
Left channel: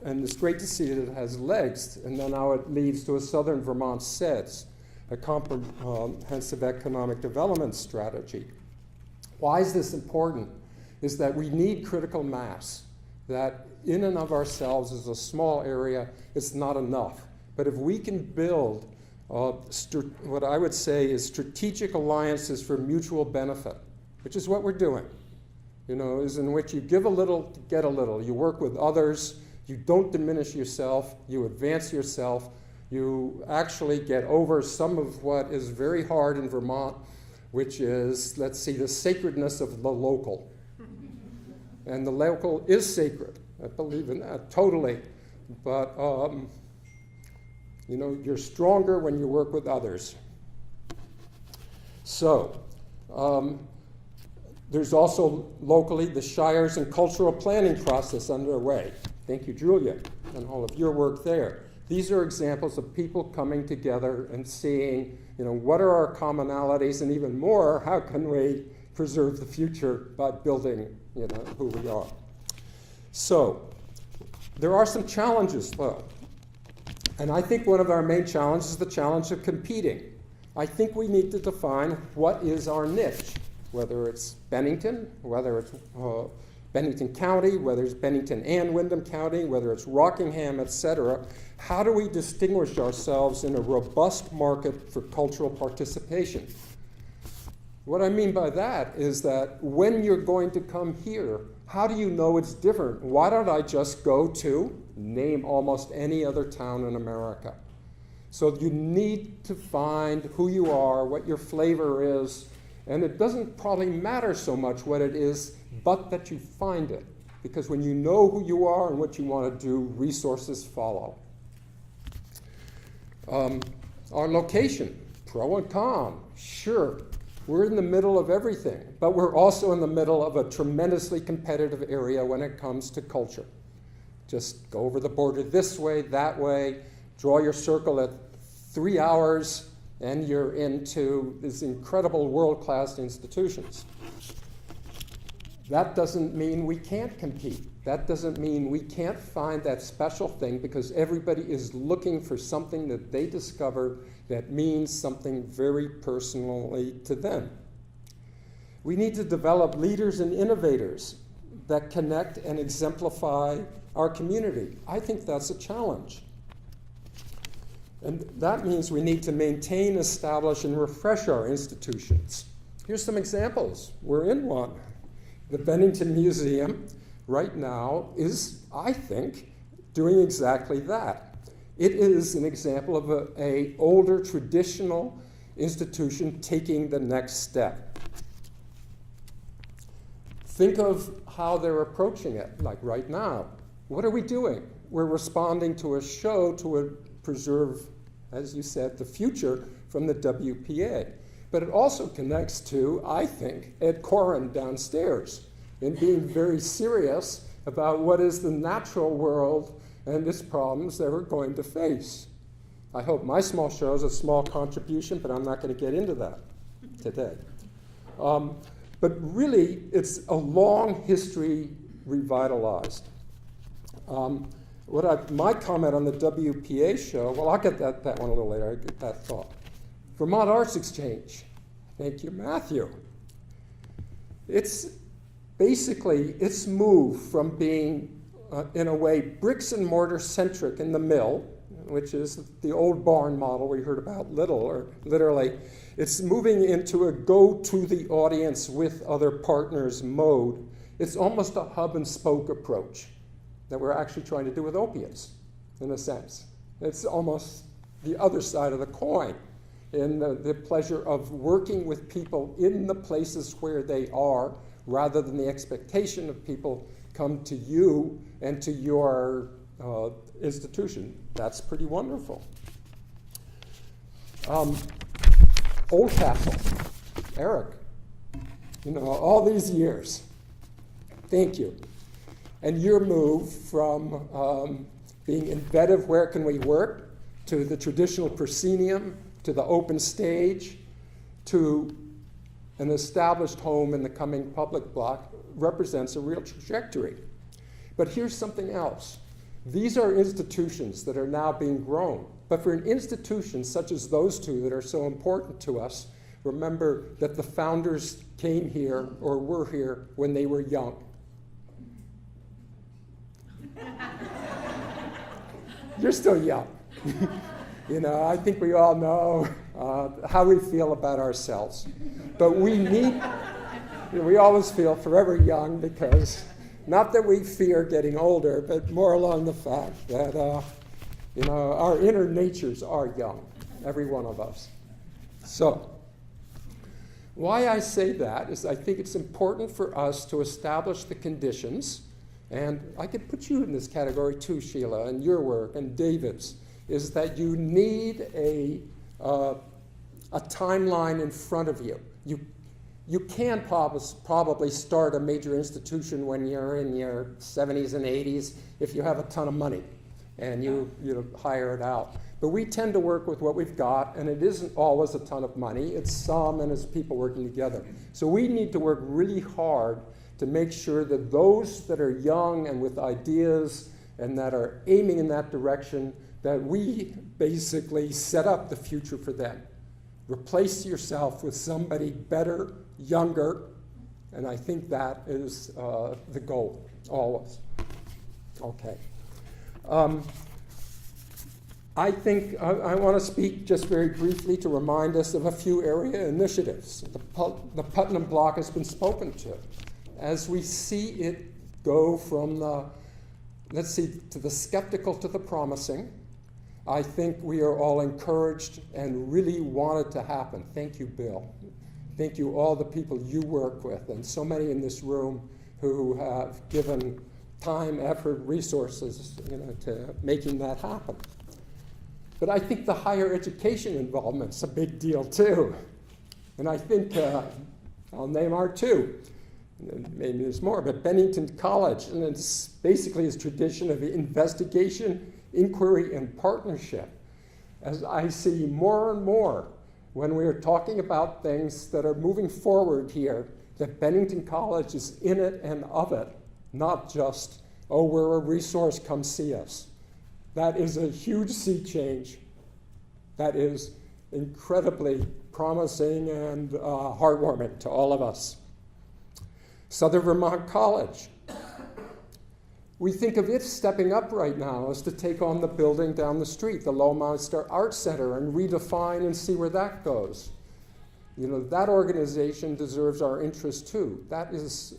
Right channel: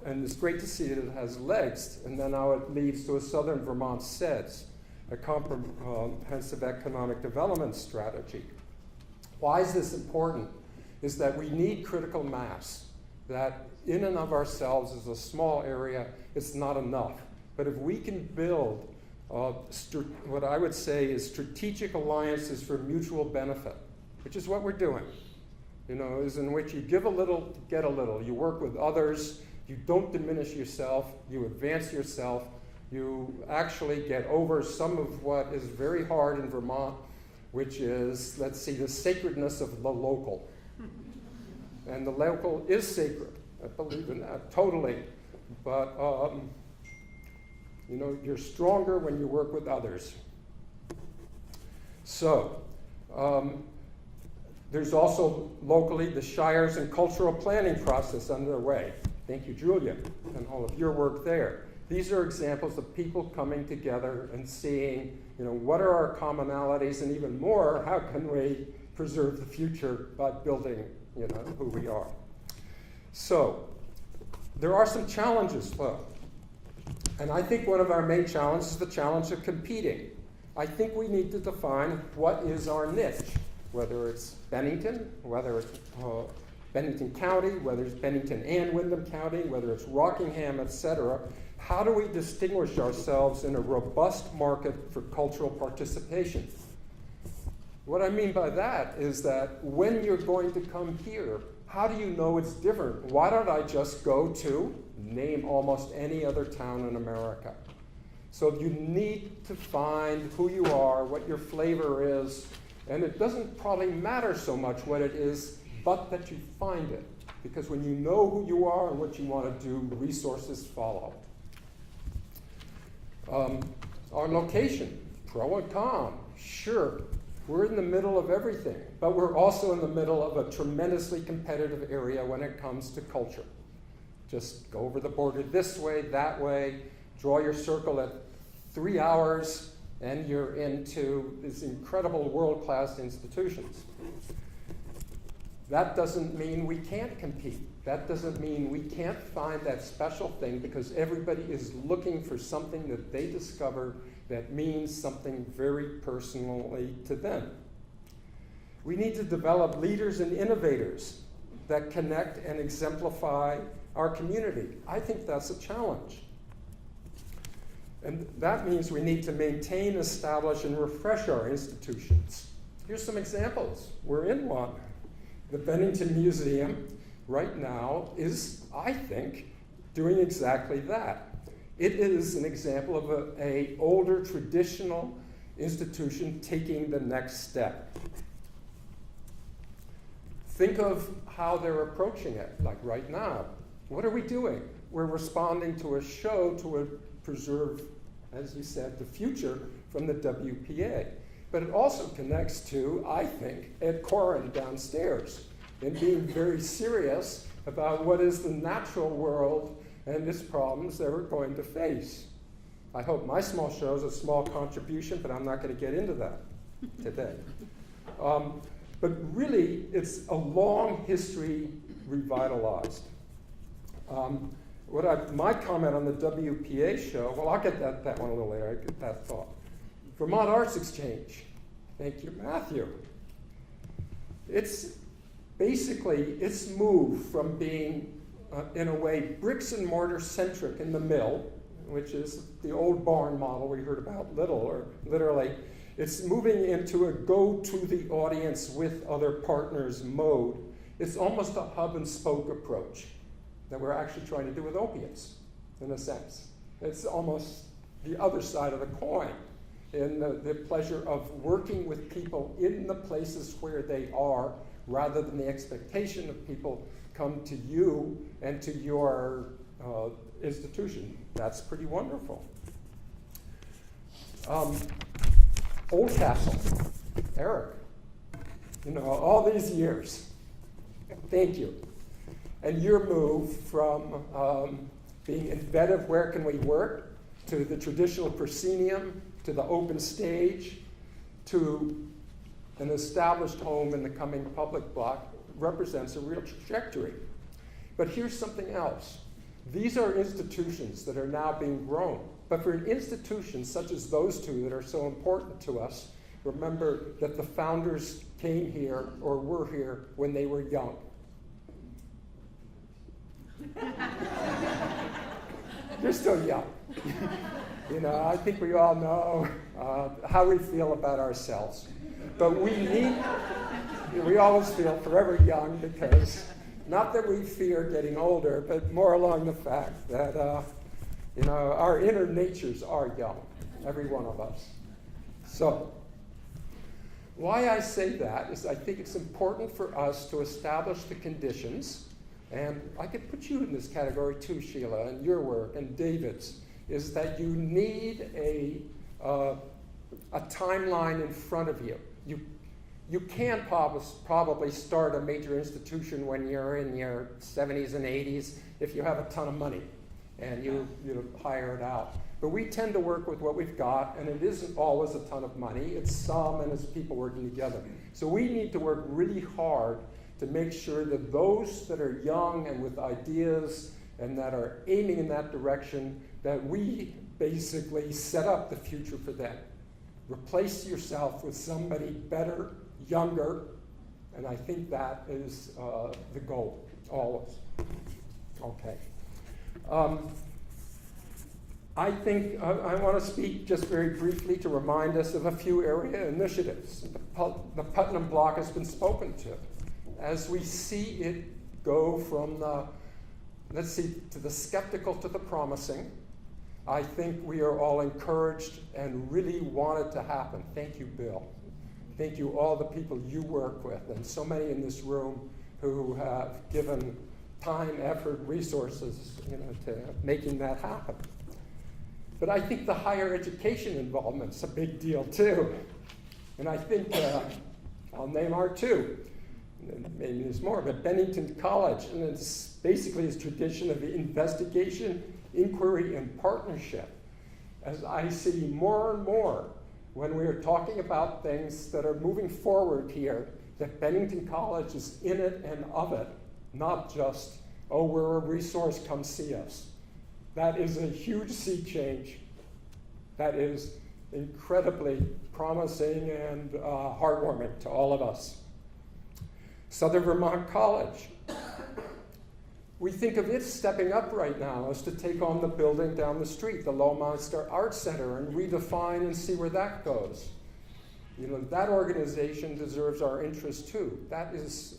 and it's great to see that it has legs, and then now it leads to a Southern Vermont SEDS, a comprehensive economic development strategy. Why is this important? Is that we need critical mass, that in and of ourselves as a small area, it's not enough. But if we can build what I would say is strategic alliances for mutual benefit, which is what we're doing, is in which you give a little to get a little. You work with others, you don't diminish yourself, you advance yourself, you actually get over some of what is very hard in Vermont, which is, let's see, the sacredness of the local. And the local is sacred. I believe in that totally. But, you're stronger when you work with others. So, there's also locally the Shires and cultural planning process underway. Thank you, Julia, and all of your work there. These are examples of people coming together and seeing, what are our commonalities, and even more, how can we preserve the future by building, who we are. So, there are some challenges, though. And I think one of our main challenges is the challenge of competing. I think we need to define what is our niche, whether it's Bennington, whether it's Bennington County, whether it's Bennington and Windham County, whether it's Rockingham, etc. How do we distinguish ourselves in a robust market for cultural participation? What I mean by that is that when you're going to come here, how do you know it's different? Why don't I just go to, name almost any other town in America? So you need to find who you are, what your flavor is, and it doesn't probably matter so much what it is, but that you find it. Because when you know who you are and what you want to do, resources follow. Our location, pro and con, sure. We're in the middle of everything, but we're also in the middle of a tremendously competitive area when it comes to culture. Just go over the border this way, that way, draw your circle at 3 hours, and you're into these incredible world-class institutions. That doesn't mean we can't compete. That doesn't mean we can't find that special thing, because everybody is looking for something that they discover that means something very personally to them. We need to develop leaders and innovators that connect and exemplify our community. I think that's a challenge. And that means we need to maintain, establish, and refresh our institutions. Here's some examples. We're in one. The Bennington Museum right now is, I think, doing exactly that. It is an example of an older traditional institution taking the next step. Think of how they're approaching it, like right now. What are we doing? We're responding to a show to preserve, as you said, the future from the WPA. But it also connects to, I think, Ed Koren downstairs, and being very serious about what is the natural world and its problems that we're going to face. I hope my small show is a small contribution, but I'm not going to get into that today. But really, it's a long history revitalized. My comment on the WPA show, well, I'll get that one a little later, I get that thought. Vermont Arts Exchange. Thank you, Matthew. It's basically, it's moved from being, in a way, bricks and mortar centric in the mill, which is the old barn model we heard about literally. It's moving into a go to the audience with other partners mode. It's almost a hub and spoke approach that we're actually trying to do with opiates, in a sense. It's almost the other side of the coin, in the pleasure of working with people in the places where they are, rather than the expectation of people come to you and to your institution. That's pretty wonderful. Oldcastle, Eric, all these years, thank you. And your move from being embedded, where can we work, to the traditional proscenium, to the open stage, to an established home in the coming public block, represents a real trajectory. But here's something else. These are institutions that are now being grown. But for an institution such as those two that are so important to us, remember that the founders came here or were here when they were young. You're still young. You know, I think we all know how we feel about ourselves. But we always feel forever young because, not that we fear getting older, but more along the fact that, you know, our inner natures are young, every one of us. So, why I say that is I think it's important for us to establish the conditions, and I could put you in this category too, Sheila, and your work, and David's, is that you need a timeline in front of you. You can probably start a major institution when you're in your 70s and 80s if you have a ton of money and you hire it out. But we tend to work with what we've got, and it isn't always a ton of money. It's some, and it's people working together. So we need to work really hard to make sure that those that are young and with ideas and that are aiming in that direction, that we basically set up the future for them. Replace yourself with somebody better, younger, and I think that is the goal, always. Okay. I think I want to speak just very briefly to remind us of a few area initiatives. The Putnam Block has been spoken to. As we see it go from to the skeptical to the promising, I think we are all encouraged and really want it to happen. Thank you, Bill. Thank you, all the people you work with, and so many in this room who have given time, effort, resources, to making that happen. But I think the higher education involvement's a big deal too. And I think, I'll name our two, maybe there's more, but Bennington College, and it's basically its tradition of investigation, inquiry, and partnership. As I see more and more when we are talking about things that are moving forward here, that Bennington College is in it and of it, not just, oh, we're a resource, come see us. That is a huge sea change. That is incredibly promising and heartwarming to all of us. Southern Vermont College. We think of it stepping up right now as to take on the building down the street, the Lowminster Art Center, and redefine and see where that goes. That organization deserves our interest too. That is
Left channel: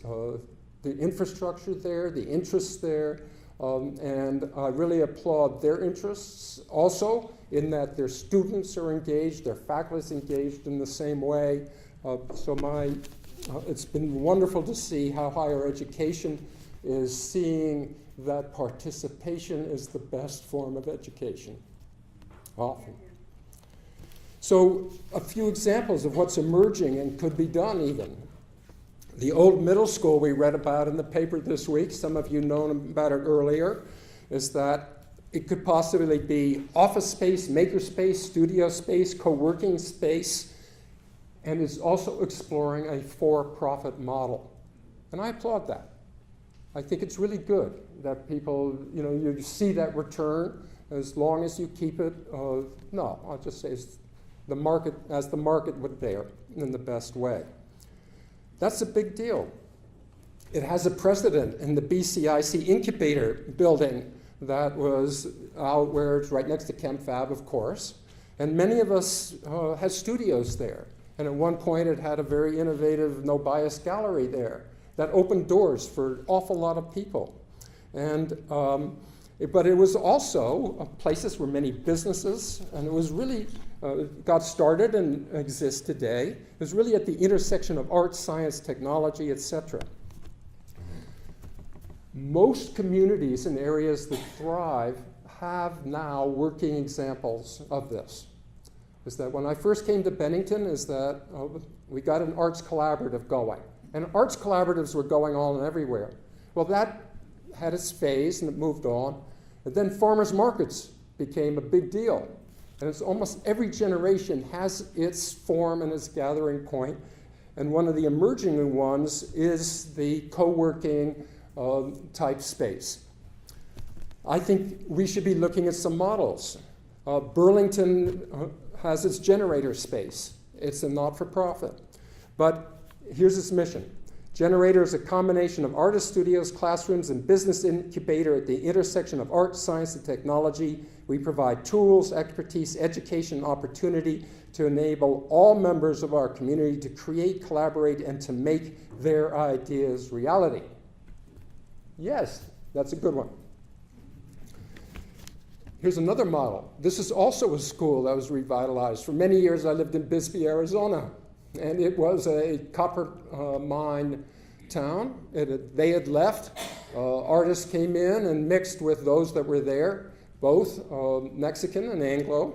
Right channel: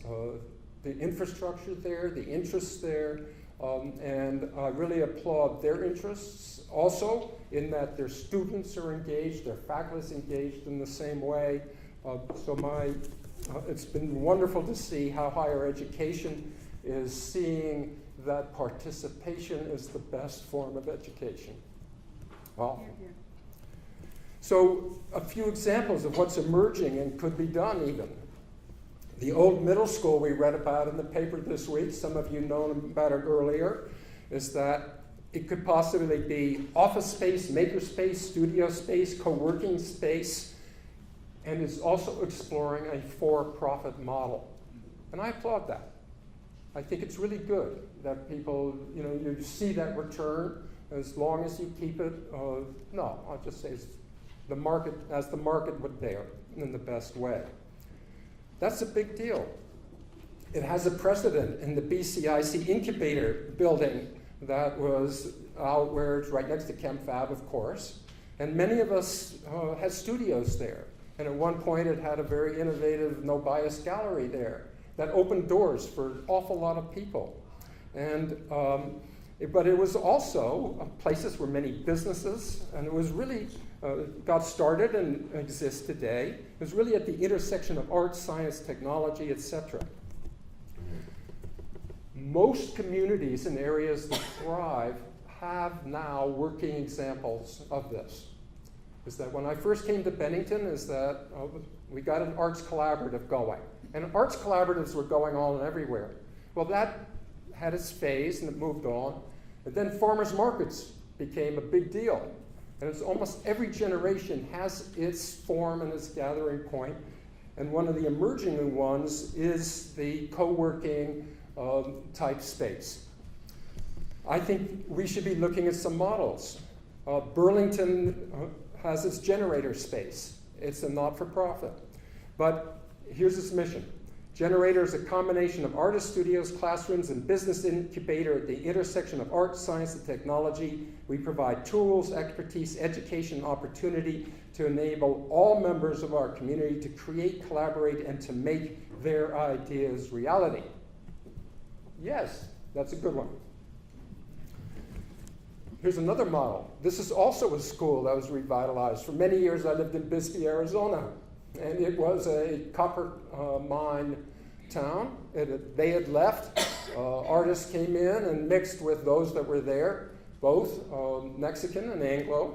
the infrastructure there, the interests there, and I really applaud their interests also in that their students are engaged, their faculty is engaged in the same way. It's been wonderful to see how higher education is seeing that participation is the best form of education. Often. So a few examples of what's emerging and could be done even. The old middle school we read about in the paper this week, some of you know about it earlier, is that it could possibly be office space, maker space, studio space, co-working space, and is also exploring a for-profit model. And I applaud that. I think it's really good that people, you see that return as long as you keep it, I'll just say the market would bear in the best way. That's a big deal. It has a precedent in the BCIC incubator building that was out where it's right next to ChemFab, of course. And many of us had studios there. And at one point it had a very innovative no bias gallery there that opened doors for an awful lot of people. And but it was also places where many businesses, and it was really got started and exists today. It was really at the intersection of art, science, technology, etc. Most communities in areas that thrive have now working examples of this. Is that when I first came to Bennington, we got an arts collaborative going. And arts collaboratives were going on everywhere. Well, that had its phase and it moved on. And then farmers markets became a big deal. And it's almost every generation has its form and its gathering point. And one of the emerging ones is the co-working type space. I think we should be looking at some models. Burlington has its generator space. It's a not-for-profit. But here's its mission. Generator is a combination of artist studios, classrooms, and business incubator at the intersection of art, science, and technology We provide tools, expertise, education, and opportunity to enable all members of our community to create, collaborate, and to make their ideas reality. Yes, that's a good one. Here's another model. This is also a school that was revitalized. For many years, I lived in Bisbee, Arizona, and it was a copper mine town. They had left. Artists came in and mixed with those that were there, both Mexican and Anglo.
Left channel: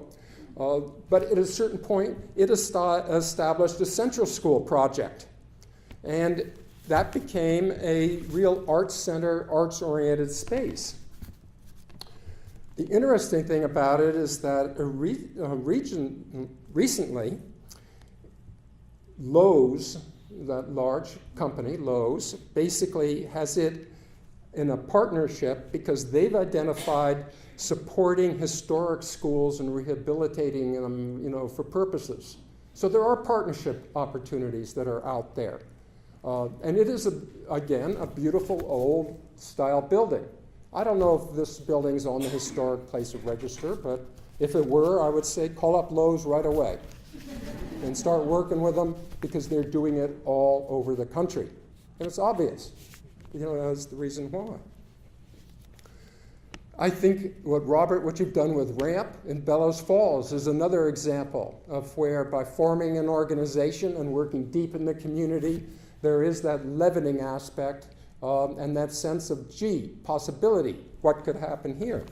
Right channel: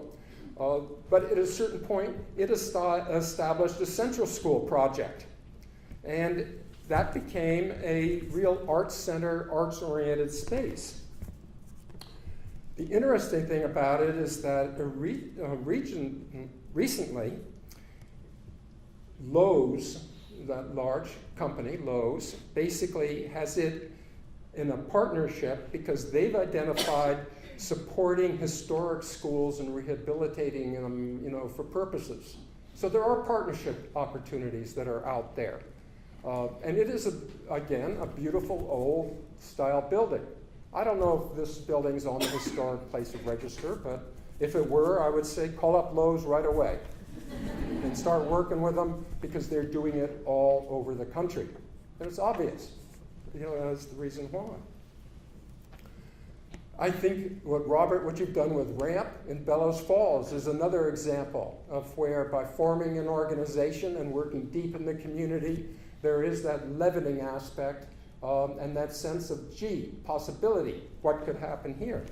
But at a certain point, it established a central school project. And that became a real arts center, arts-oriented space. The interesting thing about it is that recently, Lowe's, that large company, Lowe's, basically has it in a partnership because they've identified supporting historic schools and rehabilitating them, for purposes. So there are partnership opportunities that are out there. And it is, again, a beautiful old style building. I don't know if this building's on the historic place of register, but if it were, I would say call up Lowe's right away and start working with them because they're doing it all over the country. And it's obvious. That's the reason why. I think what you've done with RAMP in Bellows Falls is another example of where by forming an organization and working deep in the community, there is that leavening aspect and that sense of, possibility, what could happen here?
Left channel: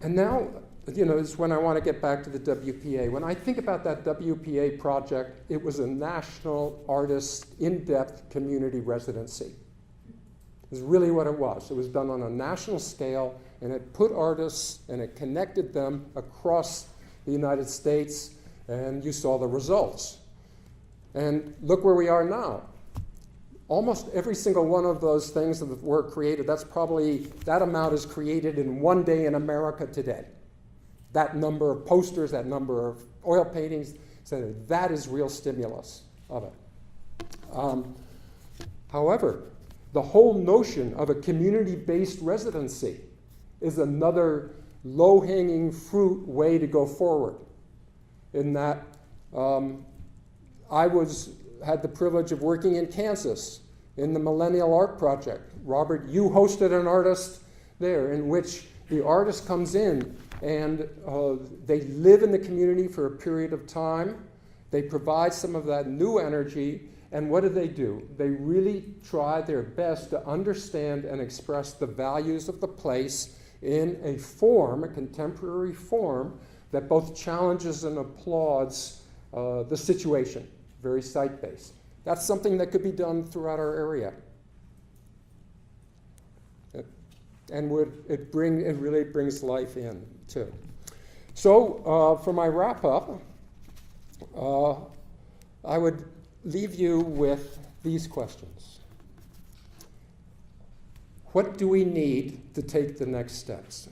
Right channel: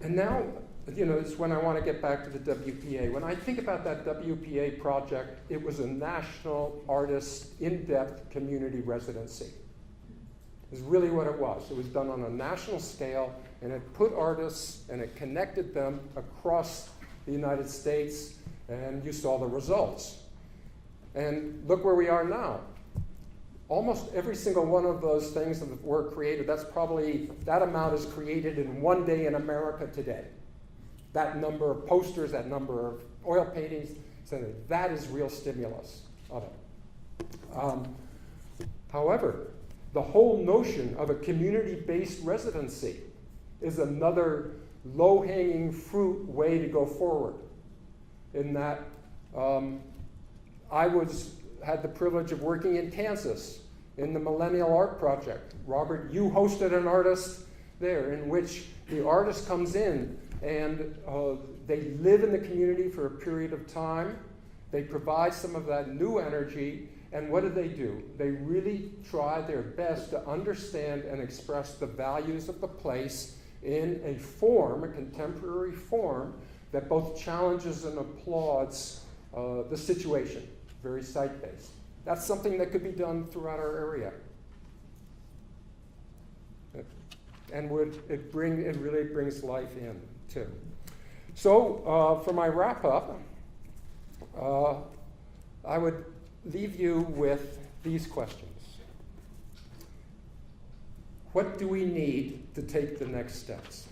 And now, is when I want to get back to the WPA. When I think about that WPA project, it was a national artist in-depth community residency. Is really what it was. It was done on a national scale, and it put artists and it connected them across the United States, and you saw the results. And look where we are now. Almost every single one of those things that were created, that amount is created in one day in America today. That number of posters, that number of oil paintings, so that is real stimulus of it. However, the whole notion of a community-based residency is another low-hanging fruit way to go forward. In that, I had the privilege of working in Kansas in the Millennial Art Project. Robert, you hosted an artist there in which the artist comes in and they live in the community for a period of time. They provide some of that new energy. And what do? They really try their best to understand and express the values of the place in a form, a contemporary form, that both challenges and applauds the situation, very site-based. That's something that could be done throughout our area. And it really brings life in, too. So for my wrap-up, I would leave you with these questions. What do we need to take the next steps?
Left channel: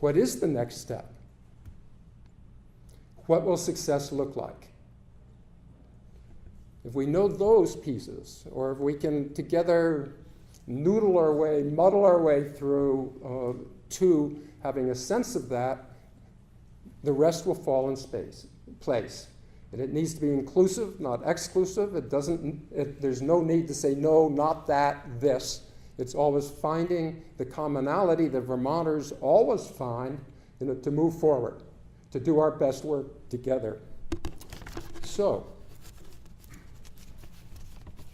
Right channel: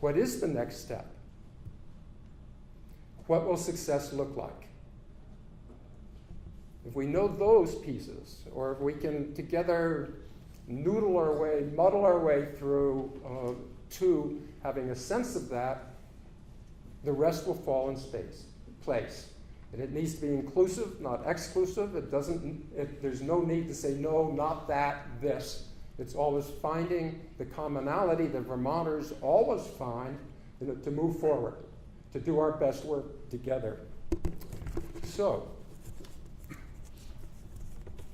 What is the next step? What will success look like? If we know those pieces, or if we can together muddle our way through to having a sense of that, the rest will fall in place. And it needs to be inclusive, not exclusive. There's no need to say, no, not that, this. It's always finding the commonality that Vermonters always find to move forward, to do our best work together. So,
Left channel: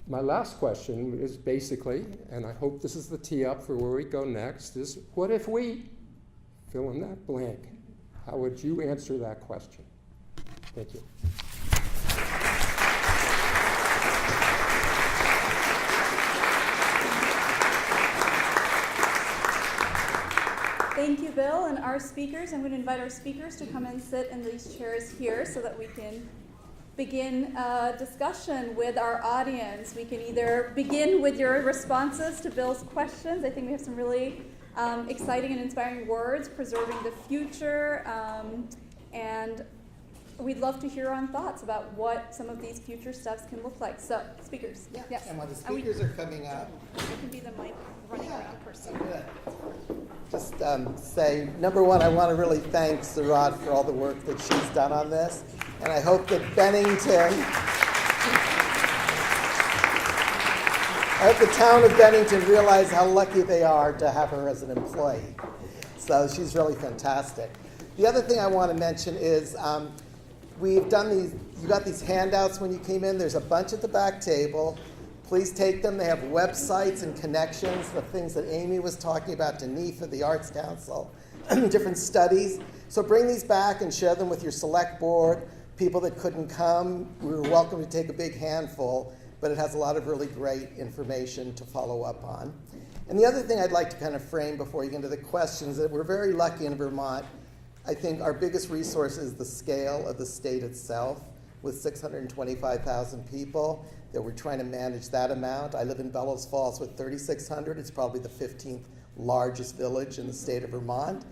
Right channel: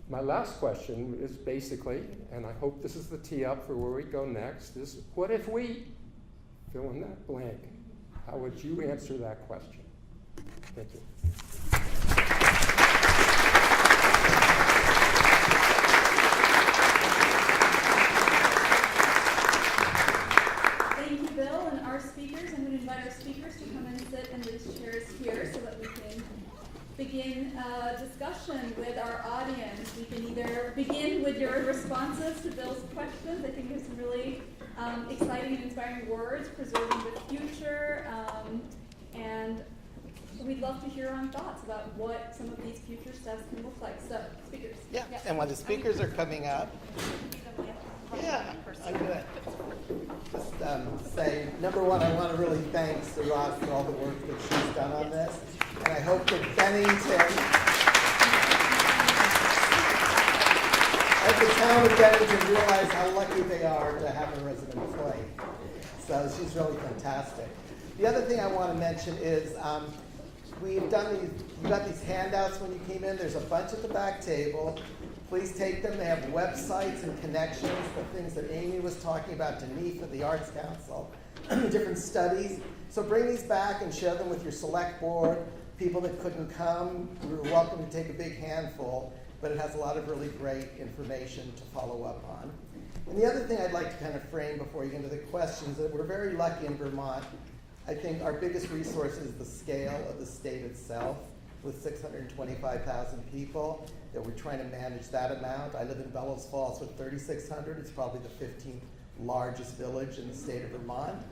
my last question is basically, and I hope this is the tee up for where we go next, is what if we fill in that blank? How would you answer that question? Thank you. Thank you, Bill, and our speakers. I'm going to invite our speakers to come and sit in these chairs here so that we can begin a discussion with our audience. We can either begin with your responses to Bill's questions. I think we have some really exciting and inspiring words, preserving the future, and we'd love to hear on thoughts about what some of these future steps can look like. So, speakers. Yeah, Yes. and when the speakers are coming up, You can be the person. I'm gonna just say, number one, I want to really thank Sarat for all the work that she's done on this, and I hope that the town of Bennington realize how lucky they are to have her as an employee. So she's really fantastic. The other thing I want to mention is we've done these, you got these handouts when you came in. There's a bunch at the back table. Please take them. They have websites and connections, the things that Amy was talking about to NEFA, the Arts Council, different studies. So bring these back and share them with your select board, people that couldn't come. We were welcome to take a big handful, but it has a lot of really great information to follow up on. And the other thing I'd like to kind of frame before you get into the questions, that we're very lucky in Vermont. I think our biggest resource is the scale of the state itself, with 625,000 people, that we're trying to manage that amount. I live in Bellows Falls with 3,600. It's probably the 15th largest village in the state of Vermont.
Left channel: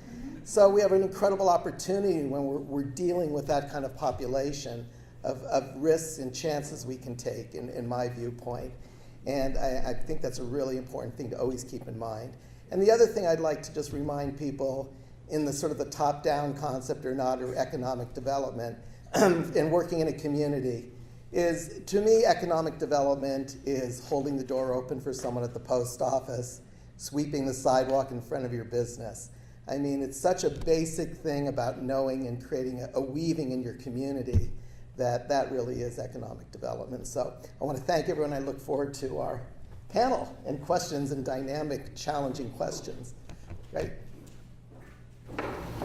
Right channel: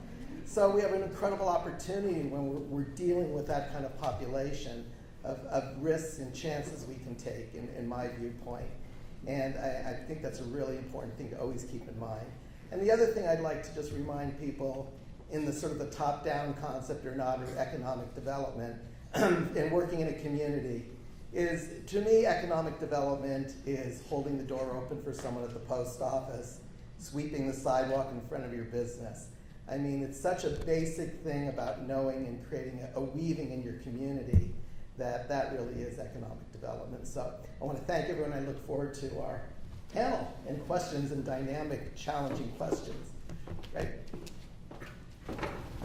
So we have an incredible opportunity when we're dealing with that kind of population of risks and chances we can take, in my viewpoint. And I think that's a really important thing to always keep in mind. And the other thing I'd like to just remind people in the sort of the top-down concept or not, or economic development, and working in a community, is, to me, economic development is holding the door open for someone at the post office, sweeping the sidewalk in front of your business. I mean, it's such a basic thing about knowing and creating a weaving in your community that really is economic development. So I want to thank everyone. I look forward to our panel and questions and dynamic, challenging questions. Right?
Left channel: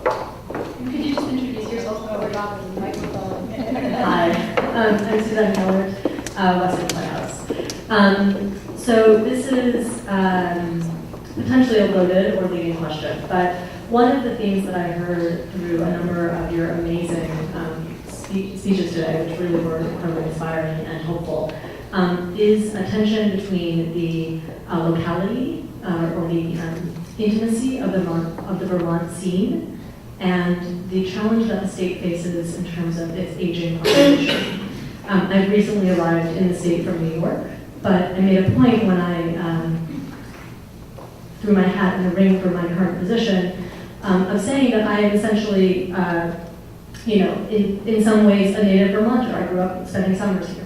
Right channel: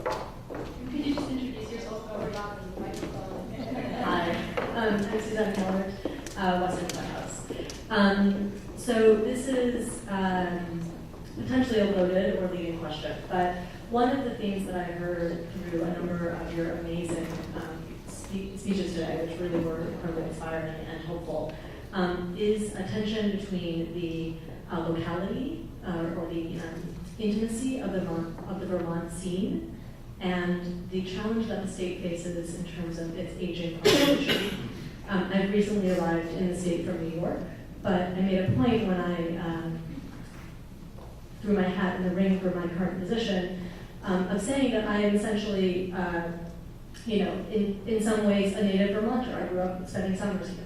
Could you just introduce yourself over the microphone? Hi, I'm Suzanne Howard, Western Playhouse. So this is potentially a loaded or leading question, but one of the themes that I heard through a number of your amazing speeches today, which really were incredibly inspiring and hopeful, is a tension between the locality or the intimacy of the Vermont scene and the challenge that the state faces in terms of its aging population. I've recently arrived in the state from New York, but I made a point when I threw my hat in the ring for my current position of saying that I am essentially, in some ways a native Vermonter. I grew up spending summers here.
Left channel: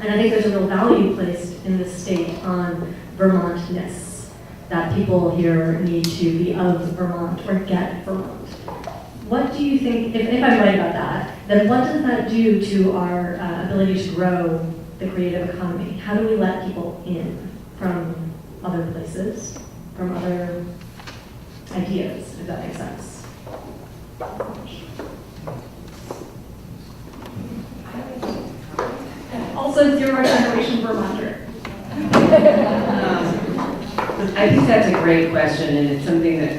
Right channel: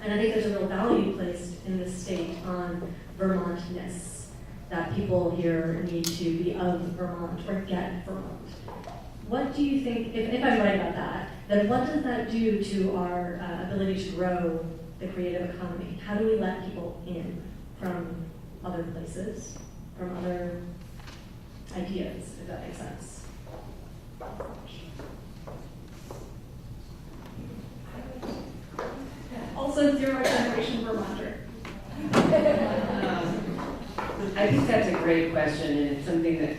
And I think there's a real value placed in this state on Vermontness, that people here need to be of Vermont or get Vermont. What do you think, if I'm right about that, then what does that do to our ability to grow the creative economy? How do we let people in from other places, from other ideas, if that makes sense? Also, zero generation Vermonter. I think that's a great question, and it's something that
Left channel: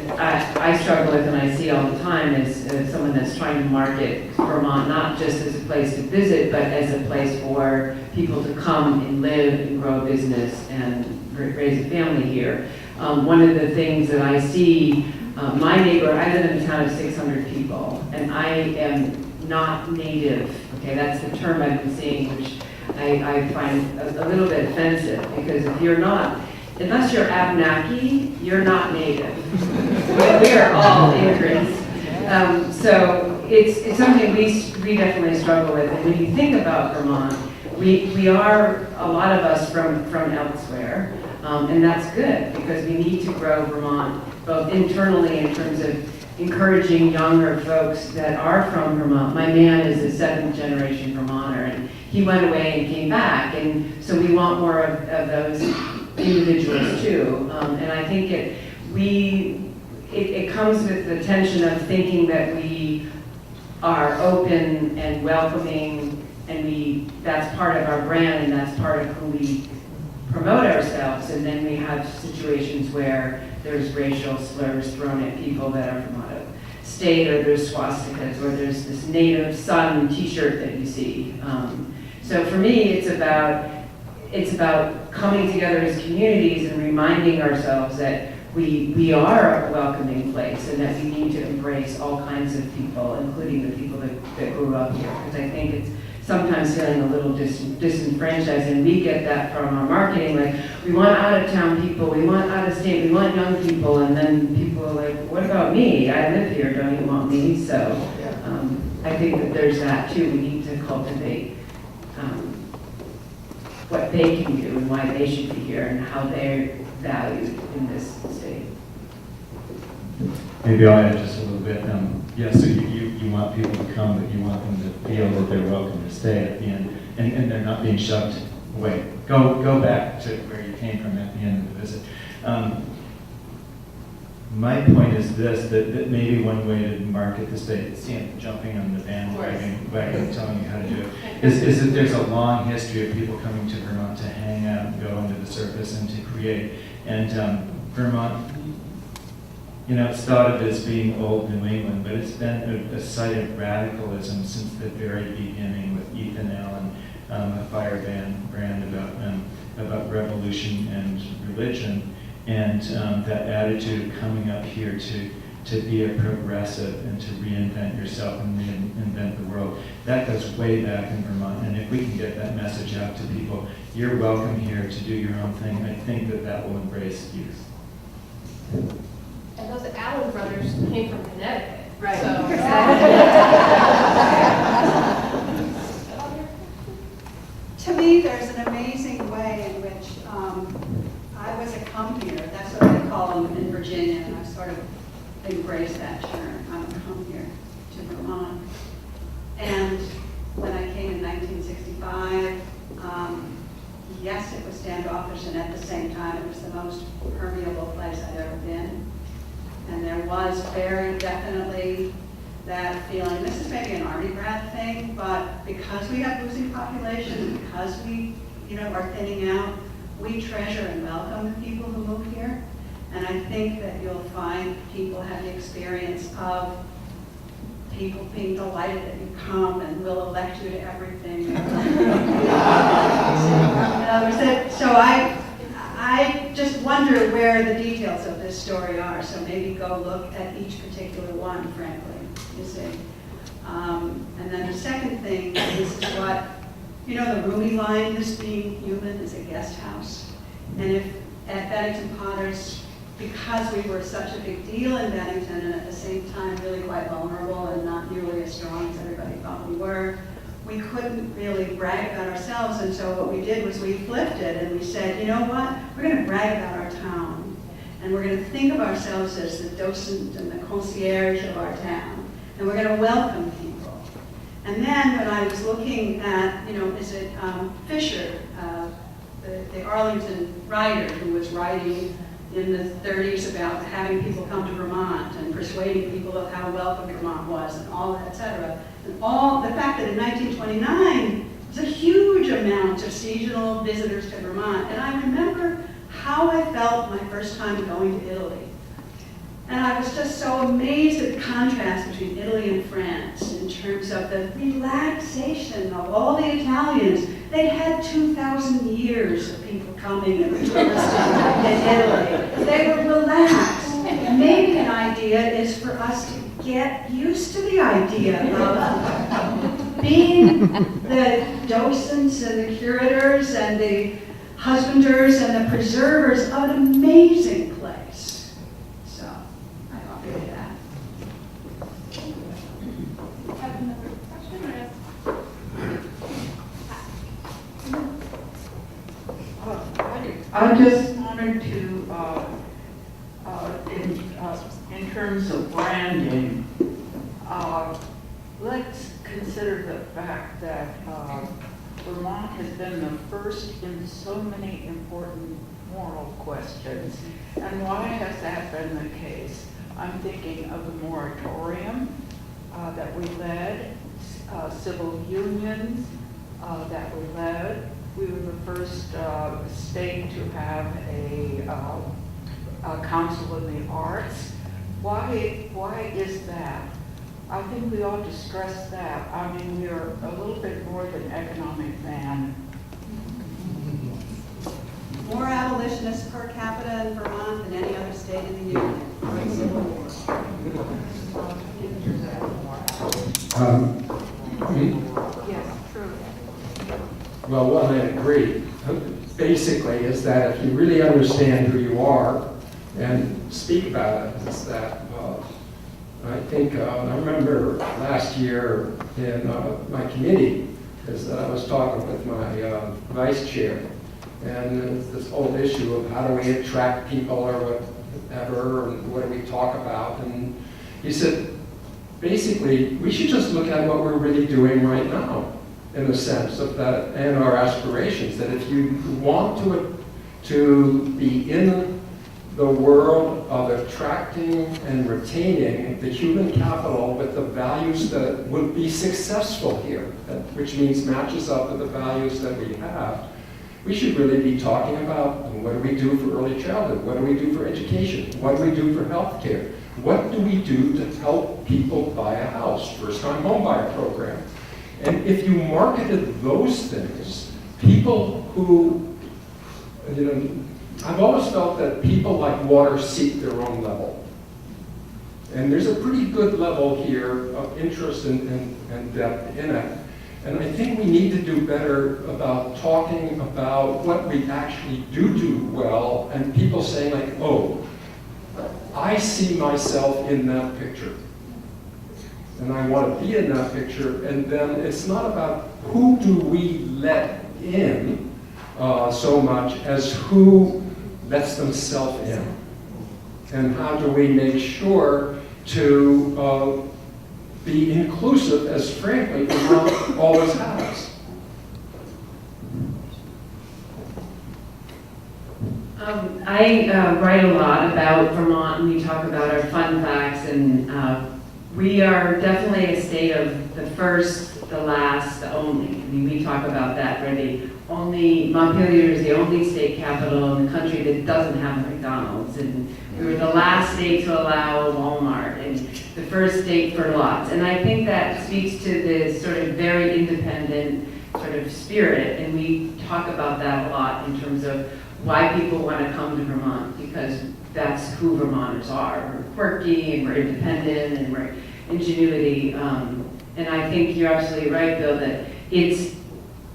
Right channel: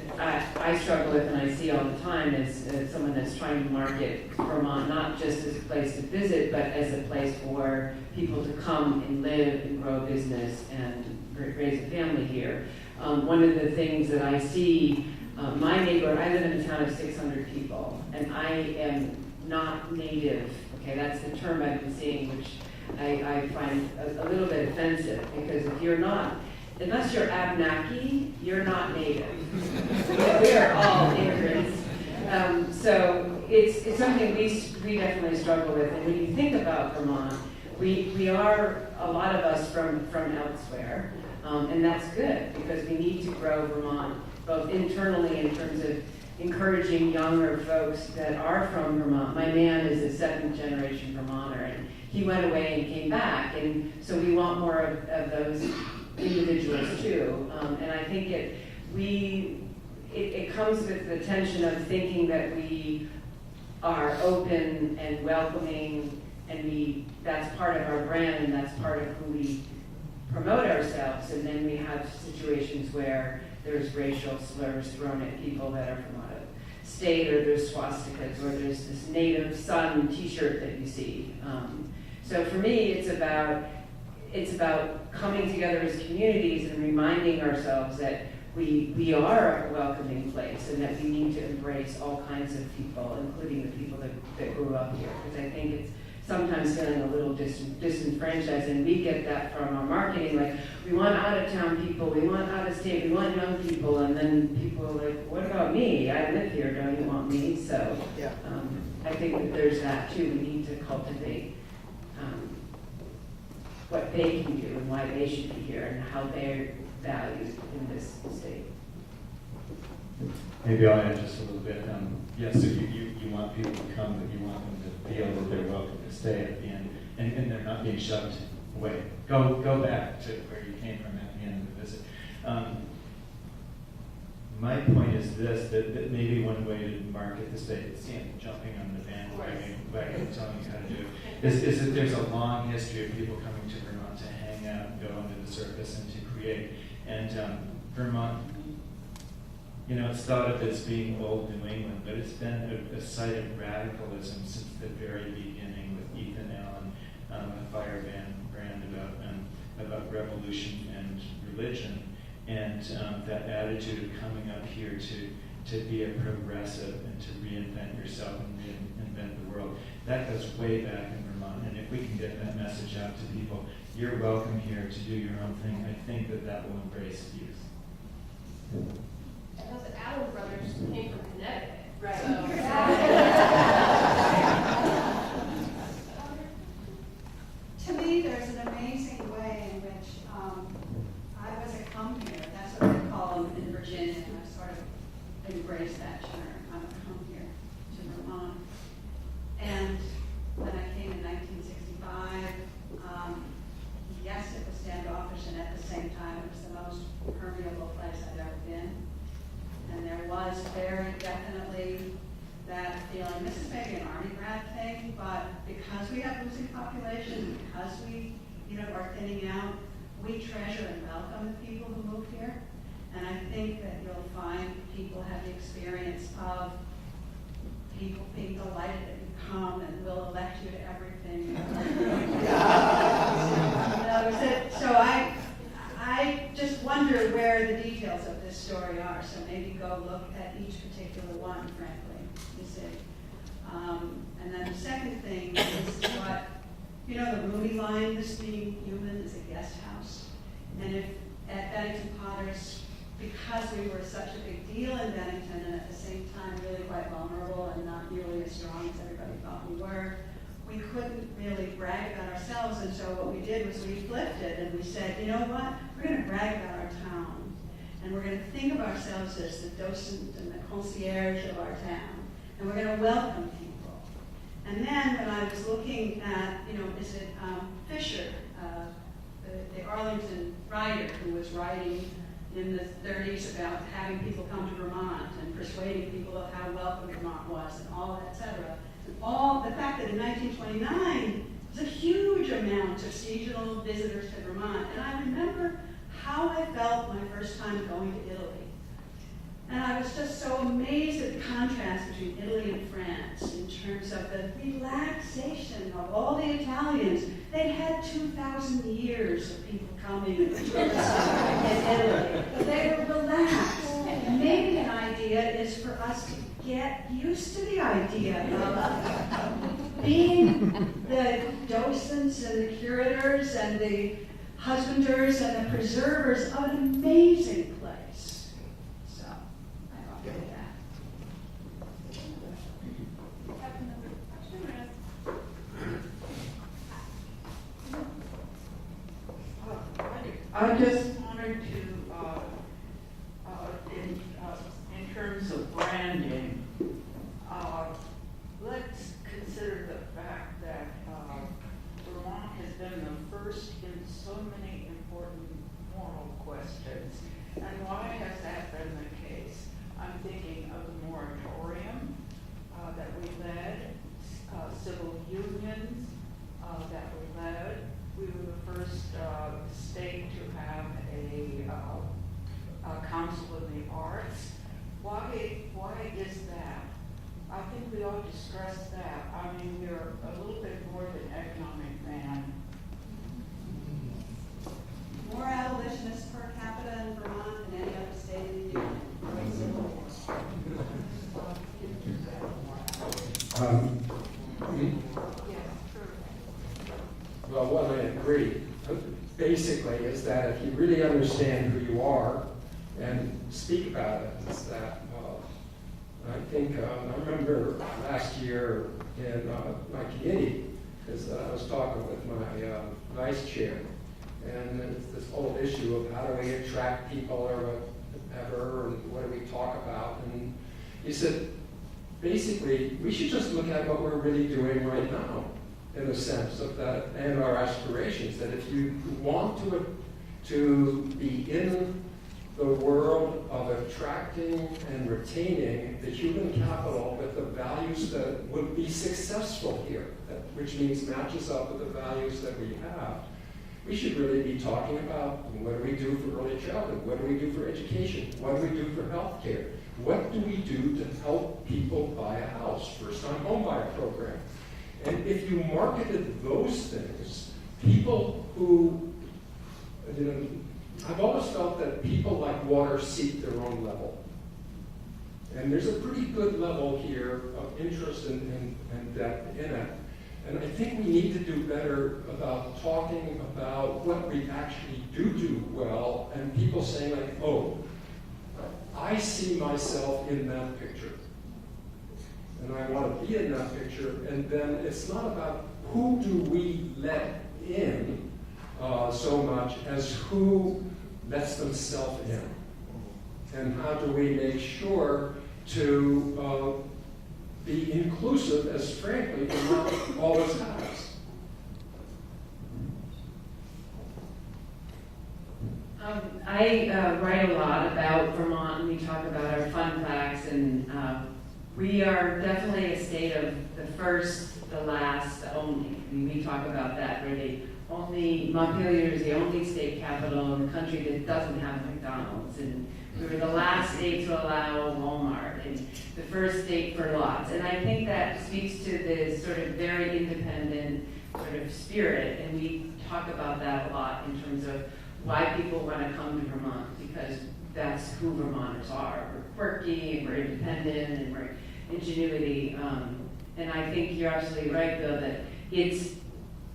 I struggle with and I see all the time as someone that's trying to market Vermont, not just as a place to visit, but as a place for people to come and live and grow a business and raise a family here. One of the things that I see, my neighbor, I live in a town of 600 people, and I am not native, okay, that's the term I've been seeing, which I find a little bit offensive, because if you're not, unless you're Abenaki, you're not native. We are all immigrants. So it's something we definitely struggle with. And when you think about Vermont, we are, a lot of us from elsewhere. And that's good, because we need to grow Vermont, both internally in terms of encouraging younger folks that are from Vermont. My man is a 7th generation Vermonter, and he went away and came back. And so we want more of those individuals too, and I think it comes with the tension of thinking that we are open and welcoming, and that's part of our brand, and that's part of who we promote ourselves, and then we have situations where there's racial slurs thrown at people that are from out of state, or there's swastikas, or there's this native son t-shirt that you see. So for me, it's about coming together as communities and reminding ourselves that we are a welcoming place and that we need to embrace all kinds of people, including the people that grew up here. Because I think it's sometimes feeling a little disenfranchised, and we get that from our marketing, like, we want out-of-town people, we want out-of-state, we want young people, and then people are like, what about me? I live here, don't you want me? So I think that there's that too. We need to cultivate what they can do and why they should be here and how they're valued in this state. Maybe I'll add just a little bit. So you want people to come, but you want them to feel that they're welcome to stay at the end, and they're not being shoved away. Go back to where you came from at the end of the visit. My point is this, that maybe one way to market the state, jumping on the bandwagon, telling you how to do it, is that there's a long history of people coming to Vermont to hang out and go under the surface and to create. And Vermont, it's thought of as being old New England, but it's been a site of radicalism since the very beginning with Ethan Allen, a firebrand about revolution and religion. And that attitude of coming up here to be a progressive and to reinvent yourself and reinvent the world, that goes way back in Vermont. And if we can get that message out to people, you're welcome here to do your own thing, I think that will embrace youth. And those Allen brothers came from Connecticut. Right. So. To me, there's an amazing way in which I was a come here. That's what I call them in Virginia, and I've sort of embraced that term. I'm a come here to Vermont. And when I came in 1965, yes, it was standoffish, and at the same time, it was the most permeable place I'd ever been. And there was very definitely that feeling, this is maybe an Army grad thing, but because we have losing population, because we are thinning out, we treasure and welcome the people who move here. And I think that you'll find people have the experience of people being delighted that you come and will elect you to everything. So I just wonder where the details of this story are. So maybe go look at each particular one, frankly, you see. And then the second thing is what, the Rumi line, this being human is a guest house. And if at Bennington Potters, because we were such a big deal in Bennington and at the same time really quite vulnerable and not nearly as strong as everybody thought we were, we couldn't really brag about ourselves. And so what we did was we flipped it and we said, you know what, we're going to brag about our town. And we're going to think of ourselves as the docent and the concierge of our town. And we're going to welcome people. And then when I was looking at, is it Fisher, the Arlington writer who was writing in the 30s about having people come to Vermont and persuading people of how welcome Vermont was and all that, et cetera. And all the fact that in 1929, was a huge amount of seasonal visitors to Vermont. And I remember how I felt my first time going to Italy. And I was just so amazed at the contrast between Italy and France in terms of the relaxation of all the Italians. They'd had 2,000 years of people coming and touristing in Italy. They were relaxed. Maybe an idea is for us to get used to the idea of being the docents and the curators and the husbanders and the preservers of an amazing place. So, I offer you that. Have another question? I just wanted to, in terms of branding, let's consider the fact that Vermont has been the first in so many important moral questions. And why has that been the case? I'm thinking of the moratorium that we led, civil unions that we led. We were the first state to have a council in the arts. Why is that? I think we ought to stress that. I mean, we're a little bit more than economic man. More abolitionists per capita in Vermont than any other state well, one, I agree. Basically, is that if you really understand who you are and speak about it, is that I think I remember last year in my committee, is that I was talking with my vice chair, and it's this whole issue of how do we attract people or whatever, and what do we talk about, and he said, basically, we should just look at what we're really doing right now, in the sense of that, and our aspirations, that if you want to be in the world of attracting and retaining the human capital with the values that would be successful here, which means matches up with the values that we have, we should really be talking about what do we do for early childhood, what do we do for education, what do we do for healthcare, what do we do to help people buy a house, first-time home buyer program. And if you marketed those things, people who, I've always felt that people like water seek their own level. And there's a pretty good level here of interest and depth in it. And I think we need to do better about talking about what we actually do well, and people saying like, oh, I see myself in that picture. And I want to be in that picture, and then it's not about who do we let in so much as who lets themselves in. And how do we make sure to be inclusive, as frankly, Vermont always has. I write a lot about Vermont, and we talk about our fun facts, and we are definitely a state of the first, the last, the only. I mean, we talk about that, where the only, Montpelier is the only state capital in the country that doesn't have McDonald's, and we were the last state to allow Walmart, and the first state for lots. And I think that speaks to this sort of very independent sort of spirit, and we talk about that a lot in terms of why people want to come to Vermont, because that's who Vermonters are. We're quirky, and we're independent, and we're ingenuity. And I think you're absolutely right, Bill, that it's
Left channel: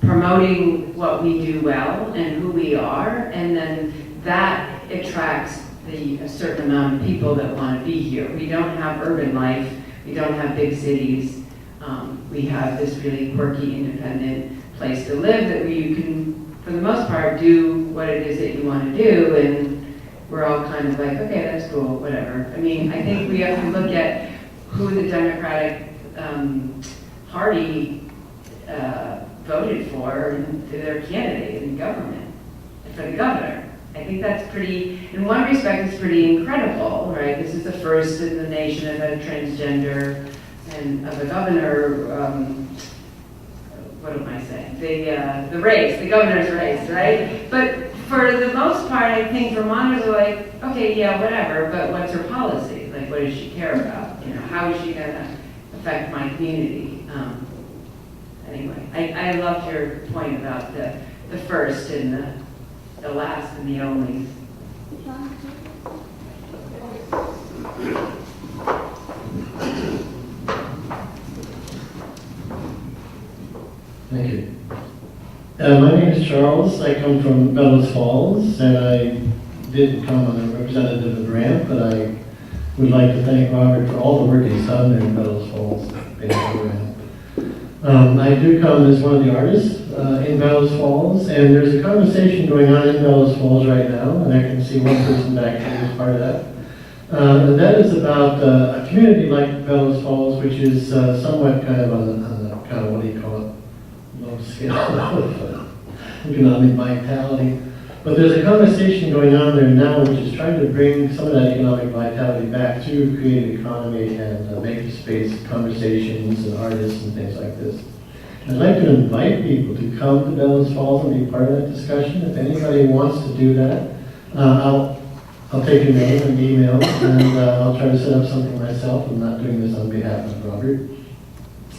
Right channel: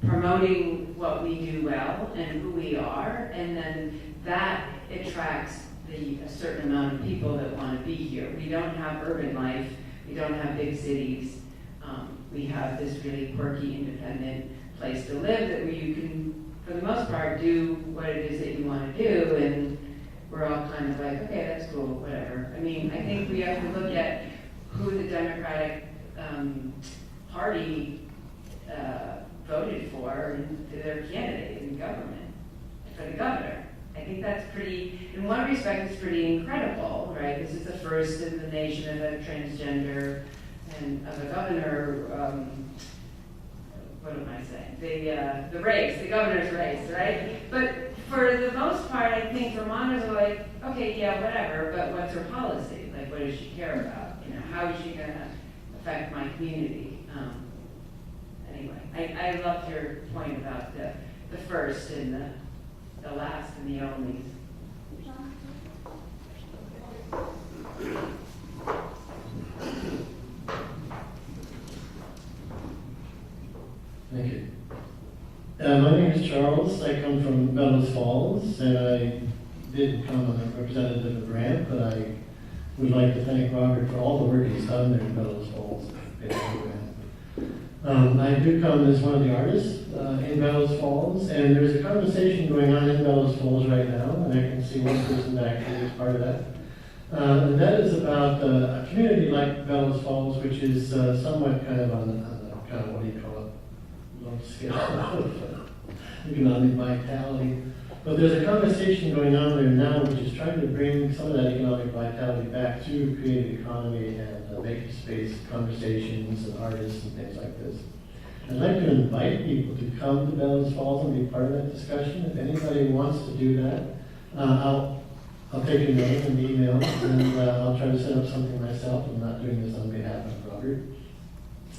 promoting what we do well and who we are, and then that attracts a certain amount of people that want to be here. We don't have urban life, we don't have big cities. We have this really quirky, independent place to live that you can, for the most part, do what it is that you want to do, and we're all kind of like, okay, that's cool, whatever. I mean, I think we have to look at who the Democratic Party voted for their candidate in government, for the governor. I think that's pretty, in one respect, it's pretty incredible, right? This is the first in the nation of a transgender and of a governor, what am I saying? The race, the governor's race, right? But for the most part, I think Vermonters are like, okay, yeah, whatever, but what's her policy? Like, what does she care about? You know, how is she gonna affect my community? Anyway, I loved your point about the first and the last and the only. Thank you. My name is Charles. I come from Bellows Falls, and I didn't come on a representative of Grant, but I would like to thank Robert for all the work he's done there in Bellows Falls. I do come as one of the artists in Bellows Falls, and there's a conversation going on in Bellows Falls right now, and I can see one person back here who's part of that. And that is about a community like Bellows Falls, which is somewhat kind of on the kind of, what do you call it, low scale of economic vitality. But there's a conversation going on there now which is trying to bring some of that economic vitality back through creative economy and makerspace conversations and artists and things like this. I'd like to invite people to come to Bellows Falls and be part of that discussion. If anybody wants to do that, I'll take your name and email, and I'll try to set up something myself. I'm not doing this on behalf of Robert.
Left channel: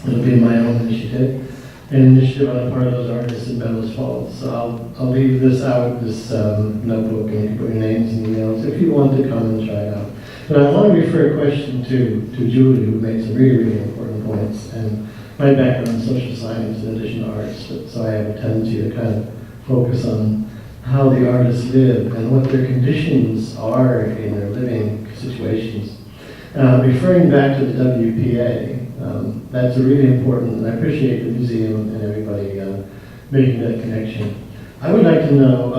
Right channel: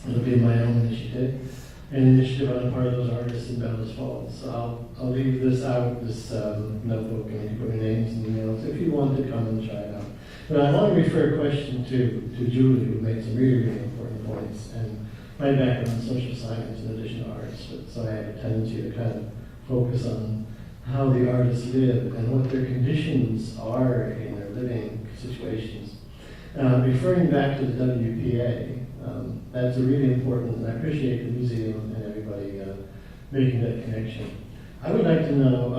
It'll be my own initiative. An initiative on the part of those artists in Bellows Falls. So I'll leave this out, this notebook, and you can put your names and emails if you want to come and try it out. But I want to refer a question to Julie, who made some really, really important points. And my background is social science in addition to arts, so I have a tendency to kind of focus on how the artists live and what their conditions are in their living situations. Referring back to the WPA, that's a really important, and I appreciate the museum and everybody making that connection. I would like to know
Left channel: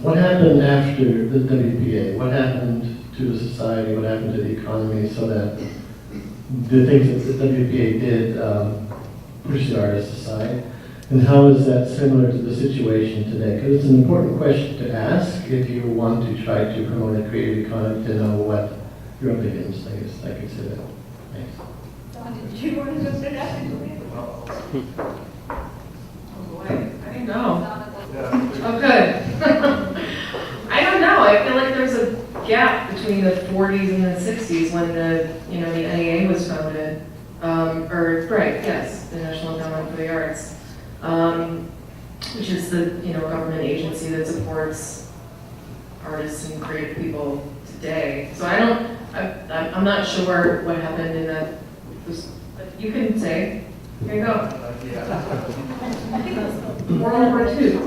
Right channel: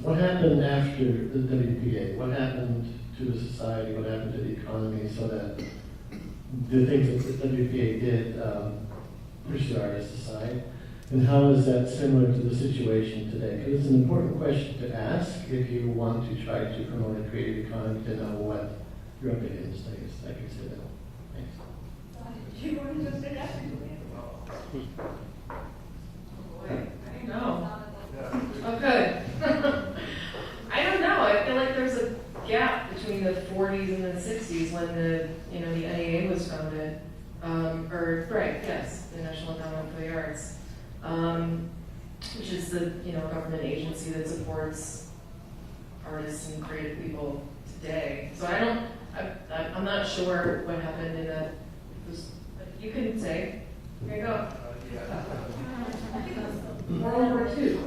what happened after the WPA, what happened to the society, what happened to the economy, so that the things that the WPA did push the artists aside, and how is that similar to the situation today? Because it's an important question to ask if you want to try to promote a creative economy, to know what you're up against. I guess I could say that. Thanks. Don, did you want to go sit down? Oh boy, I don't know. Oh, good. I don't know. I feel like there's a gap between the 40s and the 60s when the NEA was founded, the National Endowment for the Arts, which is the government agency that supports artists and creative people today. So I'm not sure what happened in that. You can say. Here you go. World War II.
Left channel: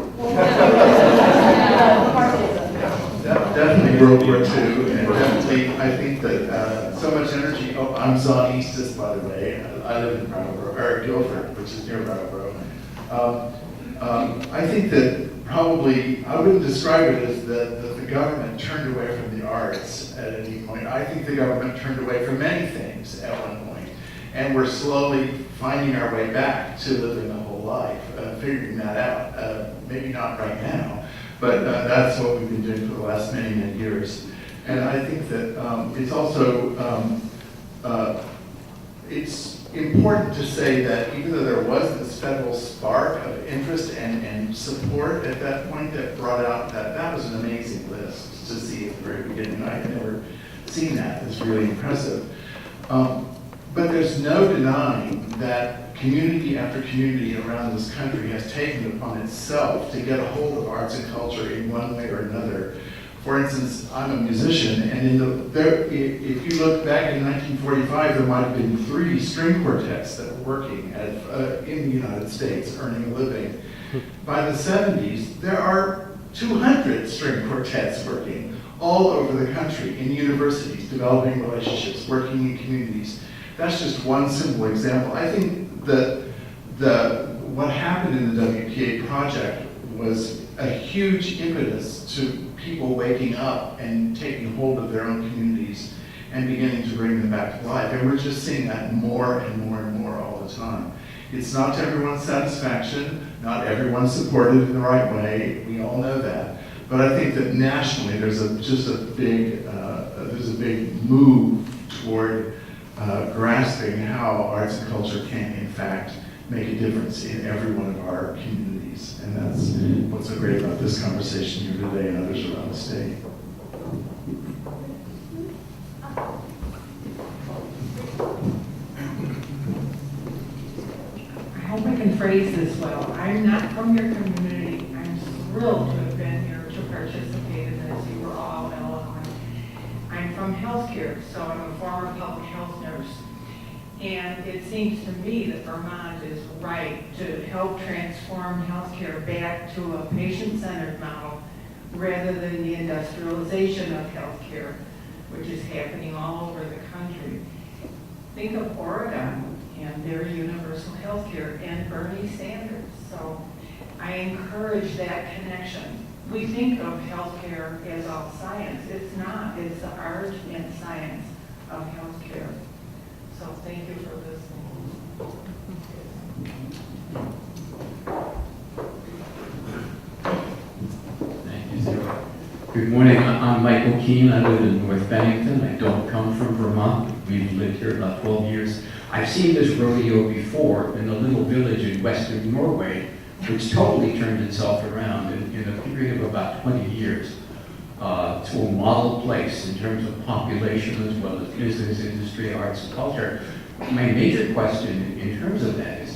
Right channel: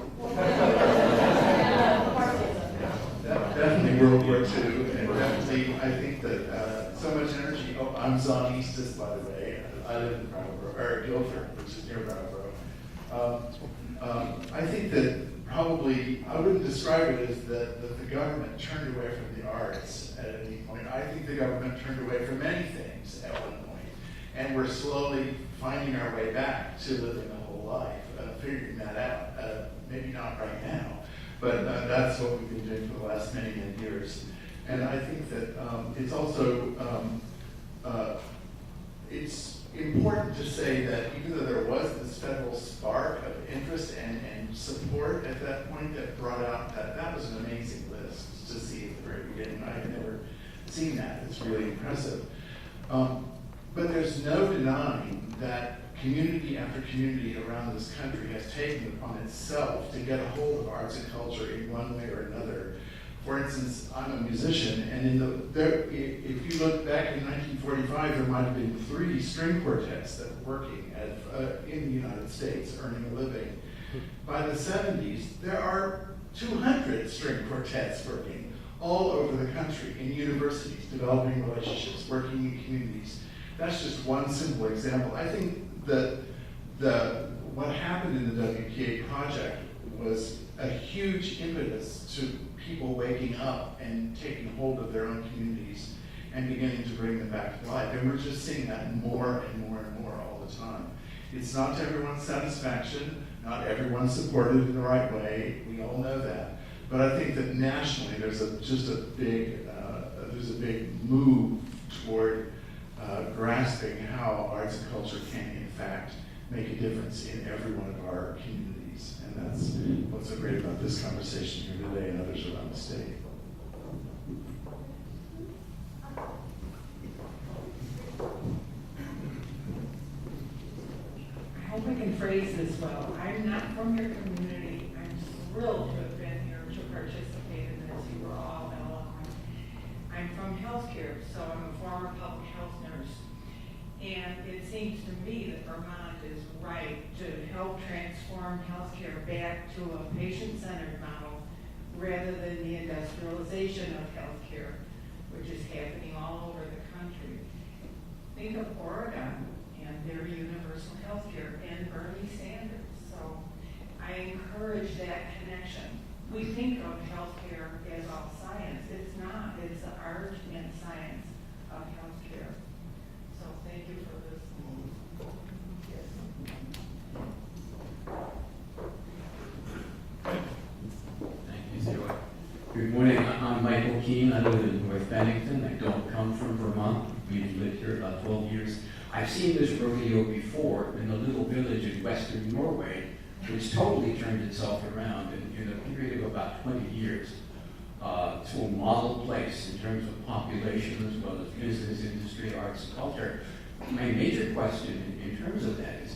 Definitely World War II, and definitely I think that so much energy. Oh, I'm Zonistist, by the way. I live in Brattleboro, or Guilford, which is near Brattleboro. I think that probably I wouldn't describe it as that the government turned away from the arts at any point. I think the government turned away from many things at one point, and we're slowly finding our way back to living a whole life, figuring that out. Maybe not right now, but that's what we've been doing for the last many, many years. And I think that it's also, it's important to say that even though there was this federal spark of interest and support at that point that brought out that was an amazing list to see at the very beginning. I had never seen that. It's really impressive. But there's no denying that community after community around this country has taken it upon itself to get a hold of arts and culture in one way or another. For instance, I'm a musician, and if you look back in 1945, there might have been 3 string quartets that were working in the United States, earning a living. By the 70s, there are 200 string quartets working all over the country, in universities, developing relationships, working in communities. That's just one simple example. I think that what happened in the WPA project was a huge impetus to people waking up and taking hold of their own communities and beginning to bring them back to life. And we're just seeing that more and more and more all the time. It's not to everyone's satisfaction, not everyone's supported in the right way, we all know that. But I think that nationally there's a big move toward grasping how arts and culture can, in fact, make a difference in every one of our communities. And that's what's so great about this conversation here today and others around the state. I hope I can phrase this well. I'm not from your community. I'm thrilled to have been here to participate in this. You were all eloquent. I'm from healthcare, so I'm a former public health nurse. And it seems to me that Vermont is right to help transform healthcare back to a patient-centered model rather than the industrialization of healthcare, which is happening all over the country. Think of Oregon and their universal healthcare and Bernie Sanders. So I encourage that connection. We think of healthcare as all science. It's not. It's the art and science of healthcare. So thank you for listening. Thank you, Sarah. Good morning. I'm Michael Keene. I live in North Bennington. I don't come from Vermont. We've lived here about 12 years. I've seen this rodeo before in a little village in western Norway, which totally turned itself around in a period of about 20 years to a model place in terms of population as well as business, industry, arts, and culture. My major question in terms of that is,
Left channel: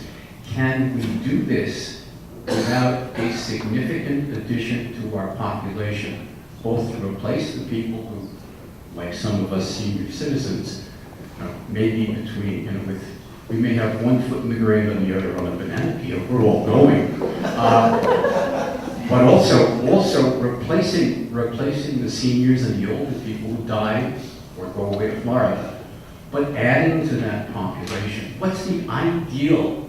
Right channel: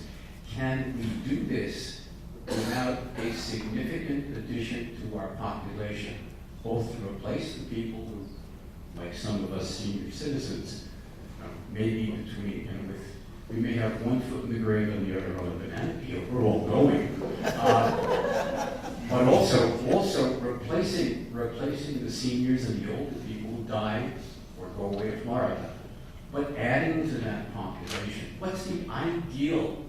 can we do this without a significant addition to our population, both to replace the people who, like some of us senior citizens, maybe between, with We may have one foot in the grave and the other on a banana peel. We're all going. But also replacing the seniors and the older people who die or go away to Florida. But adding to that population, what's the ideal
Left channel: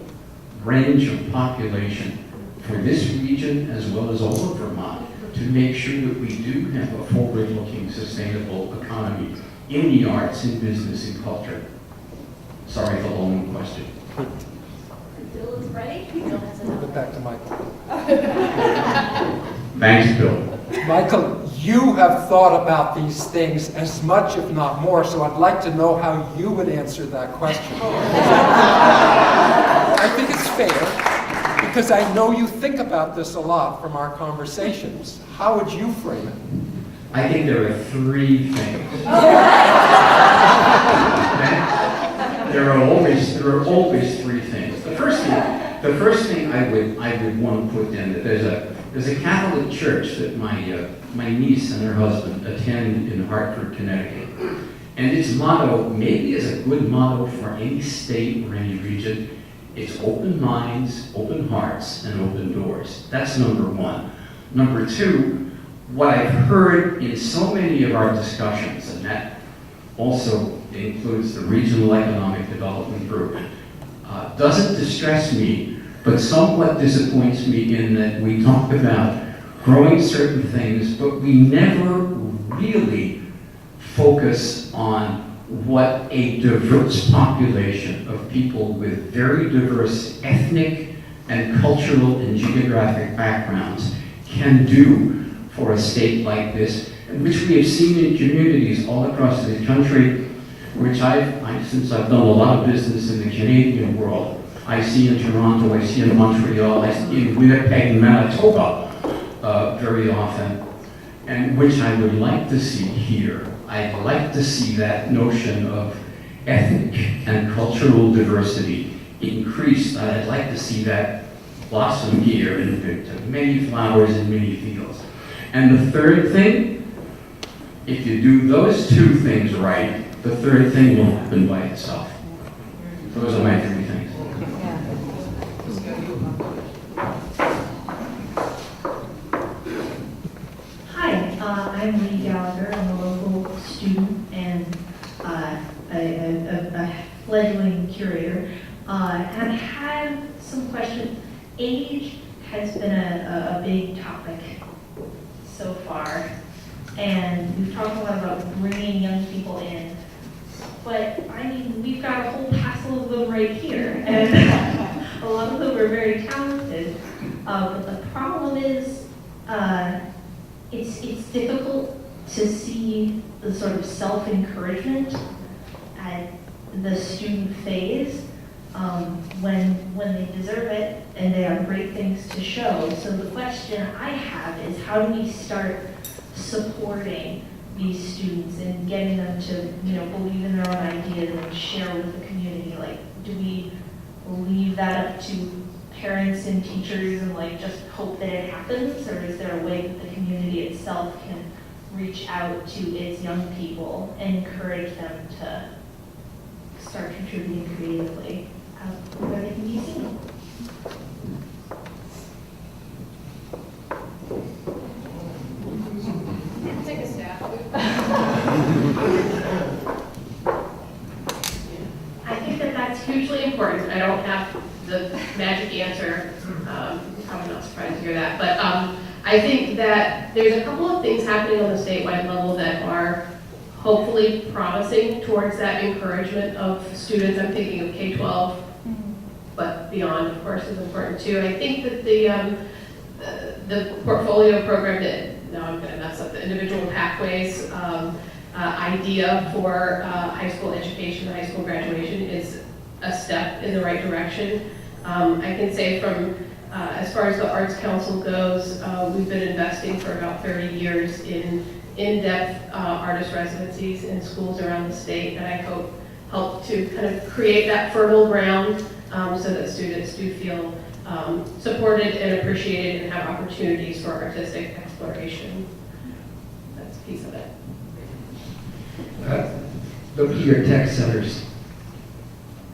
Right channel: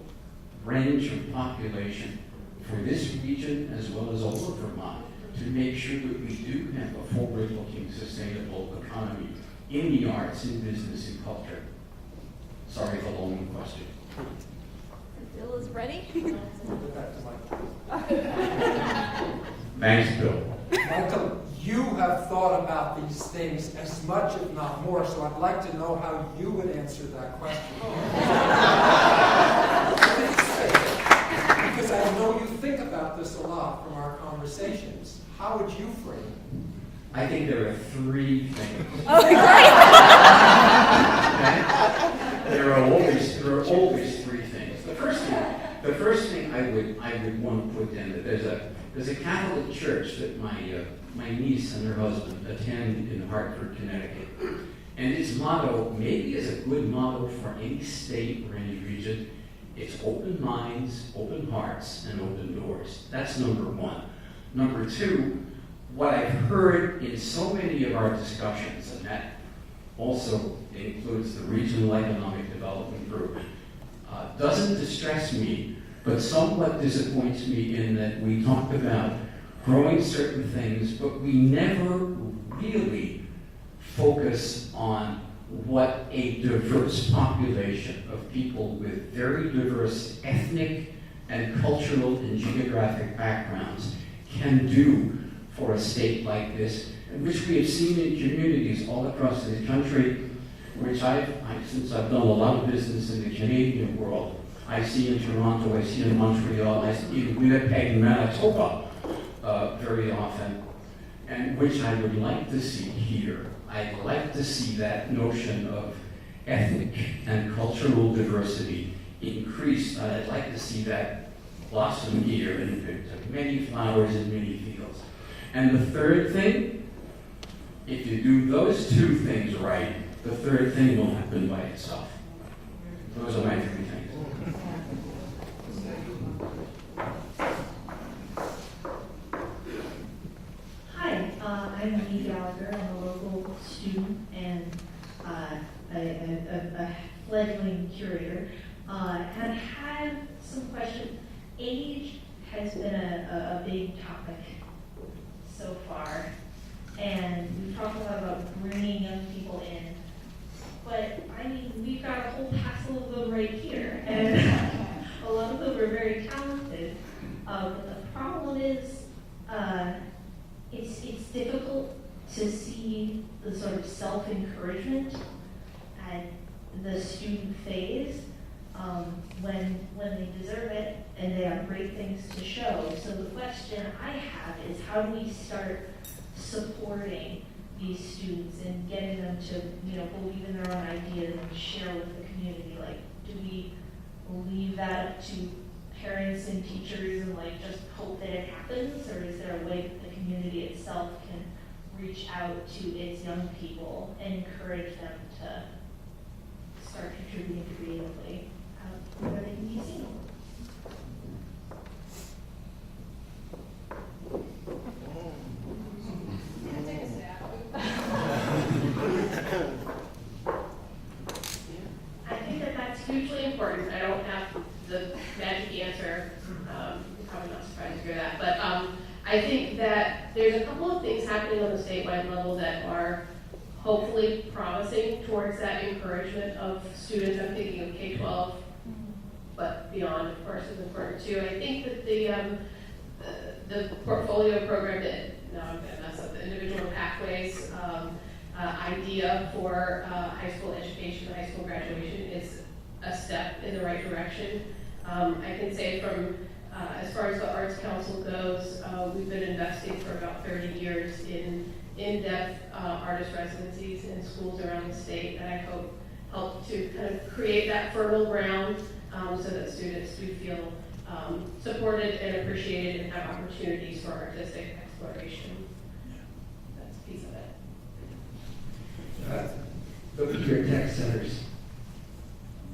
range of population for this region as well as all of Vermont to make sure that we do have a forward-looking, sustainable economy in the arts, in business, in culture? Sorry for the long question. Bill is ready. Put back to Michael. Thanks, Bill. Michael, you have thought about these things as much, if not more, so I'd like to know how you would answer that question. I think it's fair, because I know you think about this a lot from our conversations. How would you frame it? I think there are three things. There are always three things. The first thing I would want to put in that there's a Catholic church that my niece and her husband attend in Hartford, Connecticut, and its motto maybe is a good motto for any state or any region. It's open minds, open hearts, and open doors. That's number one. Number two, what I've heard in so many of our discussions, and that also includes the Regional Economic Development Group, doesn't distress me, but somewhat disappoints me in that we talk about growing certain things, but we never really focus on what a diverse population of people with very diverse ethnic and cultural and geographic backgrounds can do for a state like this, which we have seen in communities all across the country, which since I've done a lot of business in the Canadian world, I see in Toronto, I see in Montreal, I see in Winnipeg, Manitoba very often, and which I would like to see here. I'd like to see that notion of ethnic and cultural diversity increased. I'd like to see that blossom here into many flowers and many fields. And the third thing, if you do those two things right, the third thing will happen by itself. Those are my three things. Hi, I'm Lee Gallagher. I'm a local student and a fledgling curator. And I had some questions. Age has been a big topic so far, and we've talked a lot about bringing young people in. But I mean, we've got a whole passel of them right here, and a lot of them are very talented. But the problem is, it's difficult to see the sort of self-encouragement at the student phase when they deserve it and they have great things to show. So the question I have is, how do we start supporting these students and getting them to, believe in their own ideas and share with the community? Like, do we leave that up to parents and teachers and just hope that it happens, or is there a way that the community itself can reach out to its young people and encourage them to start contributing creatively where they can be seen? Take a stab. I think that that's hugely important. I don't have the magic answer. Probably not surprised to hear that. But I think that there's a couple of things happening on the statewide level that are hopefully promising towards that encouragement of students. I'm thinking of K-12, but beyond, of course, is important too. I think that the portfolio program that, now I'm going to mess up, the individual pathways idea for high school education, high school graduation is a step in the right direction. I can say from, as far as the Arts Council goes, we've been investing for about 30 years in in-depth artist residencies in schools around the state, and I hope help to kind of create that fertile ground so that students do feel supported and appreciated and have opportunities for artistic exploration. That's a piece of it. The peer tech centers.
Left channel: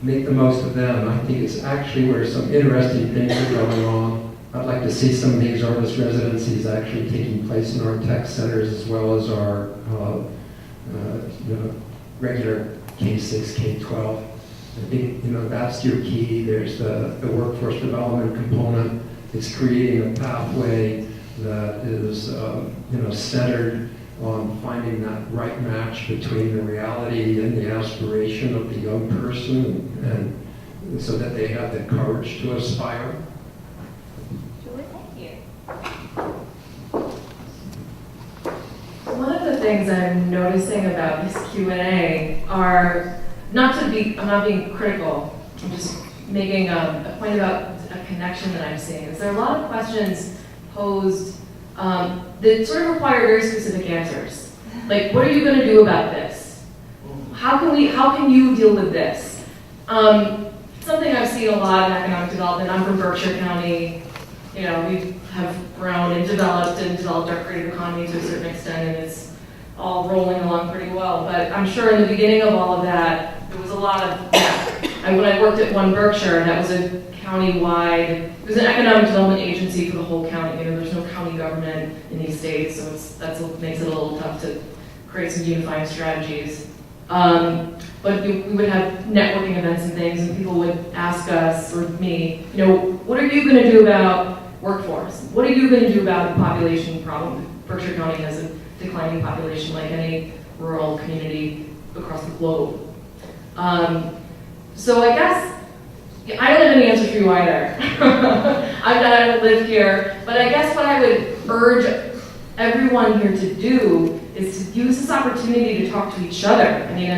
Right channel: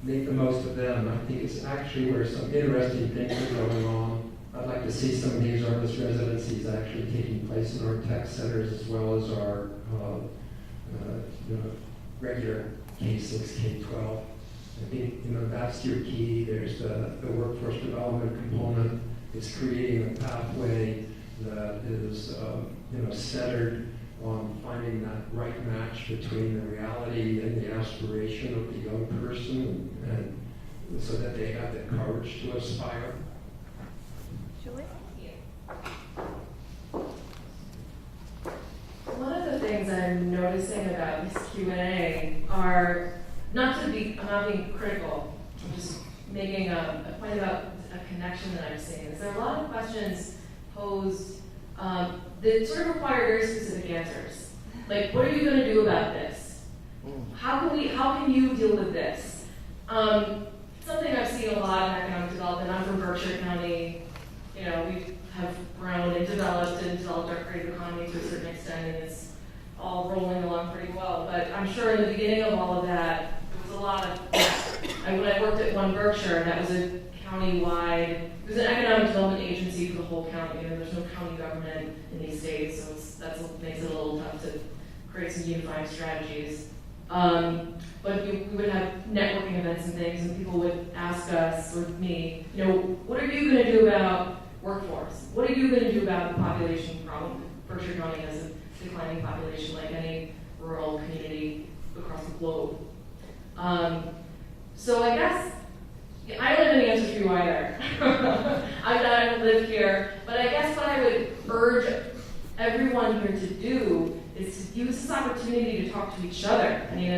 make the most of them. I think it's actually where some interesting things are going on. I'd like to see some of these artist residencies actually taking place in our tech centers as well as our regular K-6, K-12. I think that's your key. There's the workforce development component. It's creating a pathway that is centered on finding that right match between the reality and the aspiration of the young person, and so that they have the courage to aspire. Julie, thank you. One of the things I'm noticing about this Q&A are, I'm not being critical, I'm just making a point about a connection that I'm seeing. Is there are a lot of questions posed that sort of require very specific answers. Like, what are you going to do about this? How can you deal with this? Something I've seen a lot in economic development. I'm from Berkshire County. We have grown and developed our creative economy to a certain extent, and it's all rolling along pretty well. But I'm sure in the beginning of all of that, there was a lot of, when I worked at One Berkshire, that was a county-wide, it was an economic development agency for the whole county. There's no county government in these states, so that's what makes it a little tough to create some unifying strategies. But we would have networking events and things, and people would ask us, or me, what are you going to do about workforce? What are you going to do about the population problem? Berkshire County has a declining population like any rural community across the globe. So I guess, I don't have any answers for you either. I don't live here, but I guess what I would urge everyone here to do is to use this opportunity to talk to each other. I mean,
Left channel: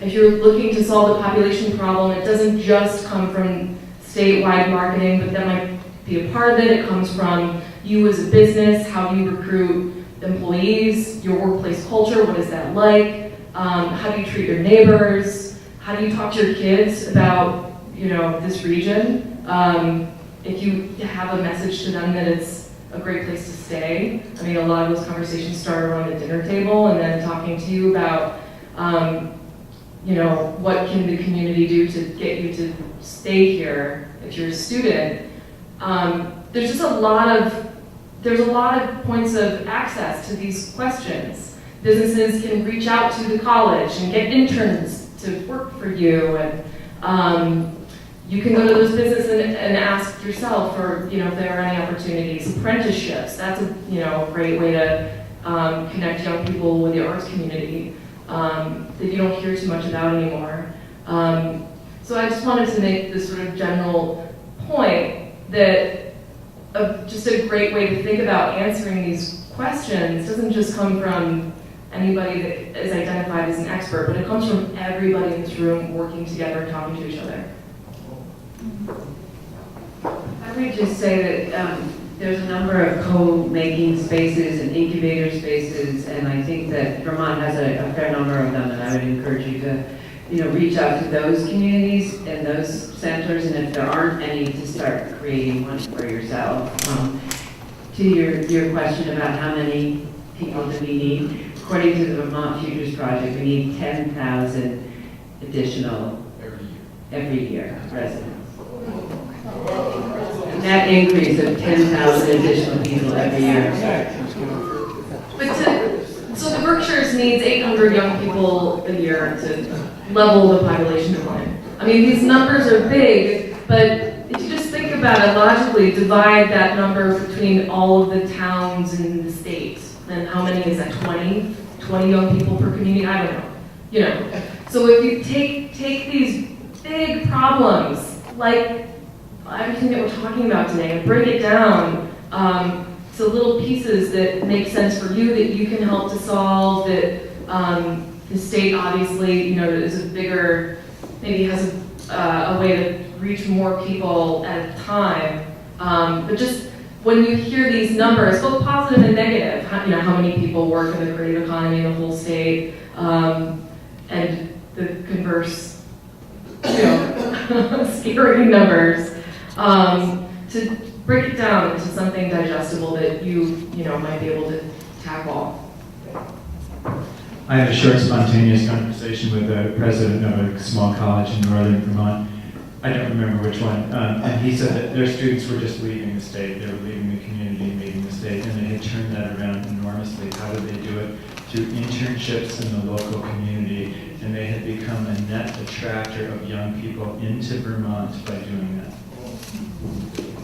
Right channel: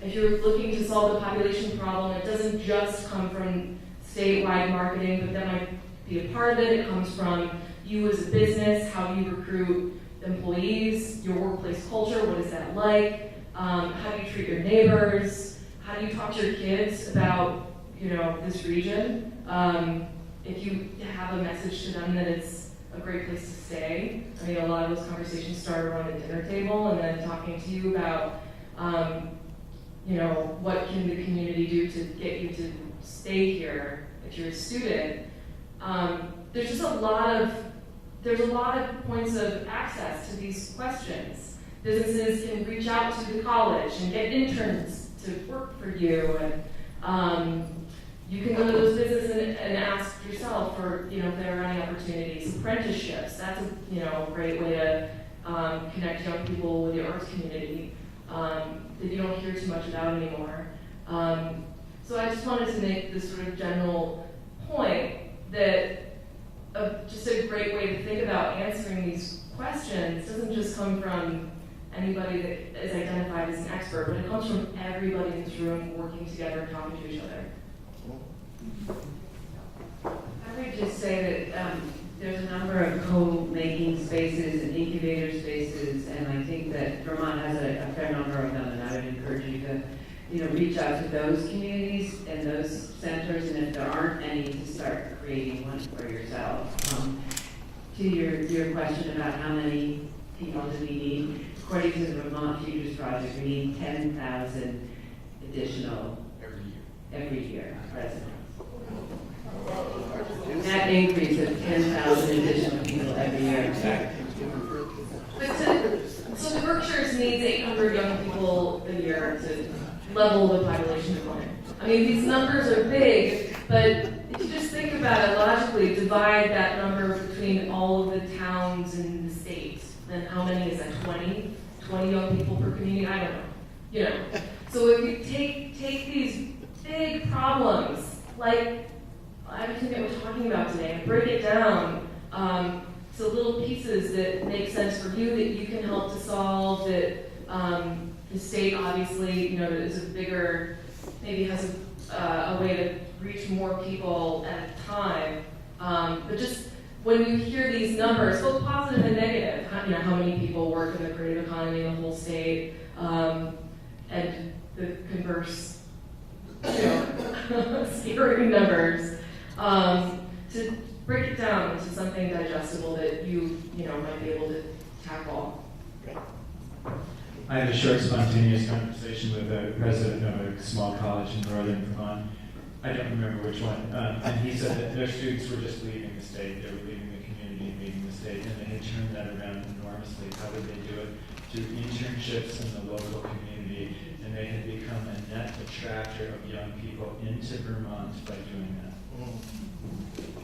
if you're looking to solve the population problem, it doesn't just come from statewide marketing, but that might be a part of it. It comes from you as a business. How do you recruit employees? Your workplace culture, what is that like? How do you treat your neighbors? How do you talk to your kids about this region? If you have a message to them that it's a great place to stay. I mean, a lot of those conversations start around a dinner table and then talking to you about, what can the community do to get you to stay here if you're a student. There's just a lot of points of access to these questions. Businesses can reach out to the college and get interns to work for you, and you can go to those businesses and ask yourself for, if there are any opportunities. Apprenticeships, that's a great way to connect young people with the arts community that you don't hear too much about anymore. So I just wanted to make this sort of general point that just a great way to think about answering these questions doesn't just come from anybody that is identified as an expert, but it comes from everybody in this room working together, talking to each other. I would just say that there's a number of co-making spaces and incubator spaces, and I think that Vermont has a fair number of them, and I would encourage you to reach out to those communities and those centers, and if there aren't any, to start creating one for yourself. To your question about how many people do we need, according to the Vermont Futures Project, we need 10,000 additional every year residents. Net increase of 10,000 additional people every year. So the Berkshires needs 800 young people a year to level the population decline. I mean, these numbers are big, but if you just think about it logically, divide that number between all of the towns in the state, then how many is that, 20? 20 young people per community? I don't know. So if you take these big problems, like everything that we're talking about today, and break it down to little pieces that make sense for you, that you can help to solve, that the state obviously, is a bigger, maybe has a way to reach more people at a time. But just when you hear these numbers, both positive and negative, how many people work in the creative economy in the whole state, and the converse, scary numbers, to break it down into something digestible that you might be able to tackle. I had a short, spontaneous conversation with the president of a small college in northern Vermont. I don't remember which one. And he said that their students were just leaving the state. They were leaving the community and leaving the state, and they had turned that around enormously. How did they do it? Through internships in the local community, and they had become a net attractor of young people into Vermont by doing that.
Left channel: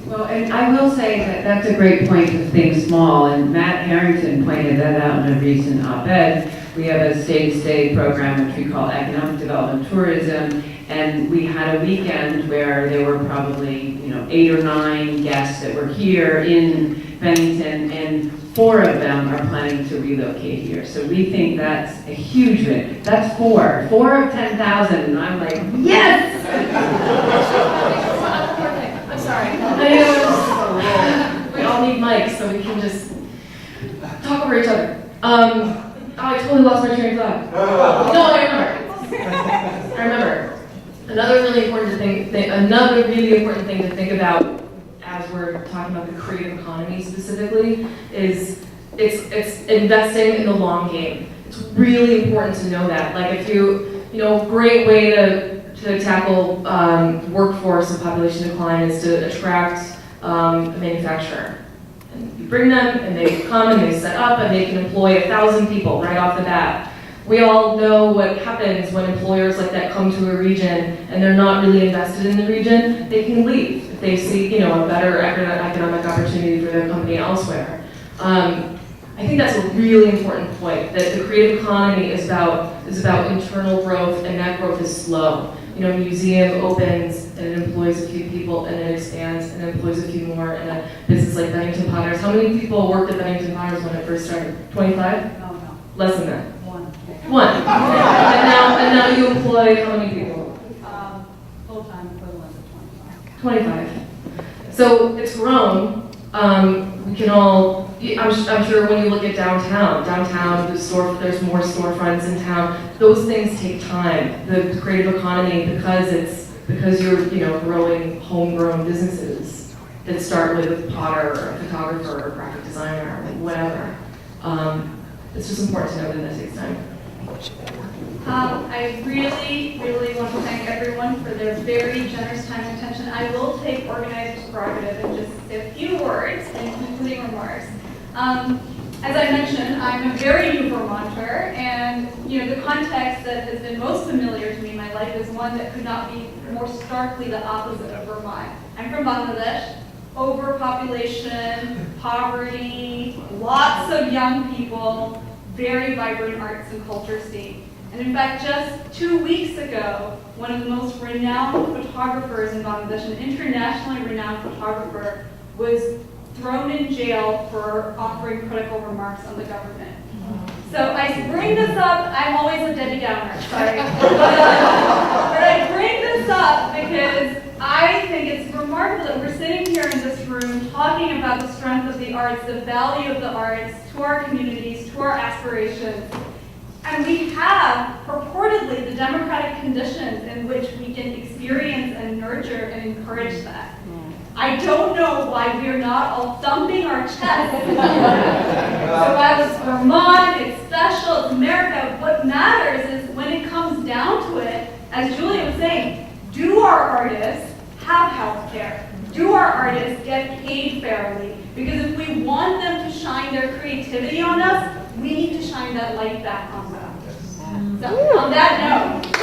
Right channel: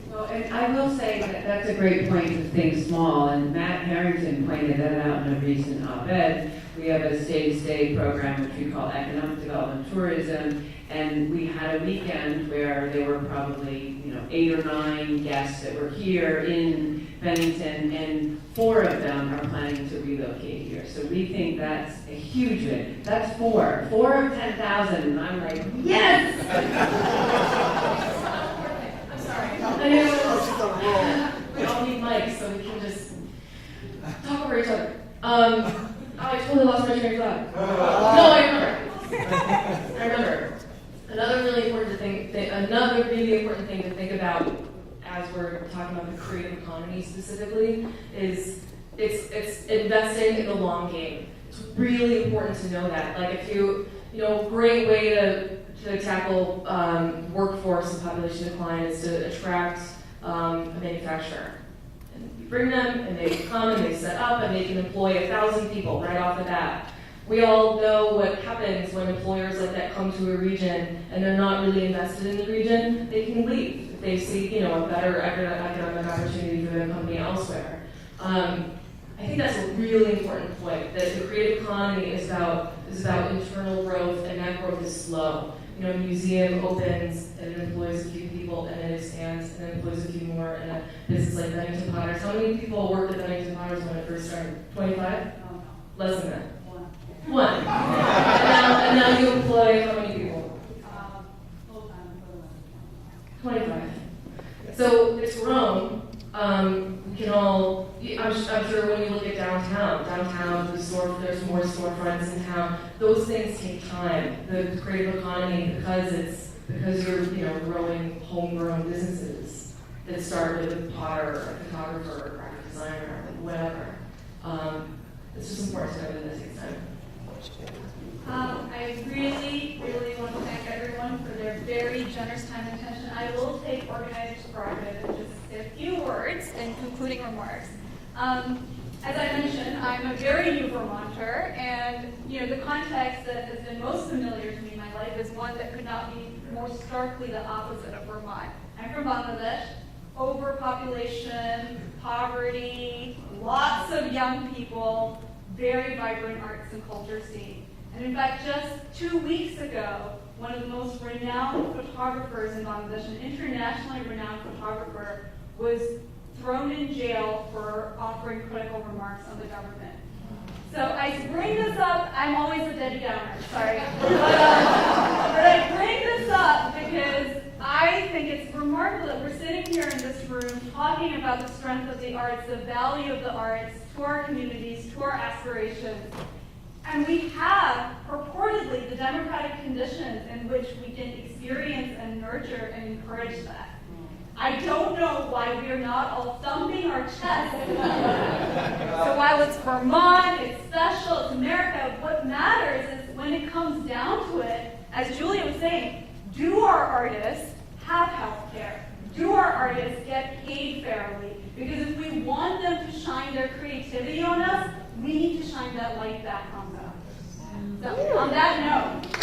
Well, and I will say that that's a great point to think small, and Matt Harrington pointed that out in a recent op-ed. We have a state-to-state program which we call Economic Development Tourism, and we had a weekend where there were probably 8 or 9 guests that were here in Bennington, and 4 of them are planning to relocate here. So we think that's a huge win. That's 4 of 10,000, and I'm like, yes! I'm sorry. We all need mics so we can just talk over each other. I totally lost my train of thought. No, I remember. Another really important thing to think about as we're talking about the creative economy specifically is it's investing in the long game. It's really important to know that. Like if great way to tackle workforce and population decline is to attract a manufacturer. And you bring them, and they come, and they set up, and they can employ 1,000 people right off the bat. We all know what happens when employers like that come to a region, and they're not really invested in the region. They can leave if they see a better economic opportunity for their company elsewhere. I think that's a really important point, that the creative economy is about internal growth, and that growth is slow. A museum opens and it employs a few people, and it expands and it employs a few more. And a business like Bennington Potters, how many people worked at Bennington Potters when it first started? 25? No. Less than that. One. And now you employ how many people? Full-time equivalent of 25. 25. So it's grown. We can all. I'm sure when you look at downtown, there's more storefronts in town. Those things take time. The creative economy, because you're growing homegrown businesses that start with a potter or a photographer or a graphic designer or whatever. It's just important to know that takes time. I really, really want to thank everyone for their very generous time and attention. I will take organizer's prerogative and just say a few words and concluding remarks. As I mentioned, I'm a very new Vermonter, and the context that has been most familiar to me in my life is one that could not be more starkly the opposite of Vermont. I'm from Bangladesh. Overpopulation, poverty, lots of young people, very vibrant arts and culture scene. And in fact, just 2 weeks ago, one of the most renowned photographers in Bangladesh, an internationally renowned photographer, was thrown in jail for offering critical remarks on the government. So I bring this up, I'm always a Debbie Downer, sorry. But I bring this up because I think it's remarkable that we're sitting here in this room talking about the strength of the arts, the value of the arts to our communities, to our aspirations. And we have purportedly the democratic conditions in which we can experience and nurture and encourage that. I don't know why we are not all thumping our chests. So while it's Vermont, it's special, it's America, what matters is when it comes down to it, as Julia was saying, do our artists have health care? Do our artists get paid fairly? Because if we want them to shine their creativity on us, we need to shine that light back on them. So on that note,